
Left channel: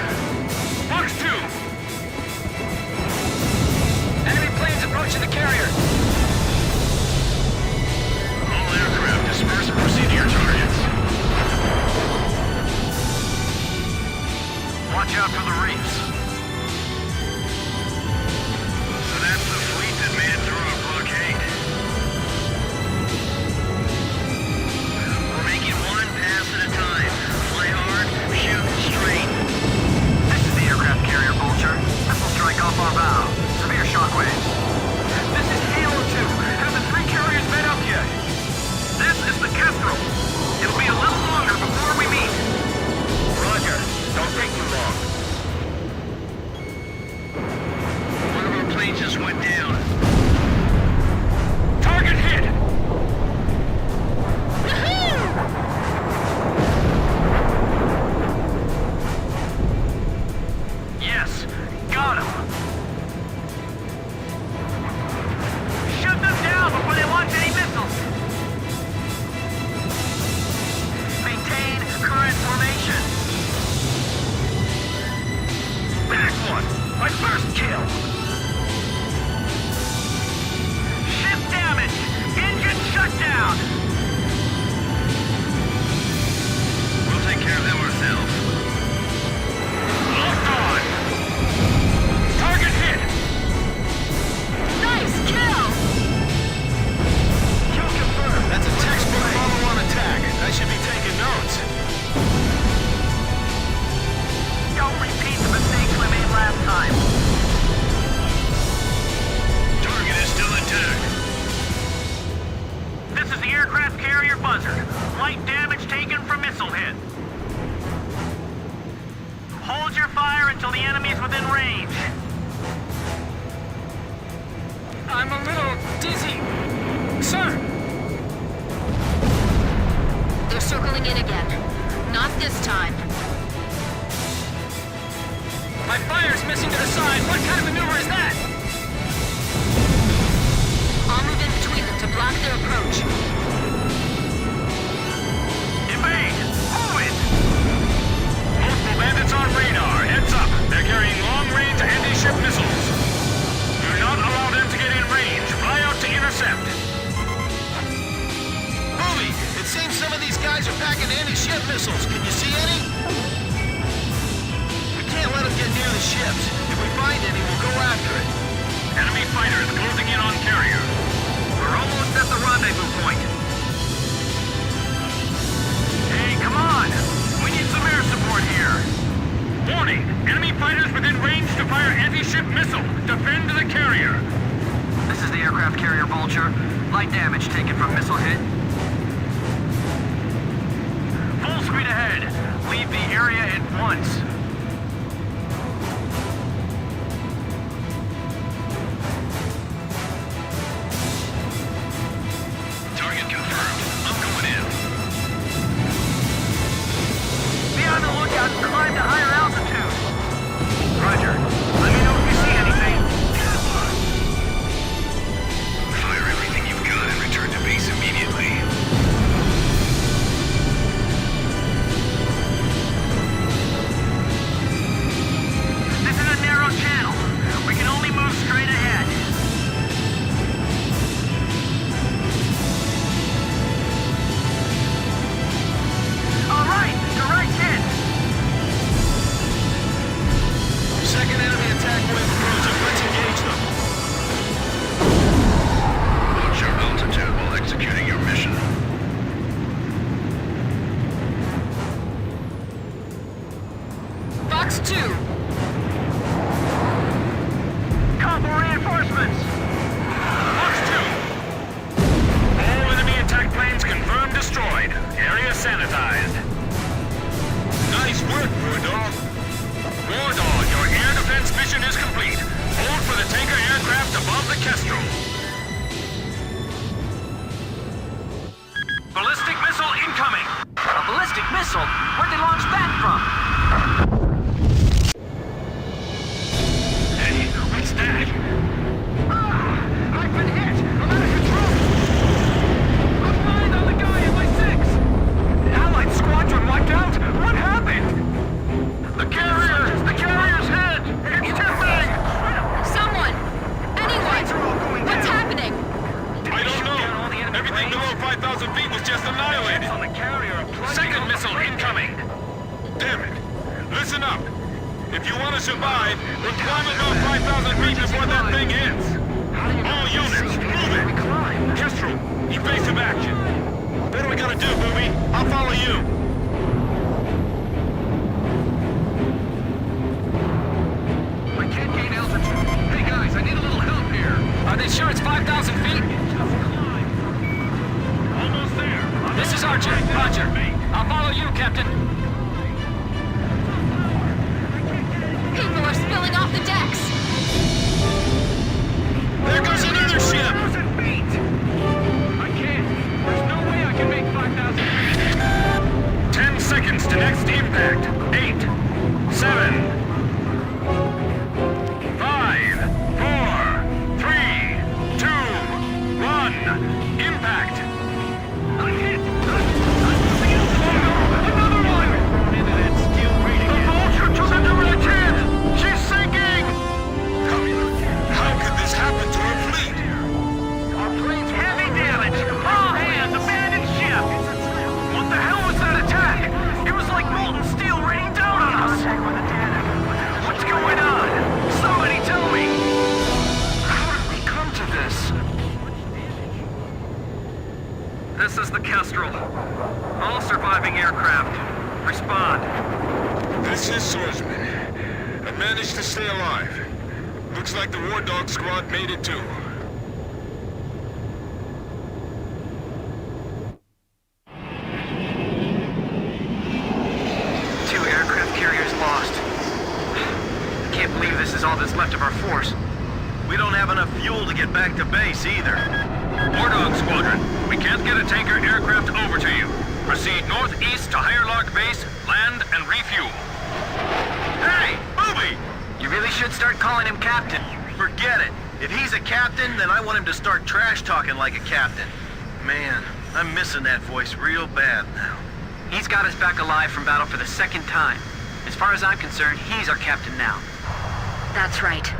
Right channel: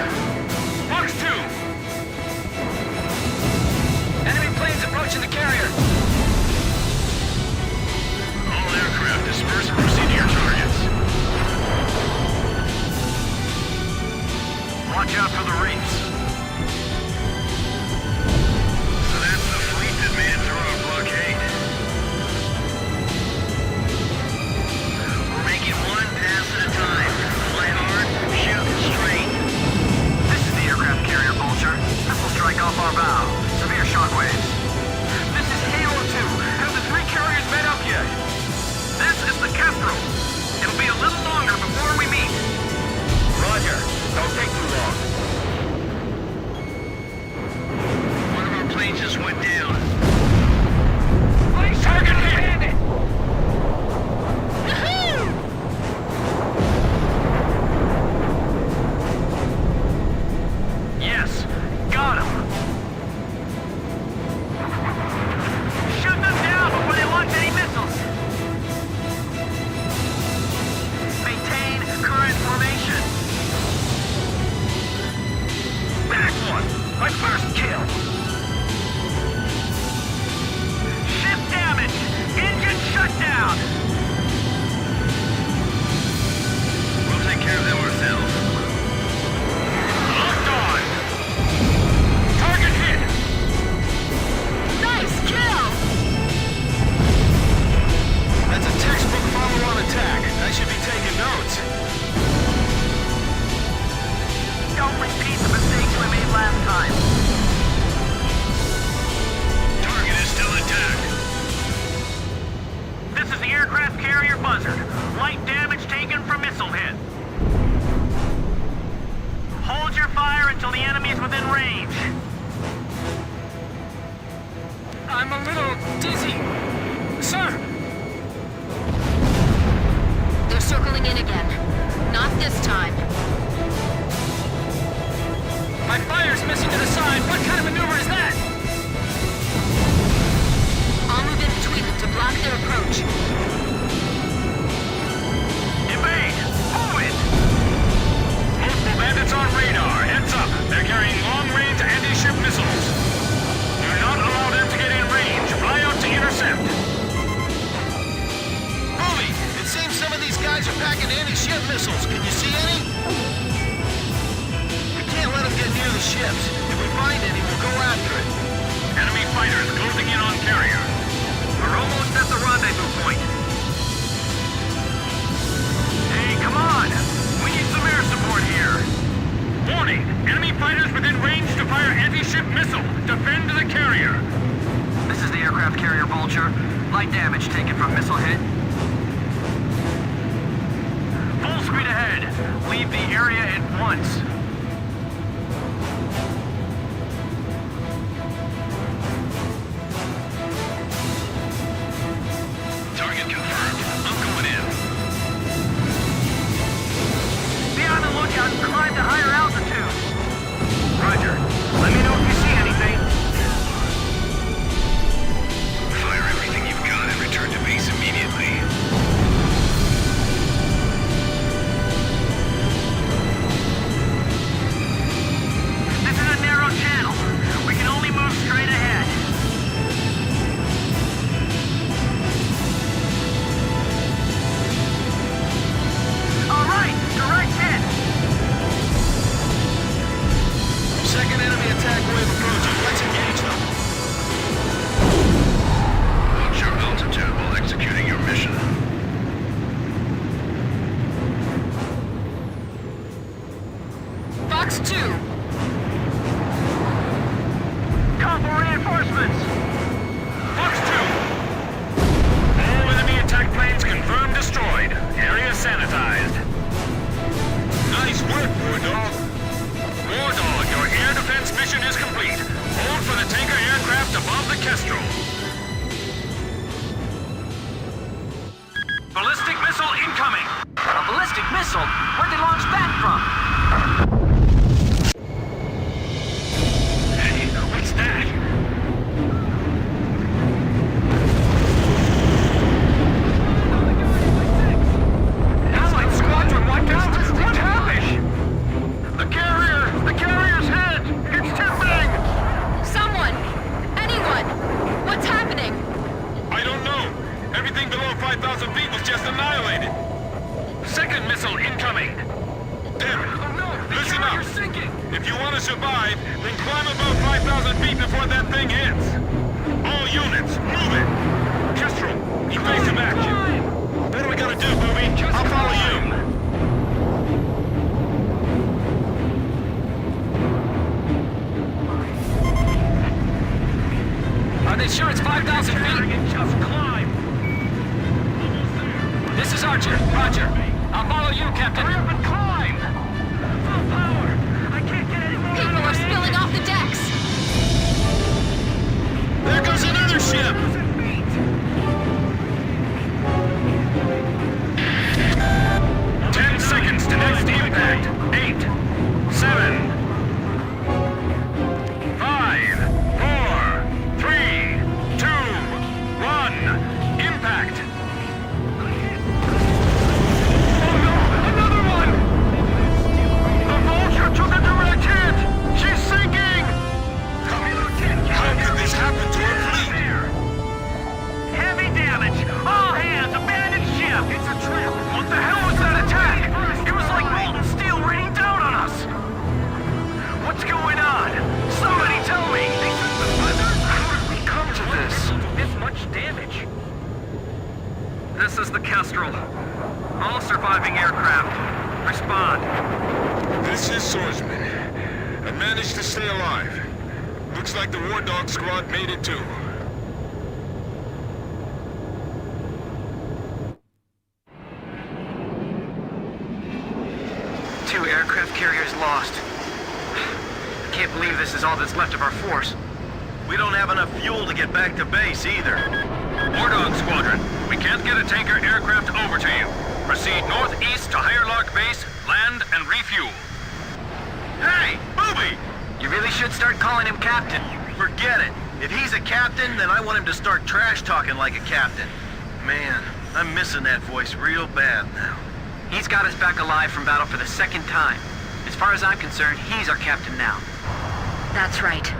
Fox 2! Enemy planes approaching the carrier. All aircraft disperse and proceed to your targets. Watch out for the reefs. So that's the fleet that made it through our blockade. We're making one pass at a time. Fly hard, shoot straight. This is the aircraft carrier Vulture. Missile strike off our bow. Severe shockwaves. This is Halo 2. Have the 3 carriers met up yet? This is the Kestrel. It'll be a little longer before we meet. Roger. Don't take too long. One of our planes just went down. Target hit! Woohoo! Yes, got him. Shoot them down before they launch any missiles. Maintain current formation. Back one! My first kill! Ship damage! Engine shutdown! We'll take care of them ourselves. Locked on! Target hit! Nice kill! That's a textbook follow-on attack. I should be taking notes. Don't repeat the mistakes we made last time. Target is still intact. This is the aircraft carrier Buzzard. in again. Not this time. My fire's missing to the side. What kind of maneuver is that? I'll move in between them to block their approach. Evade! Move it! Multiple bandits on radar. Heads up. They're carrying long-range anti-ship missiles. Do not allow them to get in range. Fly out to intercept. Movie! It seems some of these guys are packing anti-ship missiles. Can you see any? We can't let them get near the ships. If we find any, we'll go after it. Enemy fighters closing in on carrier. We're almost at the rendezvous point. Hey, come on! We need some air support here. Warning! Enemy fighters within range to fire anti-ship missile. Defend the carrier. This is the aircraft carrier Vulture. Light damage taken from missile hit. Full speed ahead. Leave the area at once. Target confirmed. I'm going in. Be on the lookout and climb to higher altitude. Roger. Let me know if you see anything. Fire everything you've got and return to base immediately. This is a narrow channel. We can only move straight ahead. All right, direct hit. Second enemy attack wave approaching. Let's engage them. Watch your altitude while executing your mission. Fox 2. Call for reinforcements. Fox 2. All enemy attack planes confirmed destroyed. Area sanitized. Nice work, War Dog. War Dog, your air defense mission is complete. Hold for the tanker aircraft above the Kestrel. Ballistic missile incoming! A ballistic missile? Where'd they launch that from? Hey, what's that? Allied squadron wiped out? What happened? The carrier's hit! It's tipping! Someone! Anyone! What's happening? I don't know. Everything below 5,000 feet was just annihilated. Second missile incoming! Damn it. Listen up. If you want to survive, then climb above 5,000 feet before that thing hits. All units, move it. Kestrel, evasive action. What do we gotta do, Booby? I'll follow you. Are they sure it's 5,000 feet? This is Archer. Roger. I'll follow you, Captain. People are spilling off the decks! There goes another ship! 10 seconds to next impact. 8, 7, 5, 4, 3, 2, 1. Impact! Oh no! Another one! The Vulture took a direct hit! She's sinking! How could this happen to our fleet? Heavy damage! All hands! Abandoned ship! It's a trap! What the hell was that attack? It was like molten steel raining down on us! What's going on? Somebody tell me! How did we come to this? This much damage? This is the Kestrel. All surviving aircraft. Respond. This is Swordsman. I managed to stay alive. Looks like the War Dog squad made it too. Two aircraft carriers lost. Can't believe this is all that's left of our force. We don't have enough fuel to get back to base either. War Dog Squadron, we can't get a tanker aircraft over to you. Proceed northeast to Higher Lark Base, land and refuel. Hey, Booby! You really should start calling him Captain. Forget it. If he's a captain, then I want him to start trash talking like a captain. Man, I'm missing that voice real bad now. He's got us back alive from battle for the second time. As far as I'm concerned, he's our captain now. That's right.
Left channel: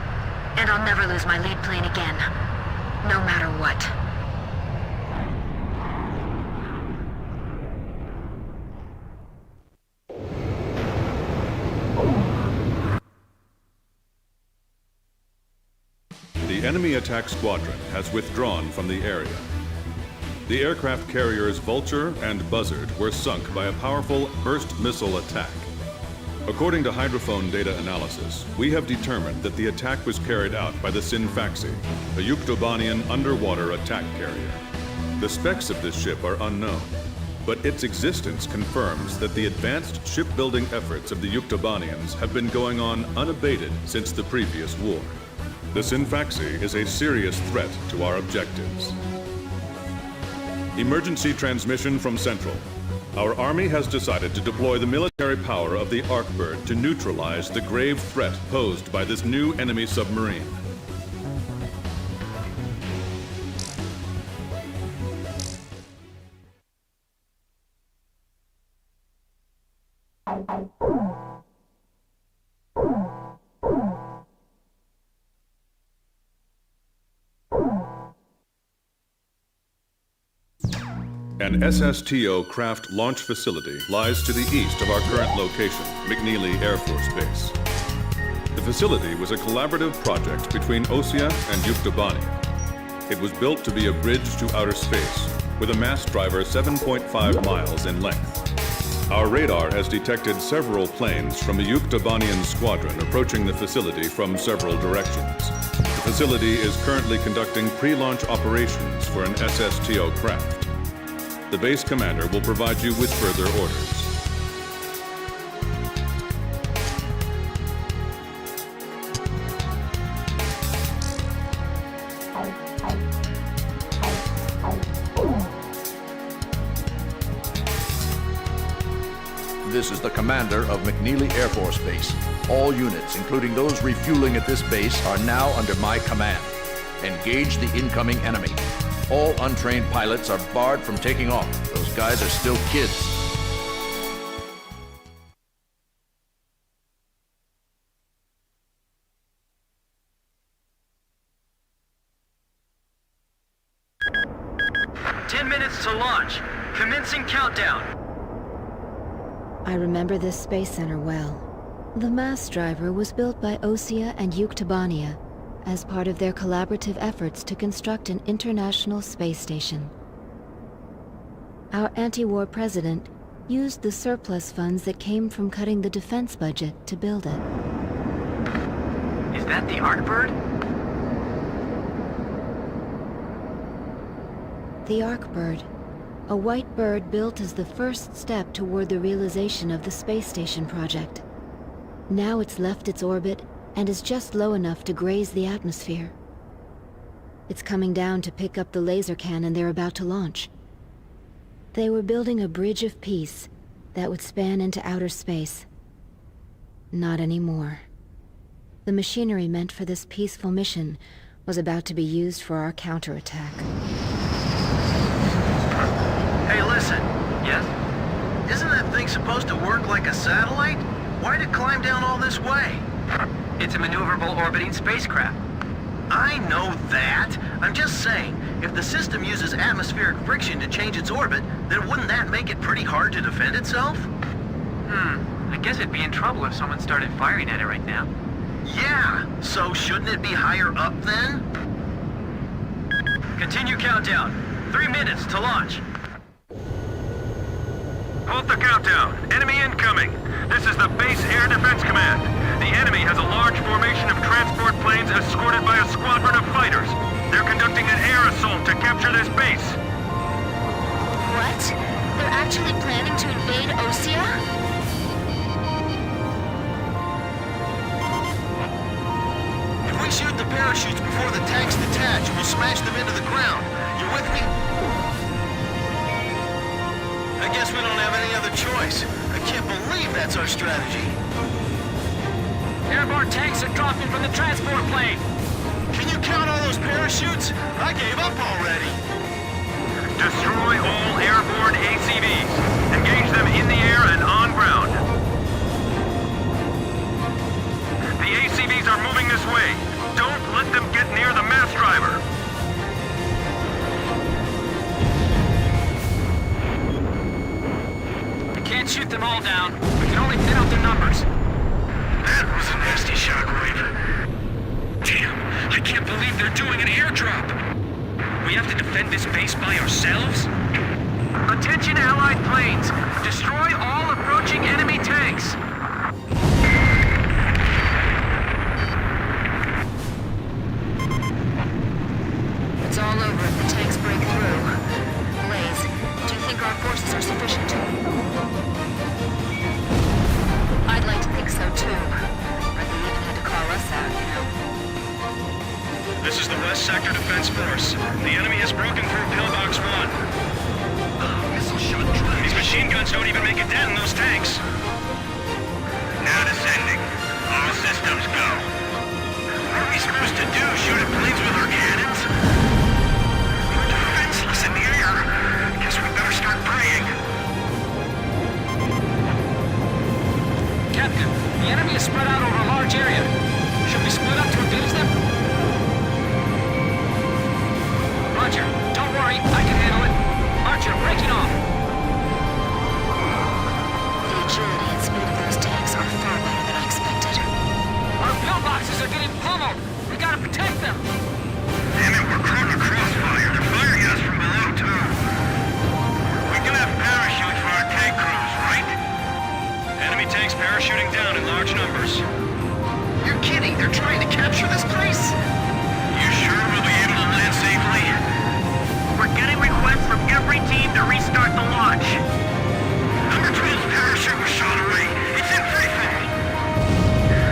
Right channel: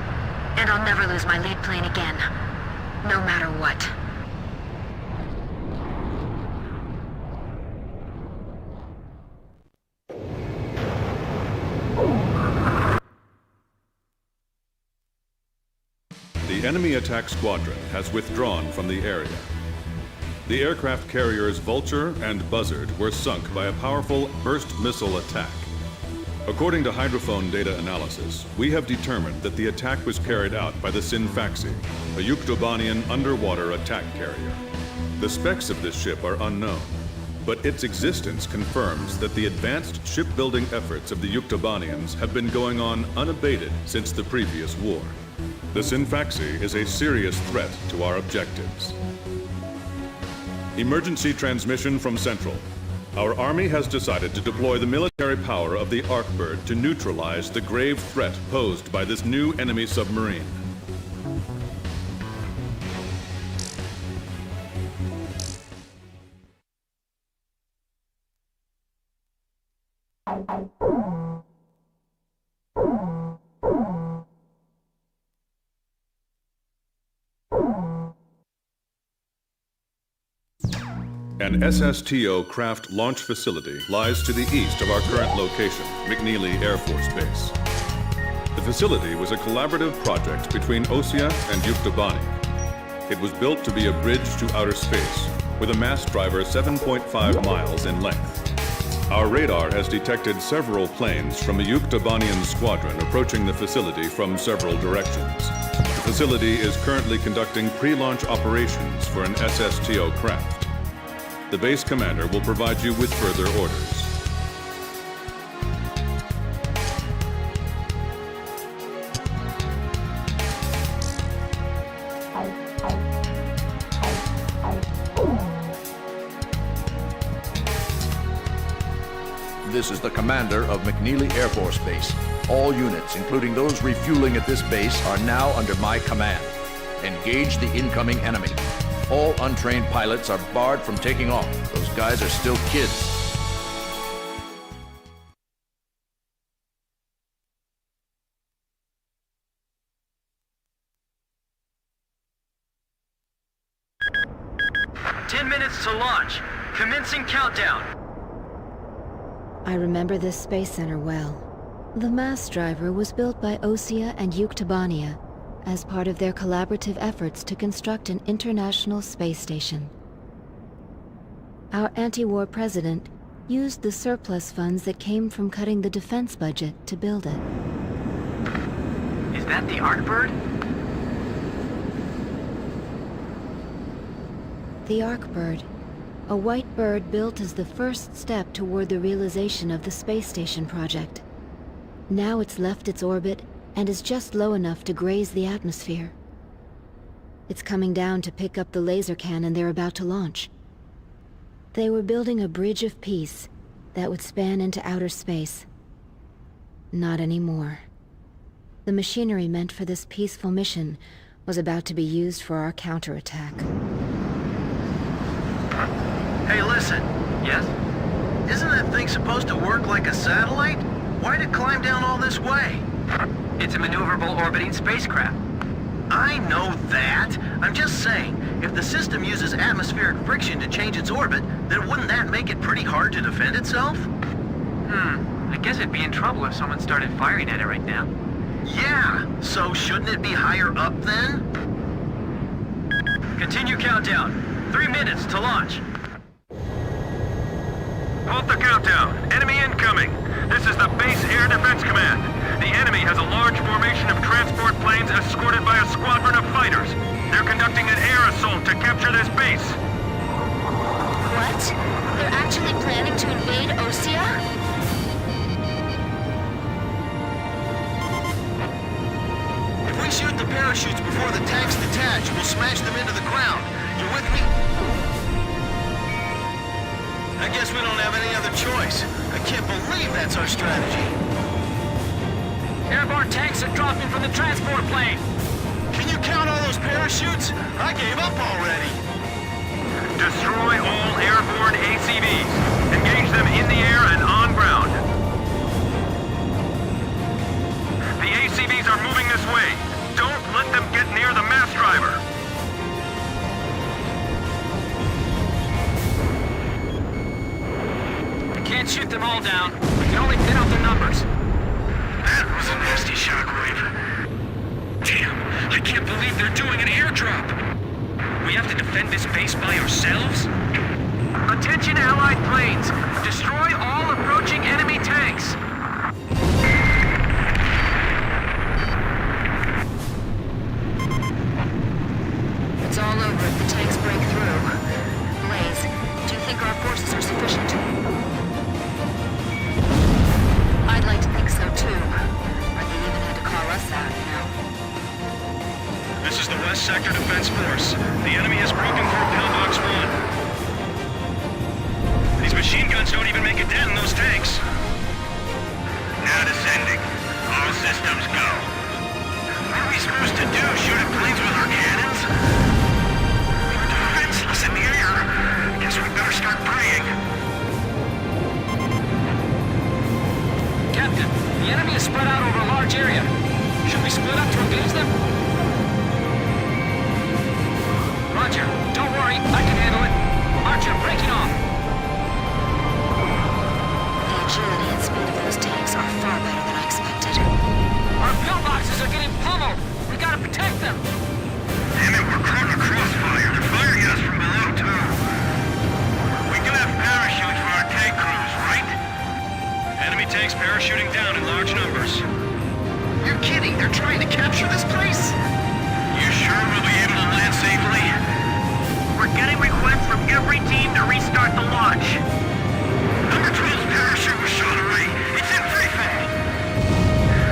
And I'll never lose my lead plane again. No matter what. The enemy attack squadron has withdrawn from the area. The aircraft carriers Vulture and Buzzard were sunk by a powerful burst missile attack. According to hydrophone data analysis, we have determined that the attack was carried out by the Sinfaxi, a Yuktobanian underwater attack carrier. The specs of this ship are unknown, but its existence confirms that the advanced shipbuilding efforts of the Yuktobanians have been going on unabated since the previous war. The Sinfaxi is a serious threat to our objectives. Emergency transmission from Central. Our army has decided to deploy the military power of the Arkbird to neutralize the grave threat posed by this new enemy submarine. An SSTO craft launch facility lies to the east of our current location, McNeely Air Force Base. The facility was a collaborative project between OSIA and Yuktobania. It was built to be a bridge to outer space, with a mast driver 7.5 miles in length. Our radar has detected several planes from a Yuktobanian squadron approaching the facility from several directions. The facility is currently conducting pre-launch operations for an SSTO craft. The base commander will provide you with further orders. This is the commander of McNeely Air Force Base. All units, including those refueling at this base, are now under my command. Engage the incoming enemy. All untrained pilots are barred from taking off. Those guys are still kids. "10 minutes to launch. Commencing countdown." I remember this space center well. The mast driver was built by OSIA and Yuktobania as part of their collaborative efforts to construct an international space station. Our anti-war president used the surplus funds that came from cutting the defense budget to build it. Is that the Arkbird? The Arkbird, a white bird built as the first step toward the realization of the space station project. Now it's left its orbit and is just low enough to graze the atmosphere. It's coming down to pick up the laser cannon they're about to launch. They were building a bridge of peace that would span into outer space. Not anymore. The machinery meant for this peaceful mission was about to be used for our counterattack. Hey, listen. Yes? Isn't that thing supposed to work like a satellite? Why'd it climb down all this way? It's a maneuverable orbiting spacecraft. I know that. I'm just saying, if the system uses atmospheric friction to change its orbit, then wouldn't that make it pretty hard to defend itself? I guess it'd be in trouble if someone started firing at it right now. Yeah, so shouldn't it be higher up then? Continue countdown. 3 minutes to launch. Halt the countdown. Enemy incoming. This is the Base Air Defense Command. The enemy has a large formation of transport planes escorted by a squadron of fighters. They're conducting an air assault to capture this base. What? They're actually planning to invade Osea? If we shoot the parachutes before the tanks detach, we'll smash them into the ground. You with me? I I guess we don't have any other choice. I can't believe that's our strategy. Airborne tanks are dropping from the transport plane. Can you count all those parachutes? I gave up already. Destroy all airborne ACVs. Engage them in the air and on ground. The ACVs are moving this way. Don't let them get near the mass driver. We can't shoot them all down. We can only thin out their numbers. That was a nasty shockwave. Damn, I can't believe they're doing an airdrop. We have to defend this base by ourselves? Attention Allied planes! Destroy all approaching enemy tanks! It's all over if the tanks break through. Blaze, do you think our forces are sufficient? I'd like to think so too. But they even had to call us out, you know. This is the West Sector Defense Force. The enemy has broken through Pillbox 1. These machine guns don't even make a dent in those tanks. Now descending. All systems go. What are we supposed to do? Shoot at planes with our cannons? We're defenseless in the air. Guess we better start praying. Captain, the enemy is spread out over a large area. Should we split up to engage them? Roger. Don't worry, I can handle it. Archer, breaking off. The agility and speed of those tanks are far better than I expected. Our pillboxes are getting pummeled. We gotta protect them. Damn it, we're caught in a crossfire. They're firing at us from below, too. We do have parachutes for our tank crews, right? Enemy tanks parachuting down in large numbers. You're kidding. They're trying to capture this place? You sure we'll be able to land safely? We're getting requests from every team to restart the launch. Number 12's parachute was shot away. It's in free fall.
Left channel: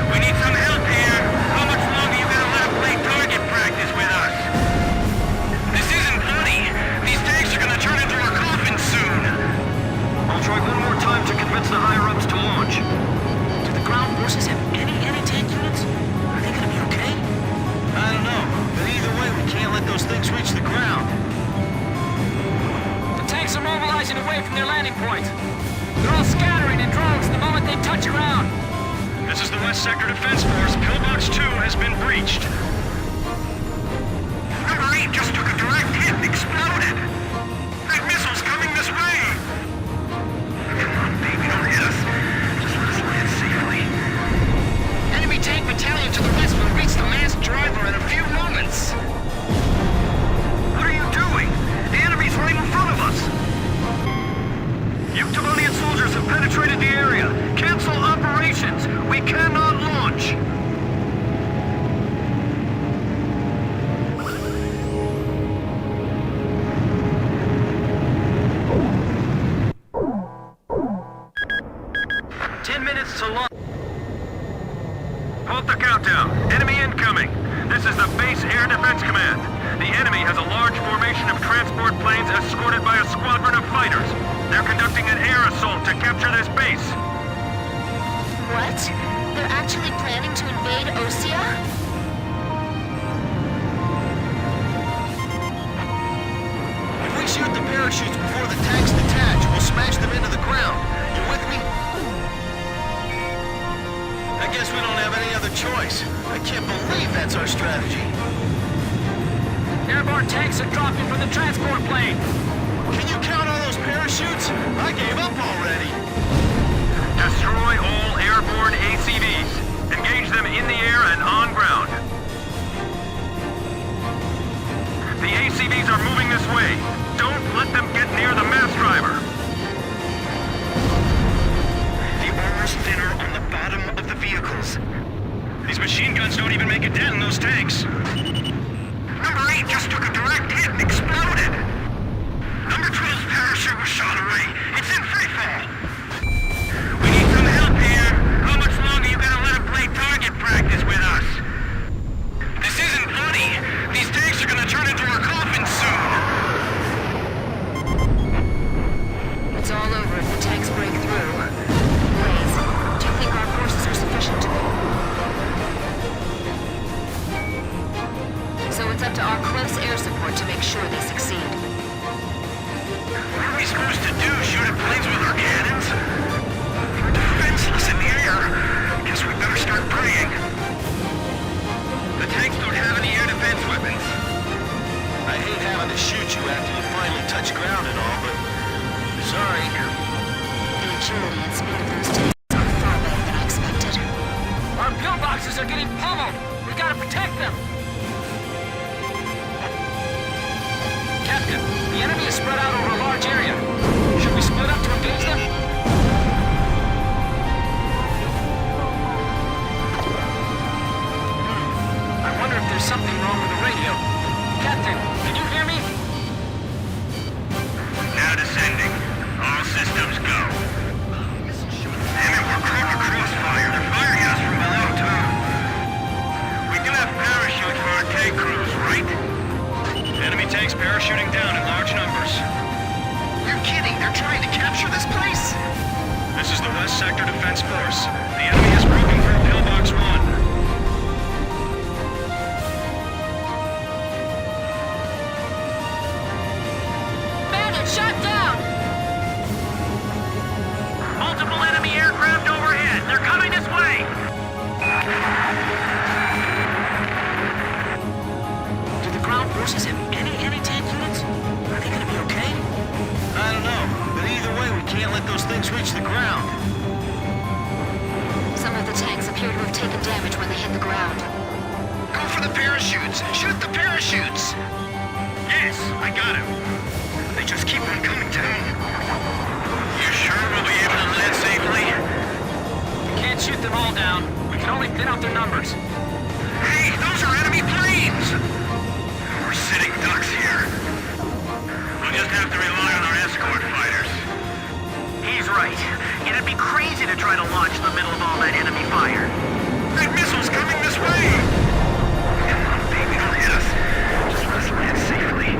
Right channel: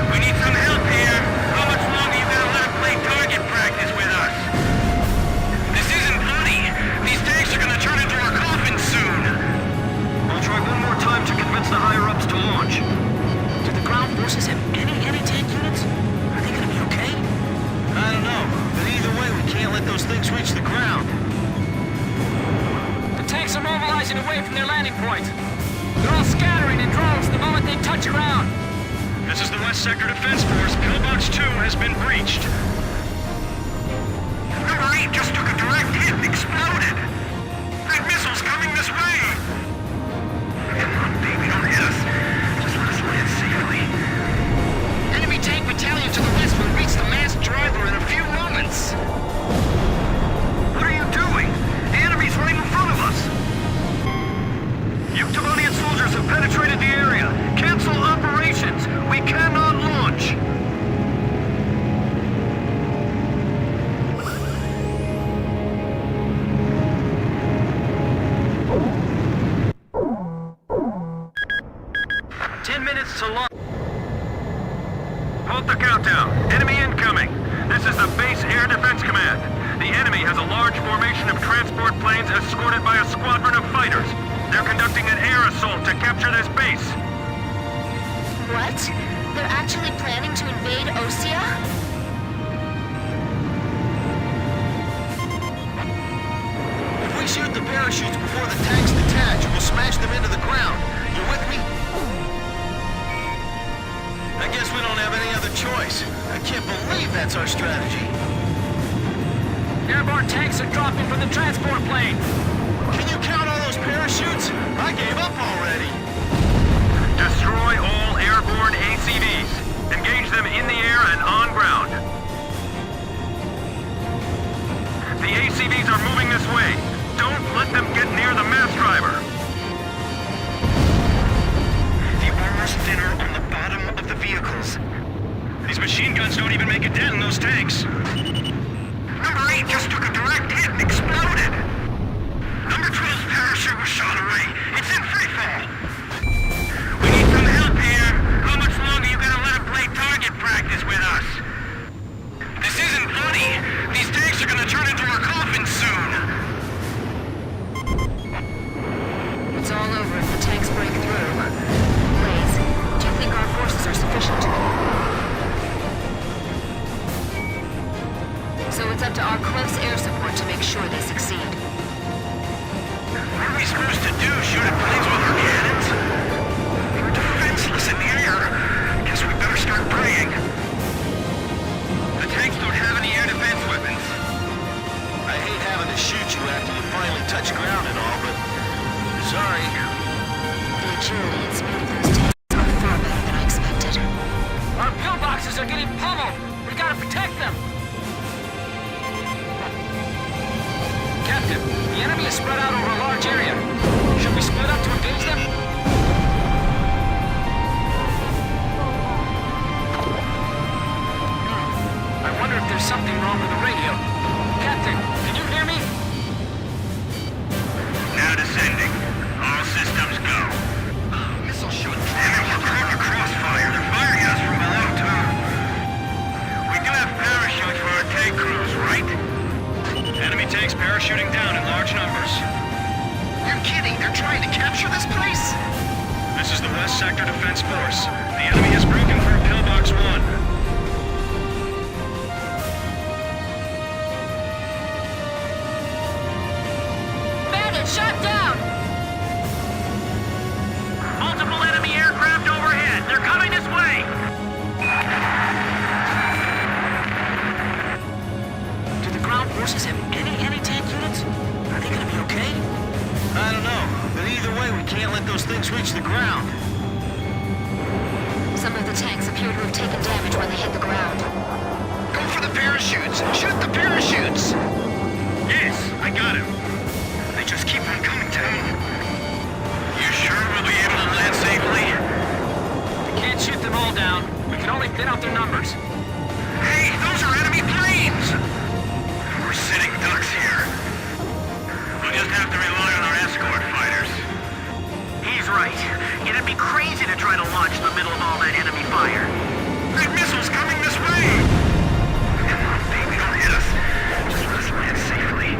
We need some help here. How much longer you gonna let them play target practice with us? This isn't funny. These tanks are gonna turn into our coffins soon. I'll try one more time to convince the higher-ups to launch. Do the ground forces have any anti-tank units? Are they gonna be okay? I don't know, but either way, we can't let those things reach the ground. The tanks are mobilizing away from their landing point. They're all scattering in droves the moment they touch ground. This is the West Sector Defense Force. Pillbox 2 has been breached. Number 8 just took a direct hit and exploded. That missile's coming this way. Come on, baby, don't hit us. Just let us land safely. Enemy tank battalion to the west will reach the masked driver in a few moments. What are you doing? The enemy's right in front of us. Yuktobanian soldiers have penetrated the area. Cancel operations. We cannot launch. Halt the countdown. Enemy incoming. This is the Base Air Defense Command. The enemy has a large formation of transport planes escorted by a squadron of fighters. They're conducting an air assault to capture this base. What? They're actually planning to invade Osea? If we shoot the parachutes before the tanks detach, we'll smash them into the ground. You with me? I guess we don't have any other choice. I can't believe that's our strategy. Airborne tanks are dropping from the transport plane. Can you count all those parachutes? I gave up already. Destroy all airborne ACVs. Engage them in the air and on ground. The ACVs are moving this way. Don't let them get near the mass driver. The armor's thinner on the bottom of the vehicles. These machine guns don't even make a dent in those tanks. Number 8 just took a direct hit and exploded. Number 12's parachute was shot away. It's in free fall. We need some help here. How much longer you gonna let them play target practice with us? This isn't funny. These tanks are gonna turn into our coffins soon. It's all break through. Blaze, do you think our forces are sufficient? So it's up to our close air support to make sure they succeed. What are we supposed to do? Shoot at planes with our cannons? We're defenseless in the air. Guess we better start praying. The tanks don't have any air defense weapons. I hate having to shoot you after you finally touch ground and all, but... sorry. The agility and speed of those tanks are far better than I expected. Our pillboxes are getting pummeled! We gotta protect them! Captain, the enemy is spread out over a large area. Should we split up to engage them? I wonder if there's something wrong with the radio. Captain, can you hear me? Now descending. All systems go. Damn it, we're caught in a crossfire. They're firing at us from below, too. We do have parachutes for our tank crews, right? Enemy tanks parachuting down in large numbers. You're kidding! They're trying to capture this place? This is the West Sector Defense Force. The enemy has broken through Pillbox 1. Shot down! Multiple enemy aircraft overhead. They're coming this way. Do the ground forces have any anti-tank units? Are they gonna be okay? I don't know, but either way, we can't let those things reach the ground. Some of the tanks appear to have taken damage when they hit the ground. Go for the parachutes! Shoot the parachutes! Yes, I got him. They just keep on coming down. You sure we'll be able to land safely? We can't shoot them all down. We can only thin out their numbers. Hey, those are enemy planes! We're sitting ducks here. We'll just have to rely on our escort fighters. He's right. It'd be crazy to try to launch in the middle of all that enemy fire. That missile's coming this way! Come on, baby, don't hit us. Just let us land safely.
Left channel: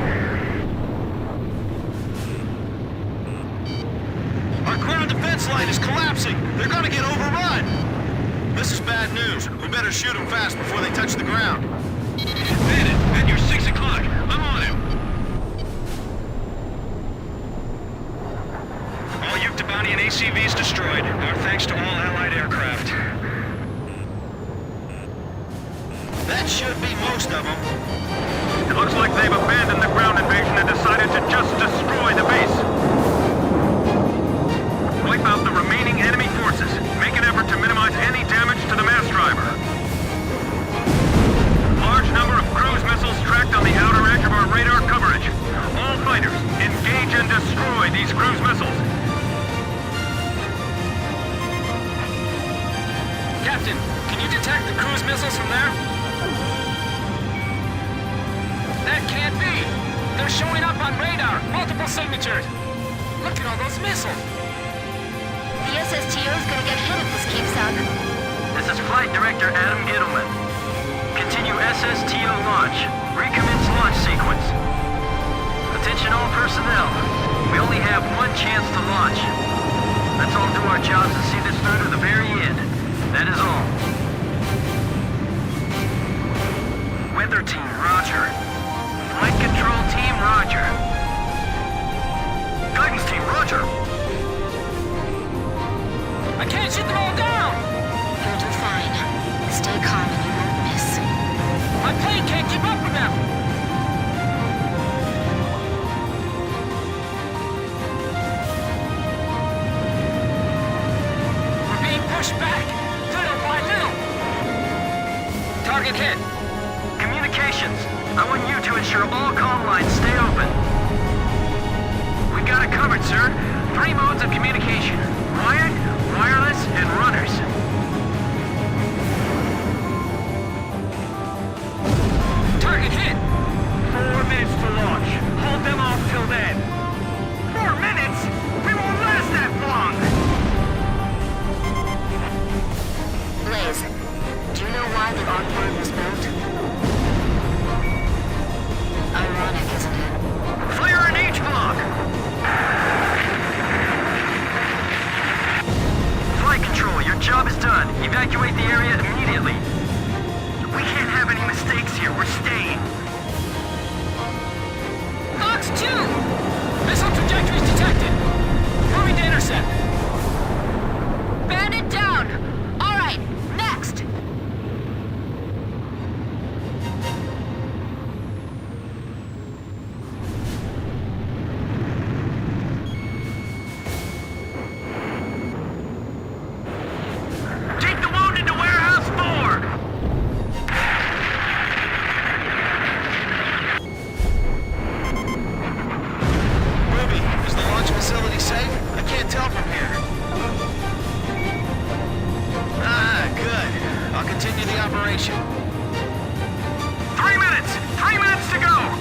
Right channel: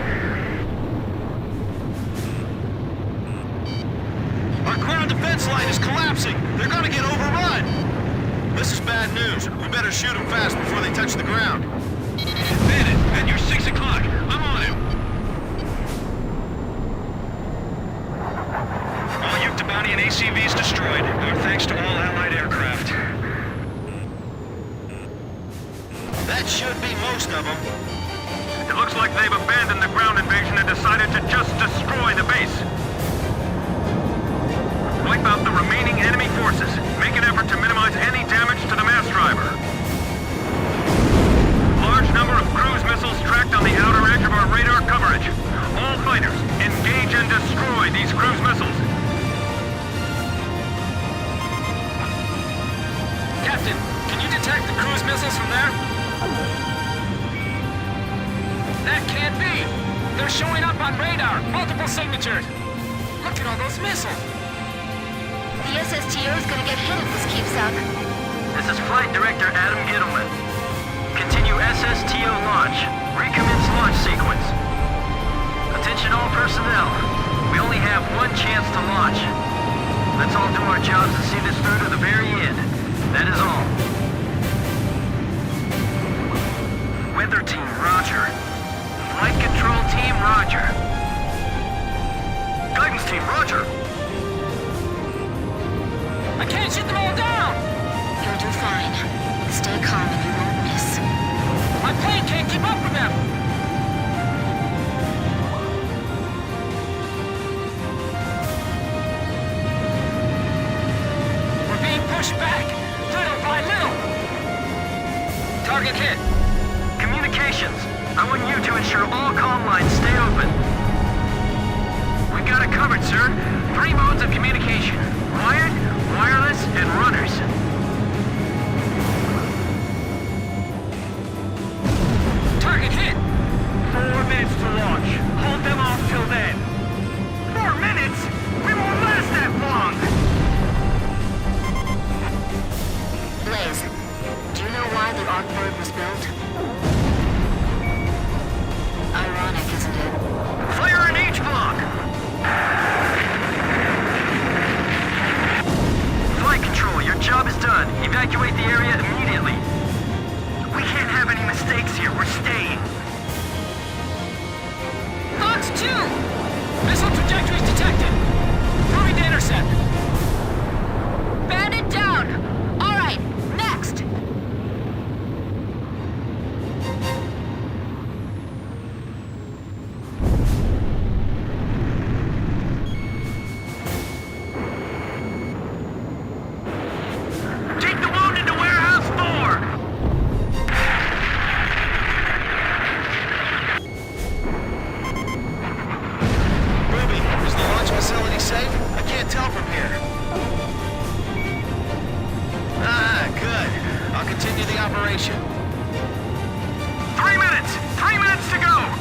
Our ground defense line is collapsing! They're gonna get overrun! This is bad news. We better shoot them fast before they touch the ground. Bandit, at your 6 o'clock. I'm on him. All Yuktobanian ACVs destroyed. Our thanks to all Allied aircraft. That should be most of them. It looks like they've abandoned the ground invasion and decided to just destroy the base. Wipe out the remaining enemy forces. Make an effort to minimize any damage to the mass driver. Large number of cruise missiles tracked on the outer edge of our radar coverage. All fighters, engage and destroy these cruise missiles. Captain, can you detect the cruise missiles from there? That can't be! They're showing up on radar! Multiple signatures! Look at all those missiles! The SSTO is gonna get hit if this keeps up. This is Flight Director Adam Gittleman. Continue SSTO launch. Recommence launch sequence. Attention all personnel. We only have one chance to launch. Let's all do our jobs and see this through to the very end. That is all. Weather team, roger. Flight control team, roger. Guidance team, roger. I can't shoot them all down! You'll do fine. Stay calm and you won't miss. My plane can't keep up with them! We're being pushed back, little by little! Target hit. Communications. I want you to ensure all comm lines stay open. We've got it covered, sir. 3 modes of communication. Wired, wireless, and runners. Target hit! 4 minutes to launch. Hold them off till then. 4 minutes? We won't last that long! Blaze, do you know why the Arcbird was built? Ironic, isn't it? Fire an H block! Missile trajectories detected. Moving to intercept. Bandit down! Alright, next! Take the wounded to Warehouse 4! Ruby, is the launch facility safe? I can't tell from here. Ah, good. I'll continue the operation. 3 minutes! 3 minutes to go!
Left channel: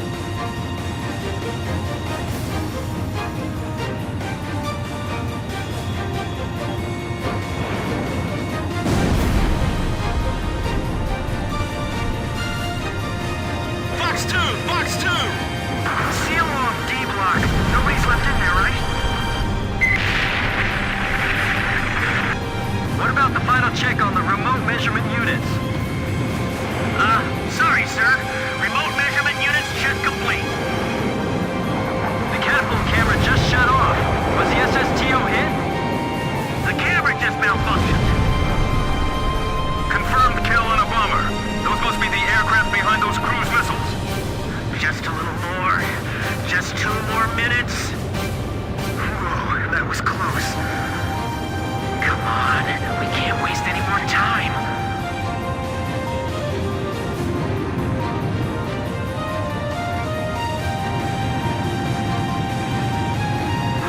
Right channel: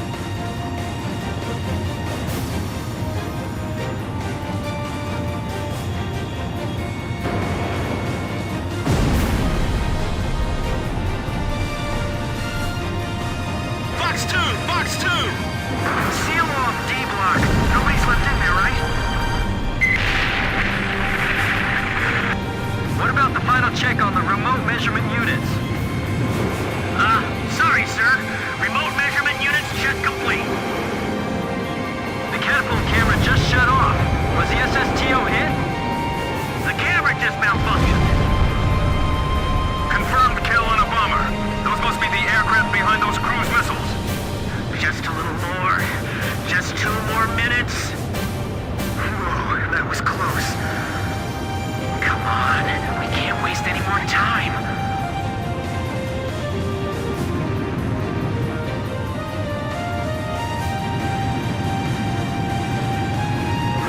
Fox 2! Fox 2! Seal off D block. Nobody's left in there, right? What about the final check on the remote measurement units? Sorry, sir. Remote measurement units check complete. The catapult camera just shut off. Was the SSTO hit? The camera just malfunctioned. Confirmed kill on a bomber. Those must be the aircraft behind those cruise missiles. Just a little more. Just 2 more minutes. Whoa, that was close. Come on, we can't waste any more time.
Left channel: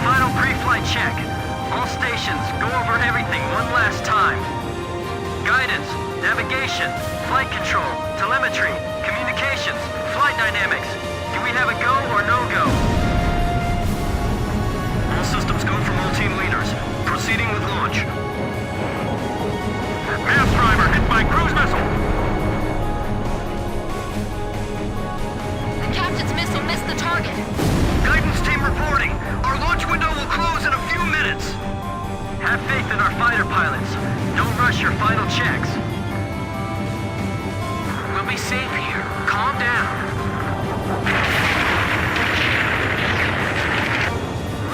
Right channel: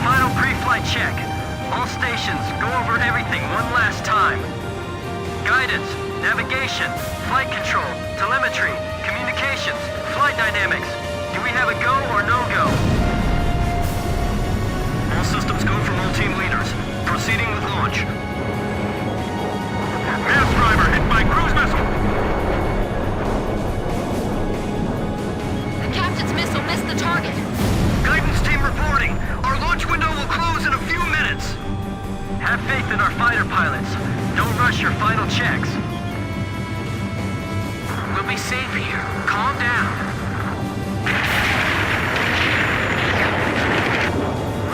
Final pre-flight check. All stations, go over everything one last time. Guidance, navigation, flight control, telemetry, communications, flight dynamics. Do we have a go or no-go? All systems go from all team leaders. Proceeding with launch. Mass driver hit by cruise missile. The captain's missile missed the target. Guidance team reporting. Our launch window will close in a few minutes. Have faith in our fighter pilots. Don't rush your final checks. We'll be safe here. Calm down.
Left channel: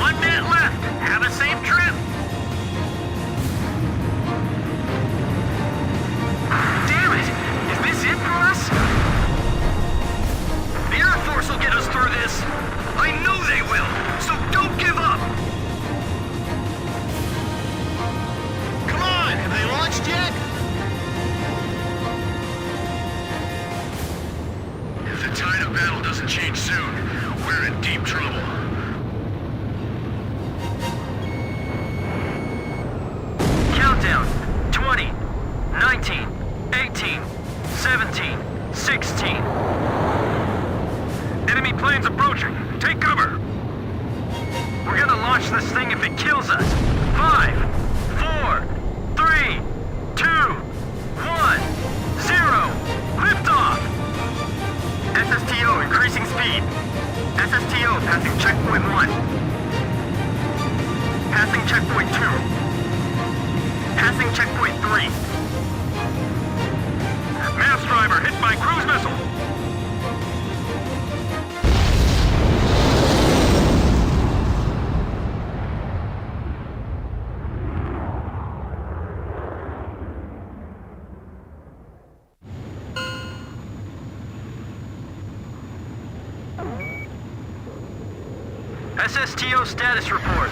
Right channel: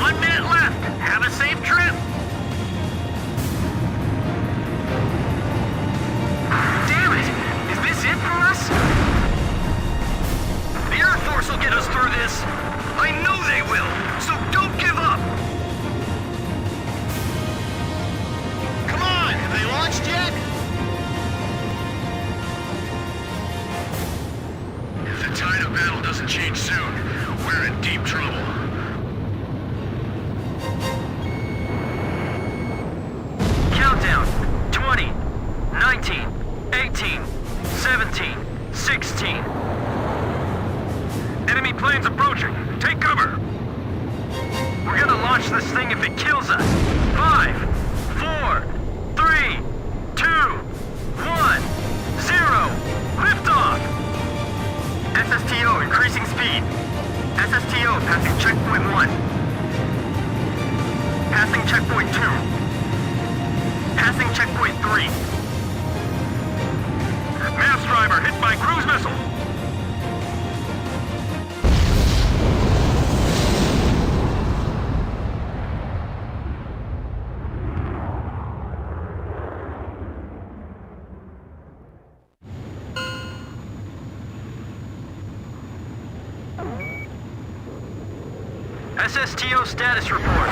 1 minute left. Have a safe trip. Damn it! Is this it for us? The Air Force will get us through this. I know they will, so don't give up. Come on, have they launched yet? If the tide of battle doesn't change soon, we're in deep trouble. Countdown. 20, 19, 18, 17, 16. Enemy planes approaching. Take cover. We're gonna launch this thing if it kills us. 5, 4, 3, 2, 1, 0. Liftoff. SSTO increasing speed. SSTO passing checkpoint 1. Passing checkpoint 2. Passing checkpoint 3. Mass driver hit by cruise missile. SSTO status report.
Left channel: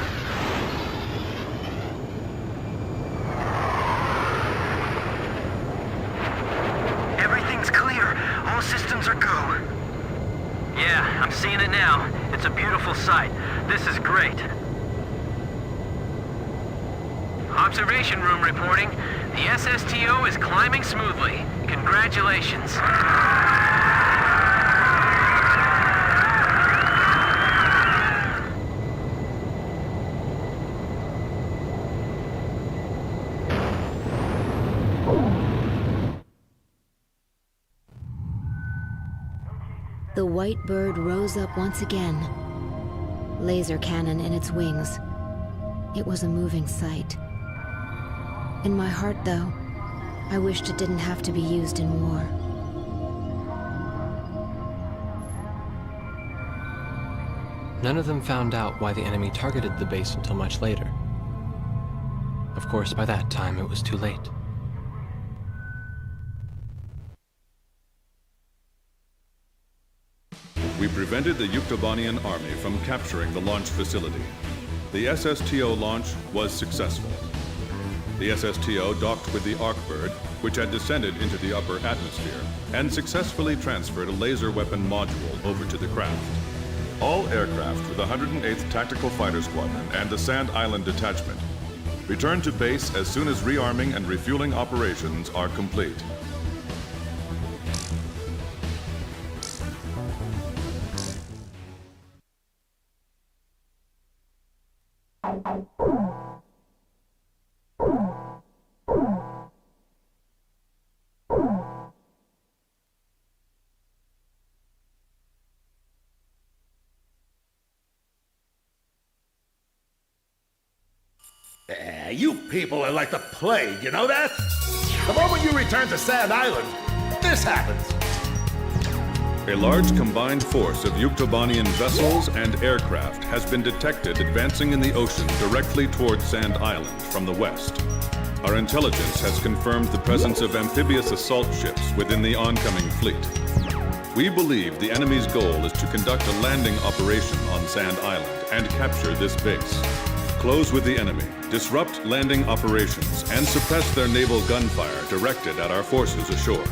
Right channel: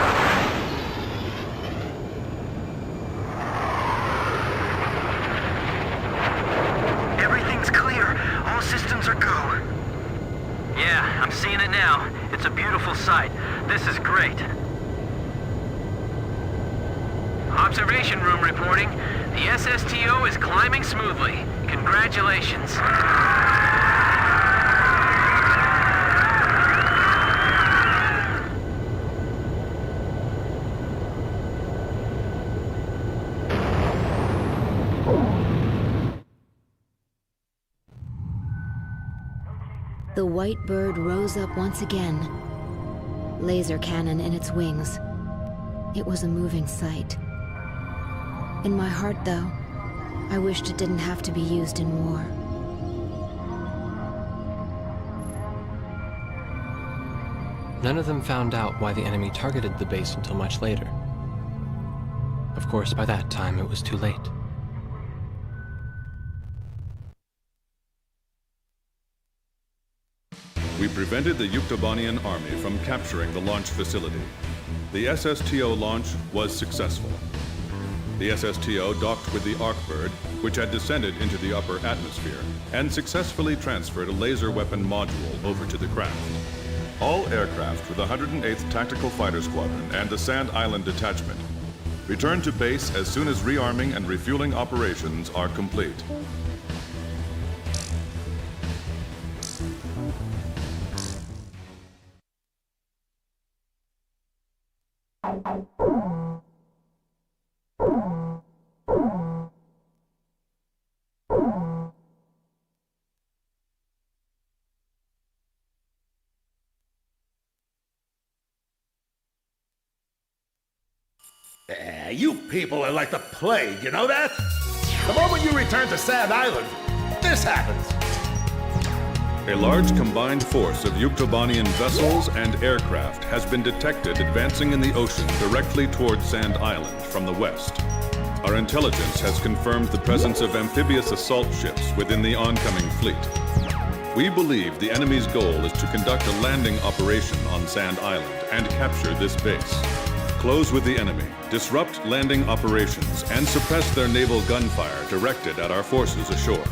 Everything's clear. All systems are go. Yeah, I'm seeing it now. It's a beautiful sight. This is great. Observation room reporting. The SSTO is climbing smoothly. Congratulations. The white bird rose up once again, laser cannon in its wings. It was a moving sight. In my heart, though, I wished it didn't have to be used in war. None of them found out why the enemy targeted the base until much later. Of course, by that time it was too late. We prevented the Yuktobanian army from capturing the launch facility. The SSTO launch was successful. The SSTO docked with the Arkbird, which had descended into the upper atmosphere, and successfully transferred a laser weapon module over to the craft. All aircraft with the 108th Tactical Fighter Squadron and the Sand Island Detachment return to base as soon as rearming and refueling operations are complete. You people are like the plague, you know that? The moment you return to Sand Island, this happens. A large combined force of Yuktobanian vessels and aircraft has been detected advancing in the ocean directly toward Sand Island from the west. Our intelligence has confirmed the presence of amphibious assault ships within the oncoming fleet. We believe the enemy's goal is to conduct a landing operation on Sand Island and capture this base. Close with the enemy, disrupt landing operations, and suppress their naval gunfire directed at our forces ashore.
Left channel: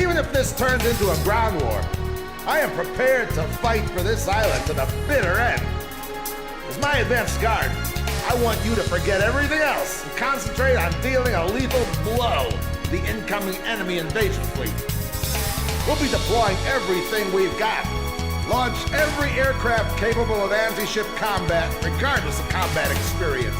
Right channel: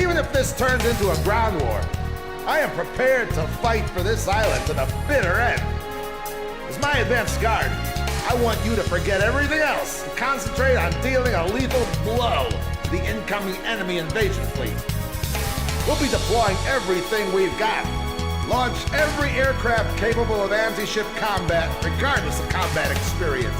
Even if this turns into a ground war, I am prepared to fight for this island to the bitter end. As my advanced guard, I want you to forget everything else and concentrate on dealing a lethal blow to the incoming enemy invasion fleet. We'll be deploying everything we've got. Launch every aircraft capable of anti-ship combat, regardless of combat experience.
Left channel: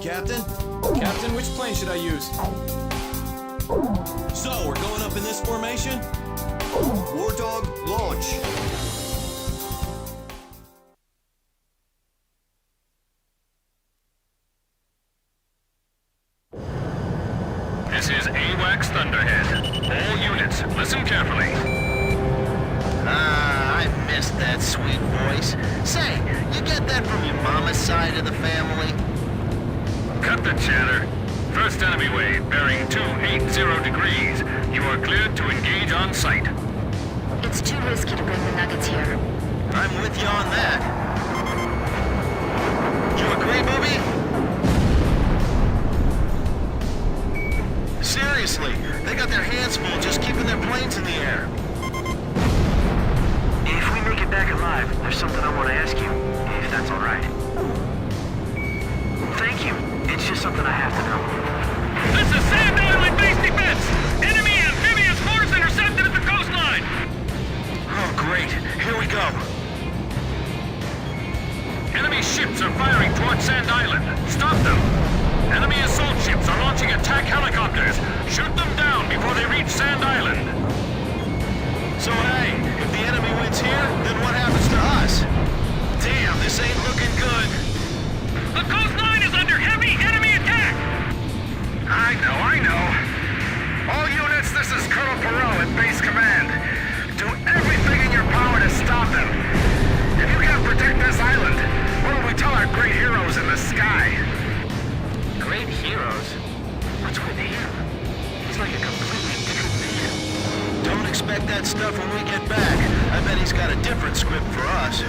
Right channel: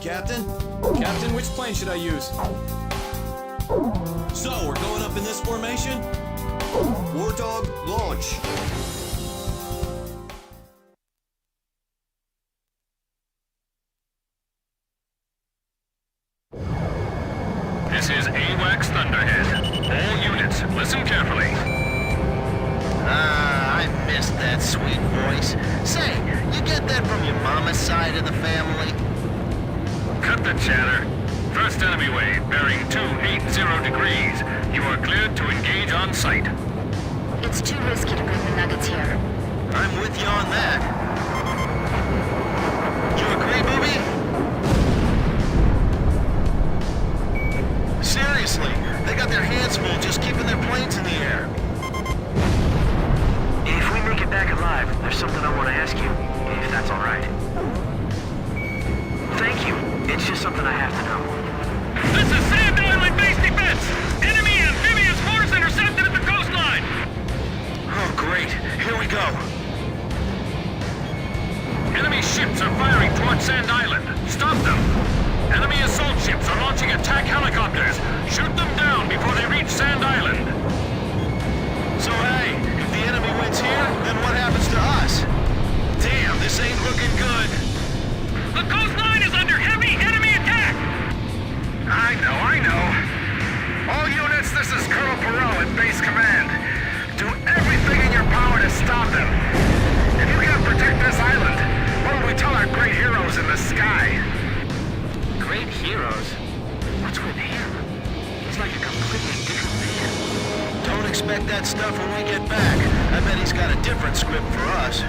Captain? Captain, which plane should I use? So, we're going up in this formation? War Dog, launch. This is AWACS Thunderhead. All units, listen carefully. I missed that sweet voice. Say, you get that from your mama's side of the family? Cut the chatter. First enemy wave, bearing 280 degrees. You are cleared to engage on sight. It's too risky to bring the nuggets here. I'm with you on that. You agree, Booby? Seriously, they got their hands full just keeping their planes in the air. If we make it back alive, there's something I want to ask you, if that's all right. Thank you. It's just something I have to know. This is Sand Island base defense! Enemy amphibious force intercepted at the coastline! Oh, great. Here we go. Enemy ships are firing towards Sand Island. Stop them! Enemy assault ships are launching attack helicopters. Shoot them down before they reach Sand Island. So hey, if the enemy wins here, then what happens to us? Damn, this ain't looking good. The coastline is under heavy enemy attack! I know. All units, this is Colonel Perot at Base Command. Do everything in your power to stop them. If you can't protect this island, what will we tell our great heroes in the sky? Great heroes? What's with him? He's like a completely different man. Don't expect that stuff when we get back. I bet he's got a different script for us.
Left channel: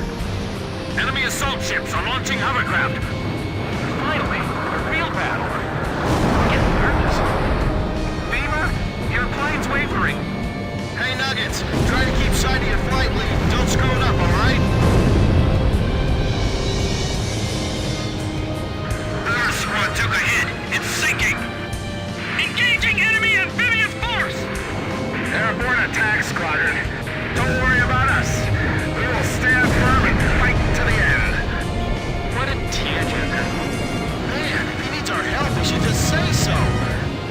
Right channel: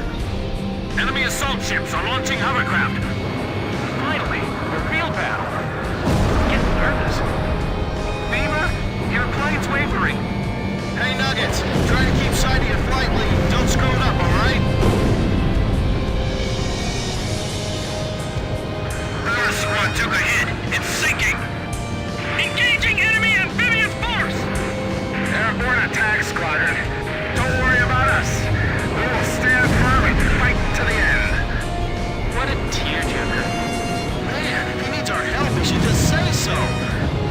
Enemy assault ships are launching hovercraft. Finally, a real battle. I'm getting nervous. Beamer, your plane's wavering. Hey, Nuggets, try to keep sight of your flight lead. Don't screw it up, all right? Our squad took a hit. It's sinking. Engaging enemy amphibious force! Airborne attack squadron. Don't worry about us. We will stand firm and fight to the end. What a tearjerker. Man, if he needs our help, he should just say so.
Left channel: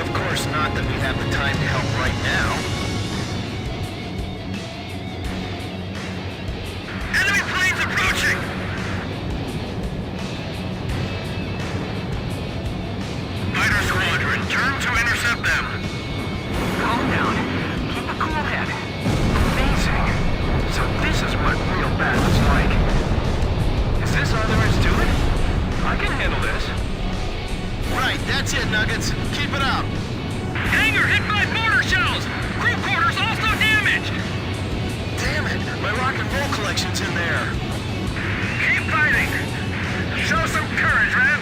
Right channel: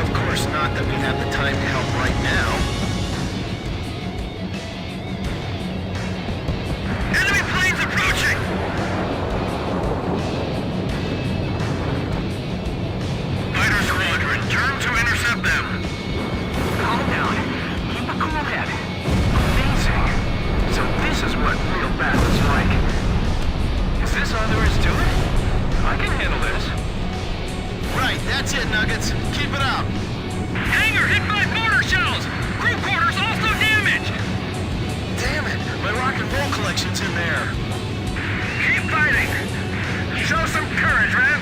Of course, not that we have the time to help right now. Enemy planes approaching! Fighter squadron, turn to intercept them. Calm down. Keep a cool head. Amazing. So this is what real battle's like. Is this all there is to it? I can handle this. Right, that's it, Nuggets. Keep it up. Hangar hit by mortar shells! Crew quarters also damaged! Damn it, my rock and roll collection's in there. Keep fighting. Show some courage, man.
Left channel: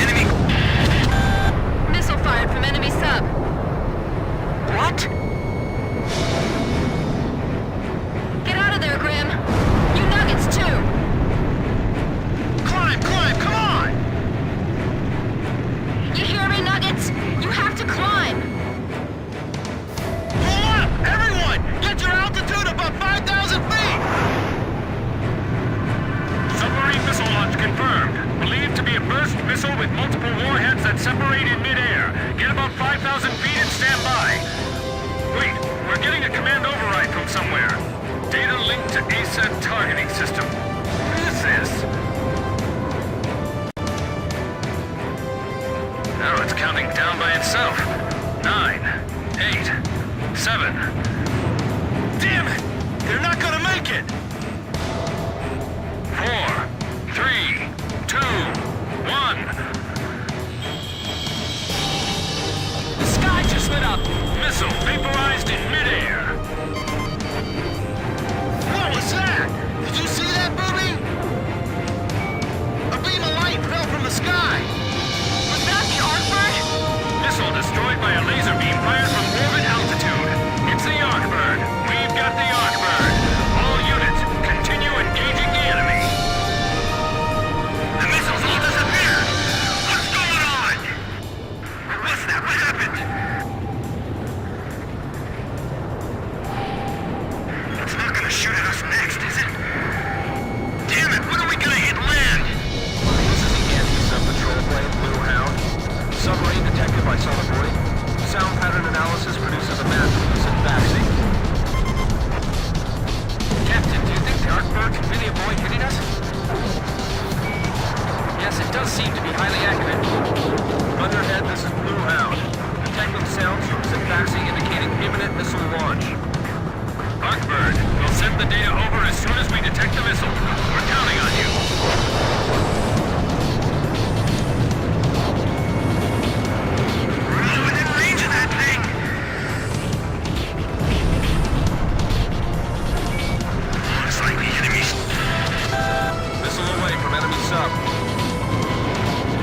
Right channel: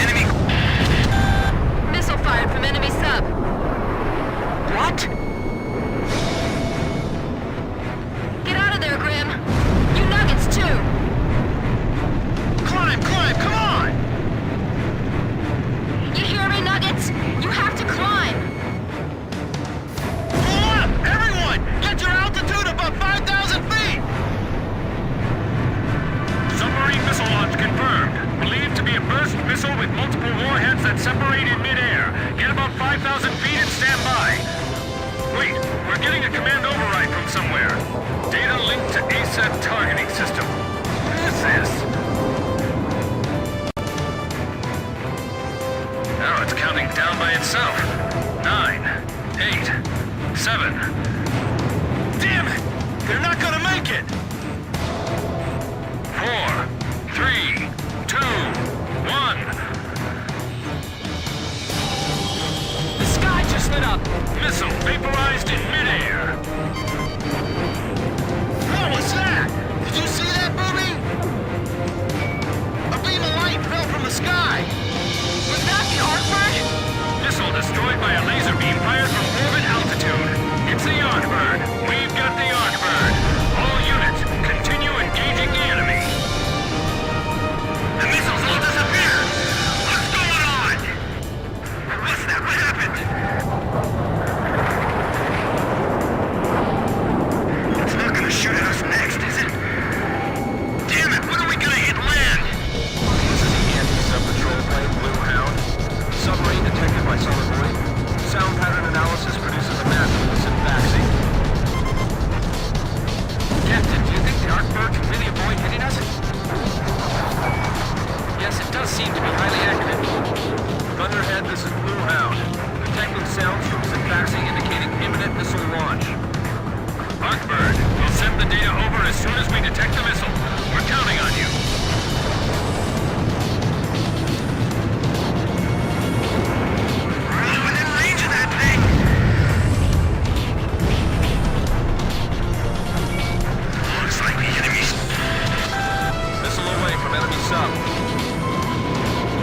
Enemy... Missile fired from enemy sub. What? Get out of there, Grim. You Nuggets, too. Climb, come on! You hear me, Nuggets? You have to climb. Pull up! Everyone! Get your altitude above 5,000 feet! Submarine missile launch confirmed. Believed to be a burst missile with multiple warheads that separate in midair. Get about 5,000 feet and stand by. Wait, we're getting a command override from somewhere. Data linked to ASAT targeting system. What is this? Now it's counting down by itself. 9, 8, 7. Damn it! They're not gonna make it! 4, 3, 2, 1. The sky just lit up! Missile vaporized in midair. What was that? Did you see that, Booby? A beam of light fell from the sky! Was that the Arcbird? Missile destroyed by a laser beam fired from orbit altitude. It's the Arcbird. We've got the Arcbird. All units, continue engaging the enemy. The missiles all disappeared! What's going on? What's that? What happened? It's not gonna shoot at us next, is it? Damn it, when are we gonna hit land? This is the anti-sub patrol plane, Blue Hound. Submarine detected by sonovoid. Sound pattern analysis produces a match with the syntaxi. Captain, do you think the Arcbird can really avoid hitting us? Yes, it does seem to be highly accurate. Thunderhead, this is Blue Hound. Detecting sounds from syntaxi indicating imminent missile launch. Arcbird, we'll send the data over as soon as we detect the missile. We're counting on you. We're within range of that thing! Looks like the enemy's... Missile away from enemy sub.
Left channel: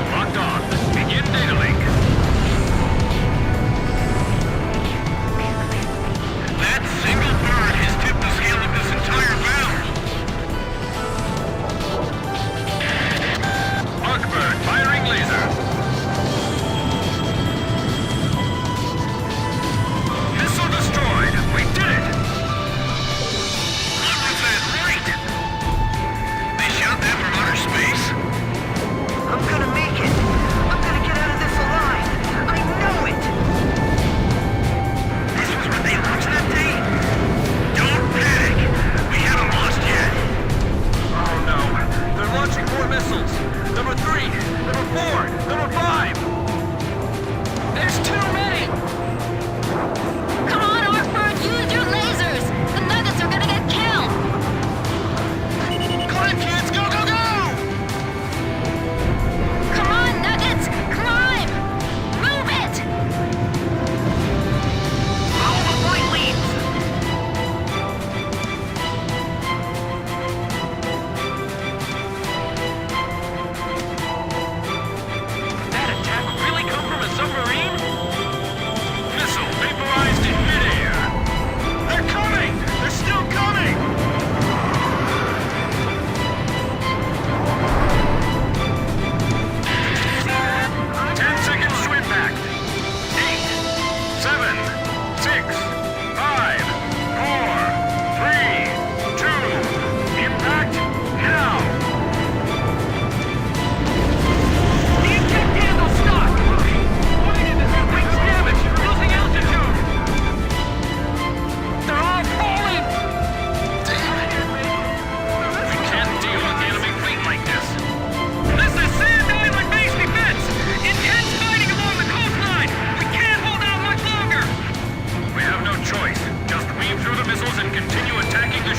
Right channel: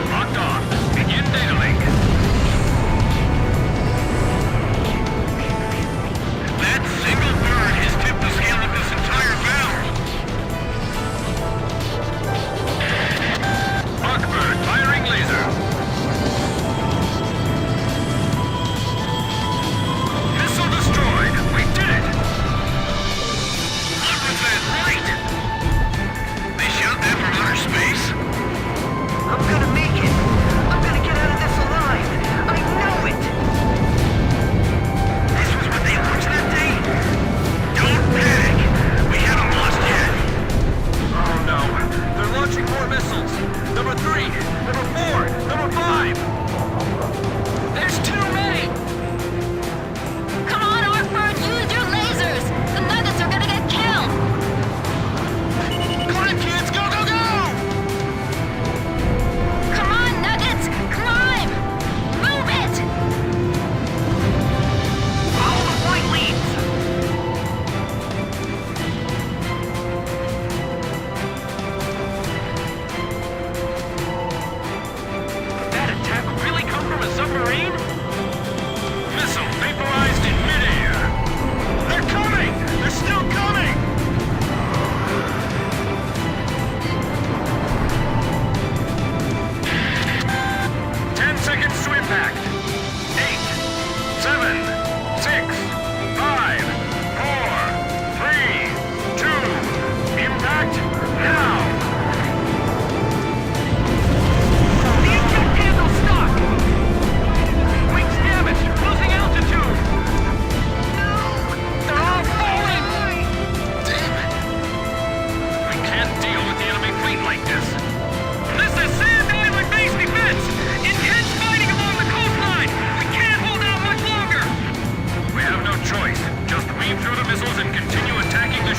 Locked on. Begin data link. That single bird has tipped the scale of this entire battle.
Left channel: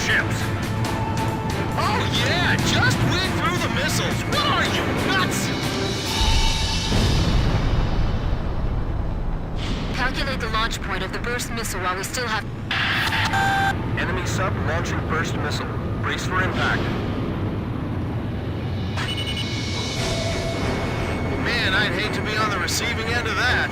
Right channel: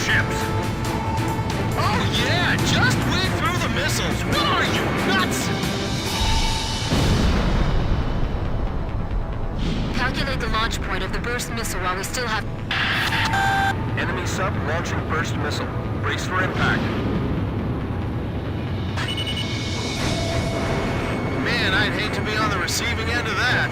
ships. Oh yeah, just weave through the missiles. What are you, nuts? Calculate the launch point of the burst missile while we still have... Enemy sub launching burst missile. Brace for impact. Man, I'd hate to be on the receiving end of that.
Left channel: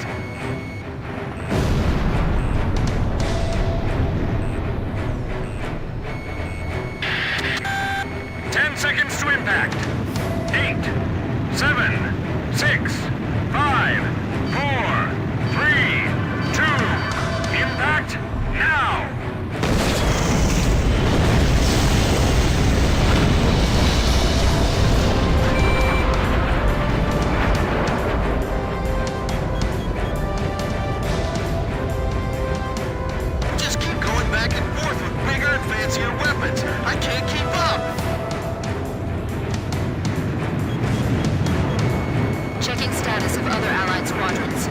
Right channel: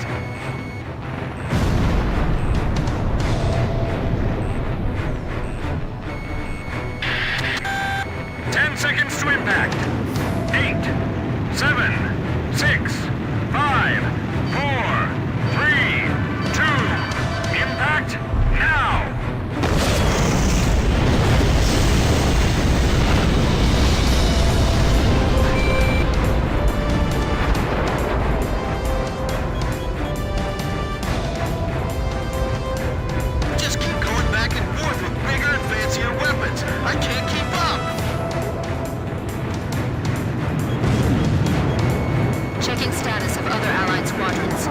Seconds to impact. 8, 7, 6, 5, 4, 3, 2, impact now! Just keep going back and forth with bigger and fancier weapons. I can't keep up. Checking status of other Allied squadrons.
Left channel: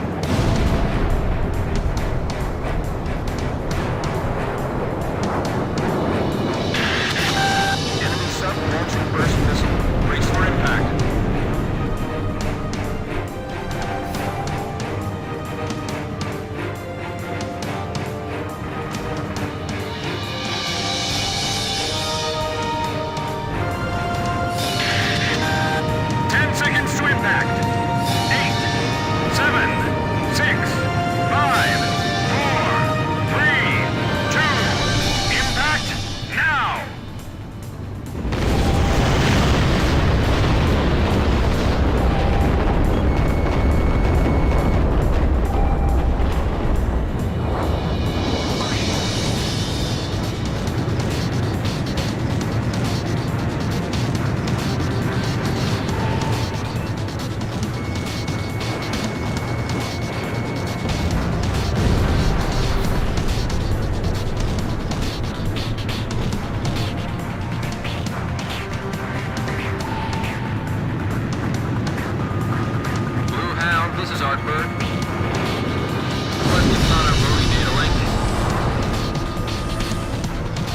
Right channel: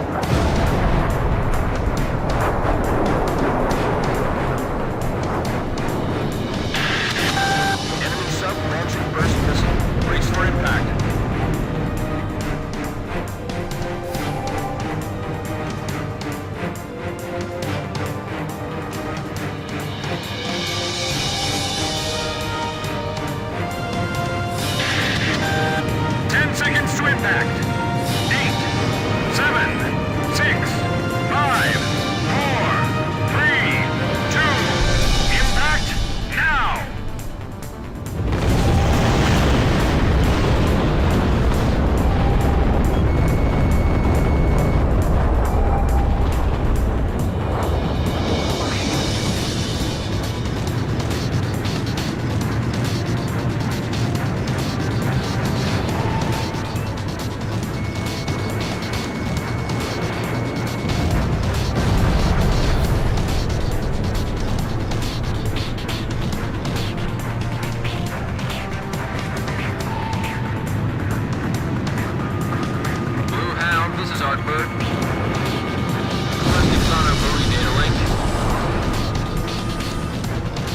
Enemy sub launching burst missile. Brace for impact. Seconds to impact. 8, 7, 6, 5, 4, 3, 2, impact now!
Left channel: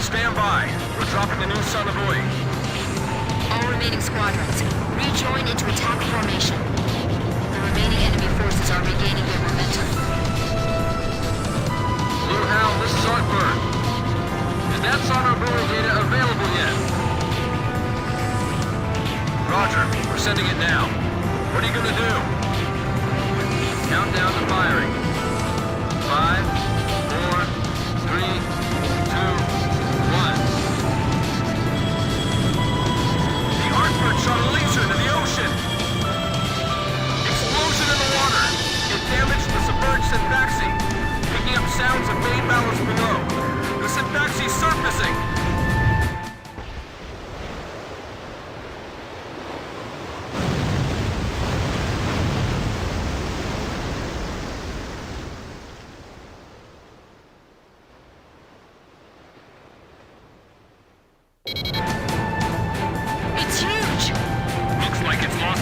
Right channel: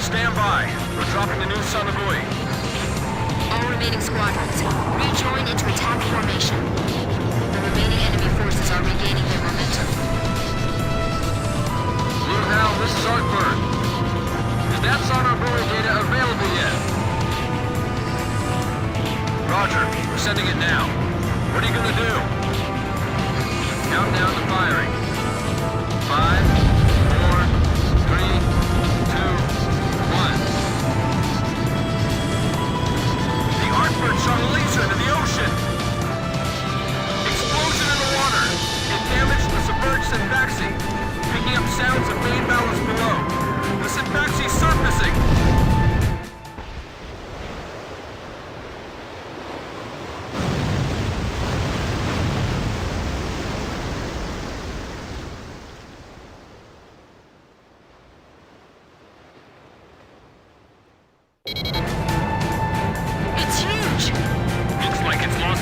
Stand by. We're dropping the new Sonobuoy. All remaining squadrons, rejoin into attack formation. The remaining enemy forces are regaining their momentum. Blue Hound, this is Artbird. Is that Sonobuoy data available yet? Roger. We're sending it now. What are you gonna do? Countdown to firing. 5, 4, 3, 2, 1. The Artbird shot a laser into the ocean! Explosion in the water! It damaged the submerged Syntaxi, picking up sounds of main ballast below. The Syntaxi's surfacing!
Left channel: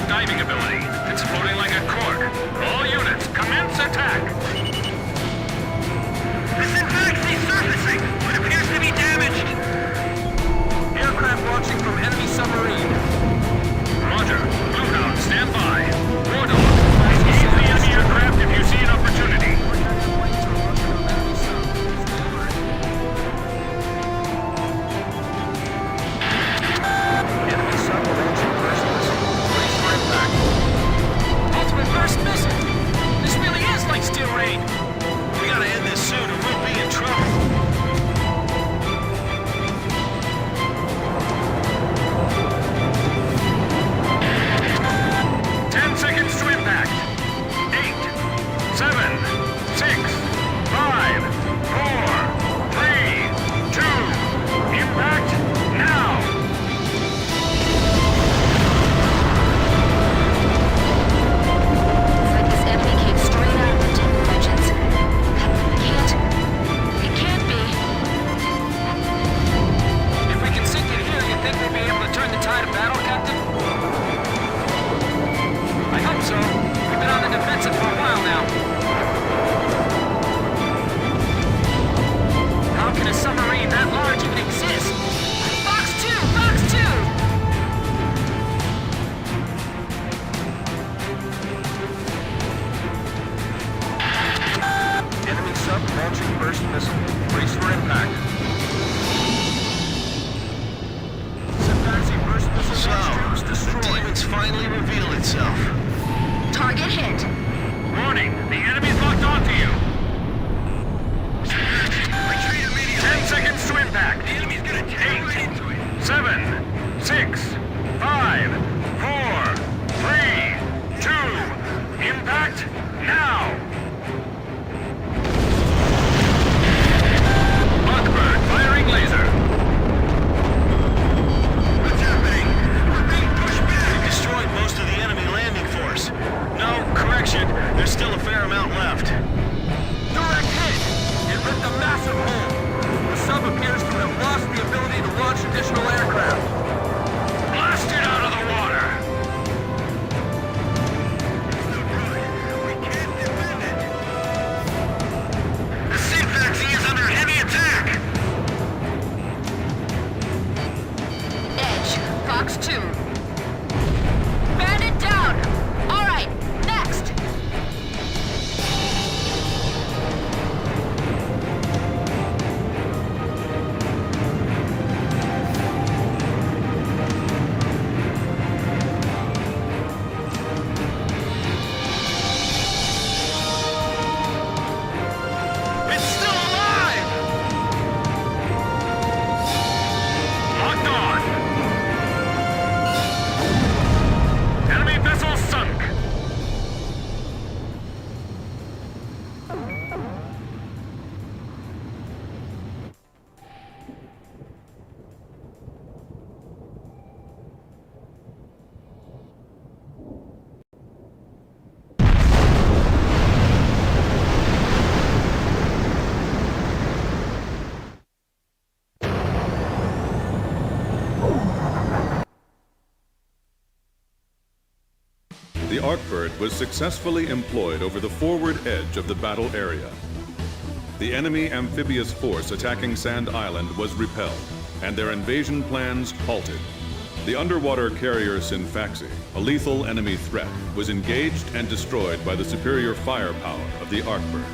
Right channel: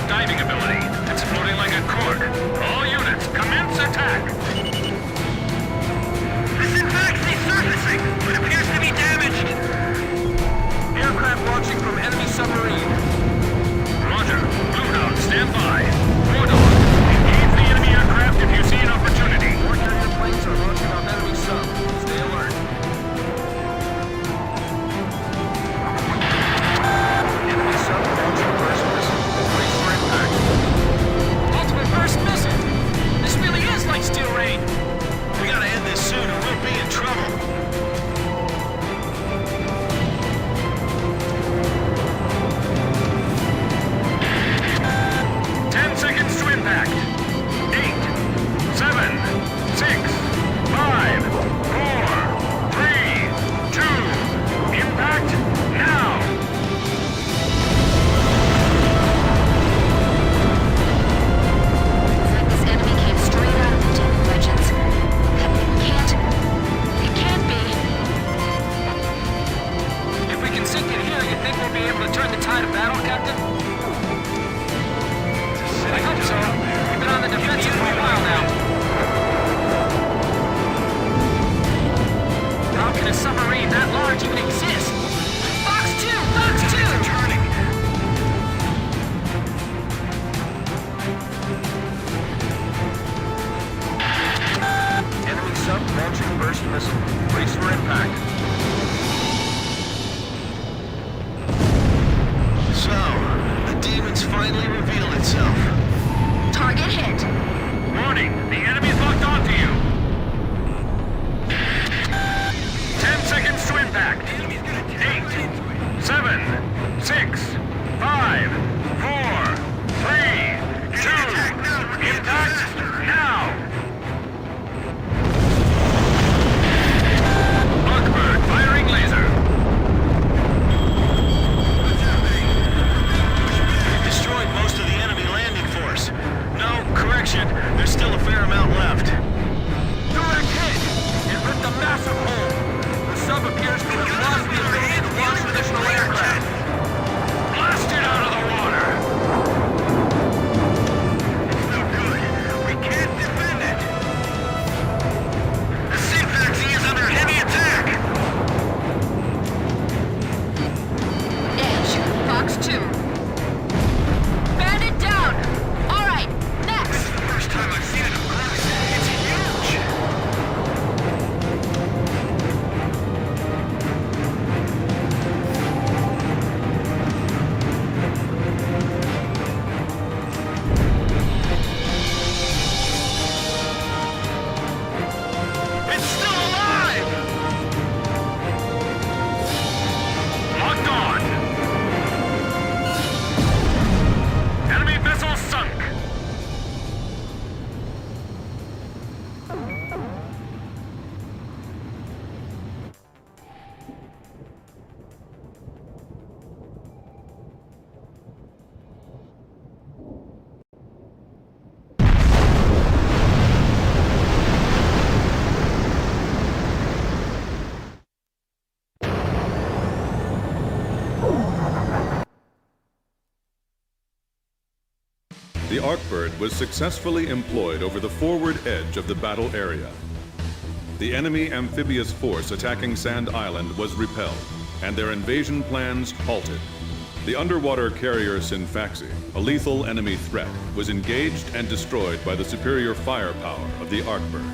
Diving ability. It's floating like a cork. All units, commence attack! The Syntaxi surfacing, but appears to be damaged. Aircraft launching from enemy submarine. Roger. Blue Hound, stand by. War Dog, engage the enemy aircraft if you see an opportunity. More carrier planes are launching on enemy sub. Stay alert. Enemy sub launching burst missile. Brace for impact. Ultimate burst missile! This really is like Steel Rain! We gotta end this soon or we'll be in trouble. Seconds to impact. 8, 7, 6, 5, 4, 3, 2, impact now! It's like this enemy came straight out of the Demon Legends. It can't be. If we can sink it here, you think we'll be able to turn the tide of battle, Captain? I hope so. We've been on the defensive for a while now. How can a submarine that large even exist? it's finally revealed itself. Target hit. Warning, the enemy's locked onto you. 10 seconds to impact. 8, 7, 6, 5, 4, 3, 2, impact now! Arcbird firing laser. What's happening? We're being pushed back! We've destroyed most of the enemy landing force. No, correction, there's still a fair amount left. Direct hit! It ripped a massive hole. The sub appears to have lost the ability to launch additional aircraft. Blast it out of the water! It's no good. We can't defend it. The Synfaxy is under heavy attack! Edge, Fox 2. Bandit down! Alright, next! First time I've seen it up close. It's huge! It's still alive! Locked on! Enemy vessel sunk! The Arcbird was successfully employed over the forward edge of the battle area. The enemy amphibious force attacking Sand Island was repelled, and their invasion plans halted. The underwater carrier Synfaxy, a lethal enemy threat, was engaged and destroyed by the superior firepower of the Arcbird.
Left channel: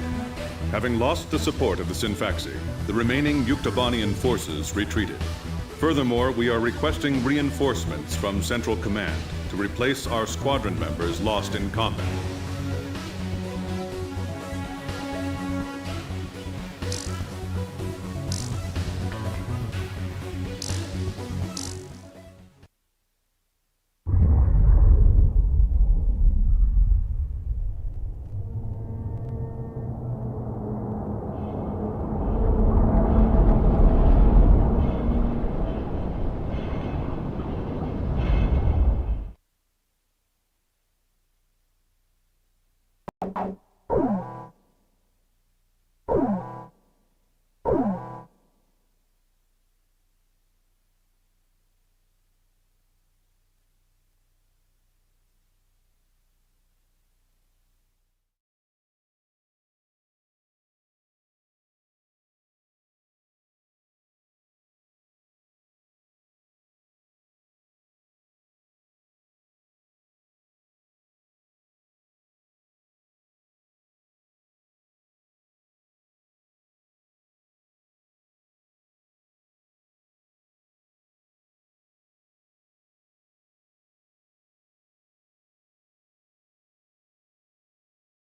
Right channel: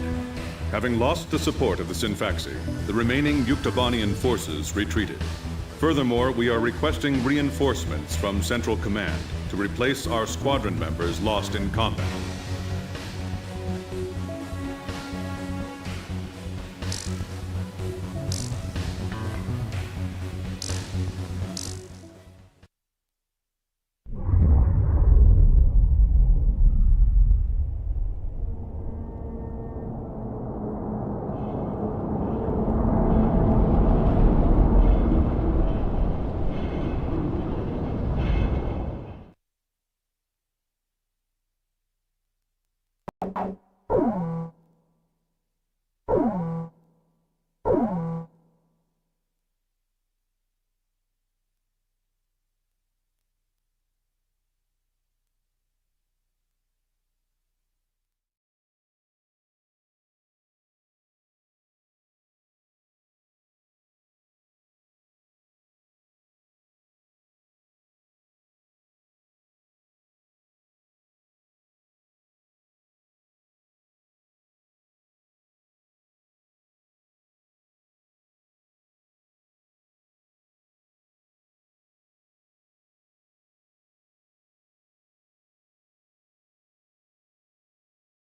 Having lost the support of the Synfaxy, the remaining Yuktobanian forces retreated. Furthermore, we are requesting reinforcements from Central Command to replace our squadron members lost in combat.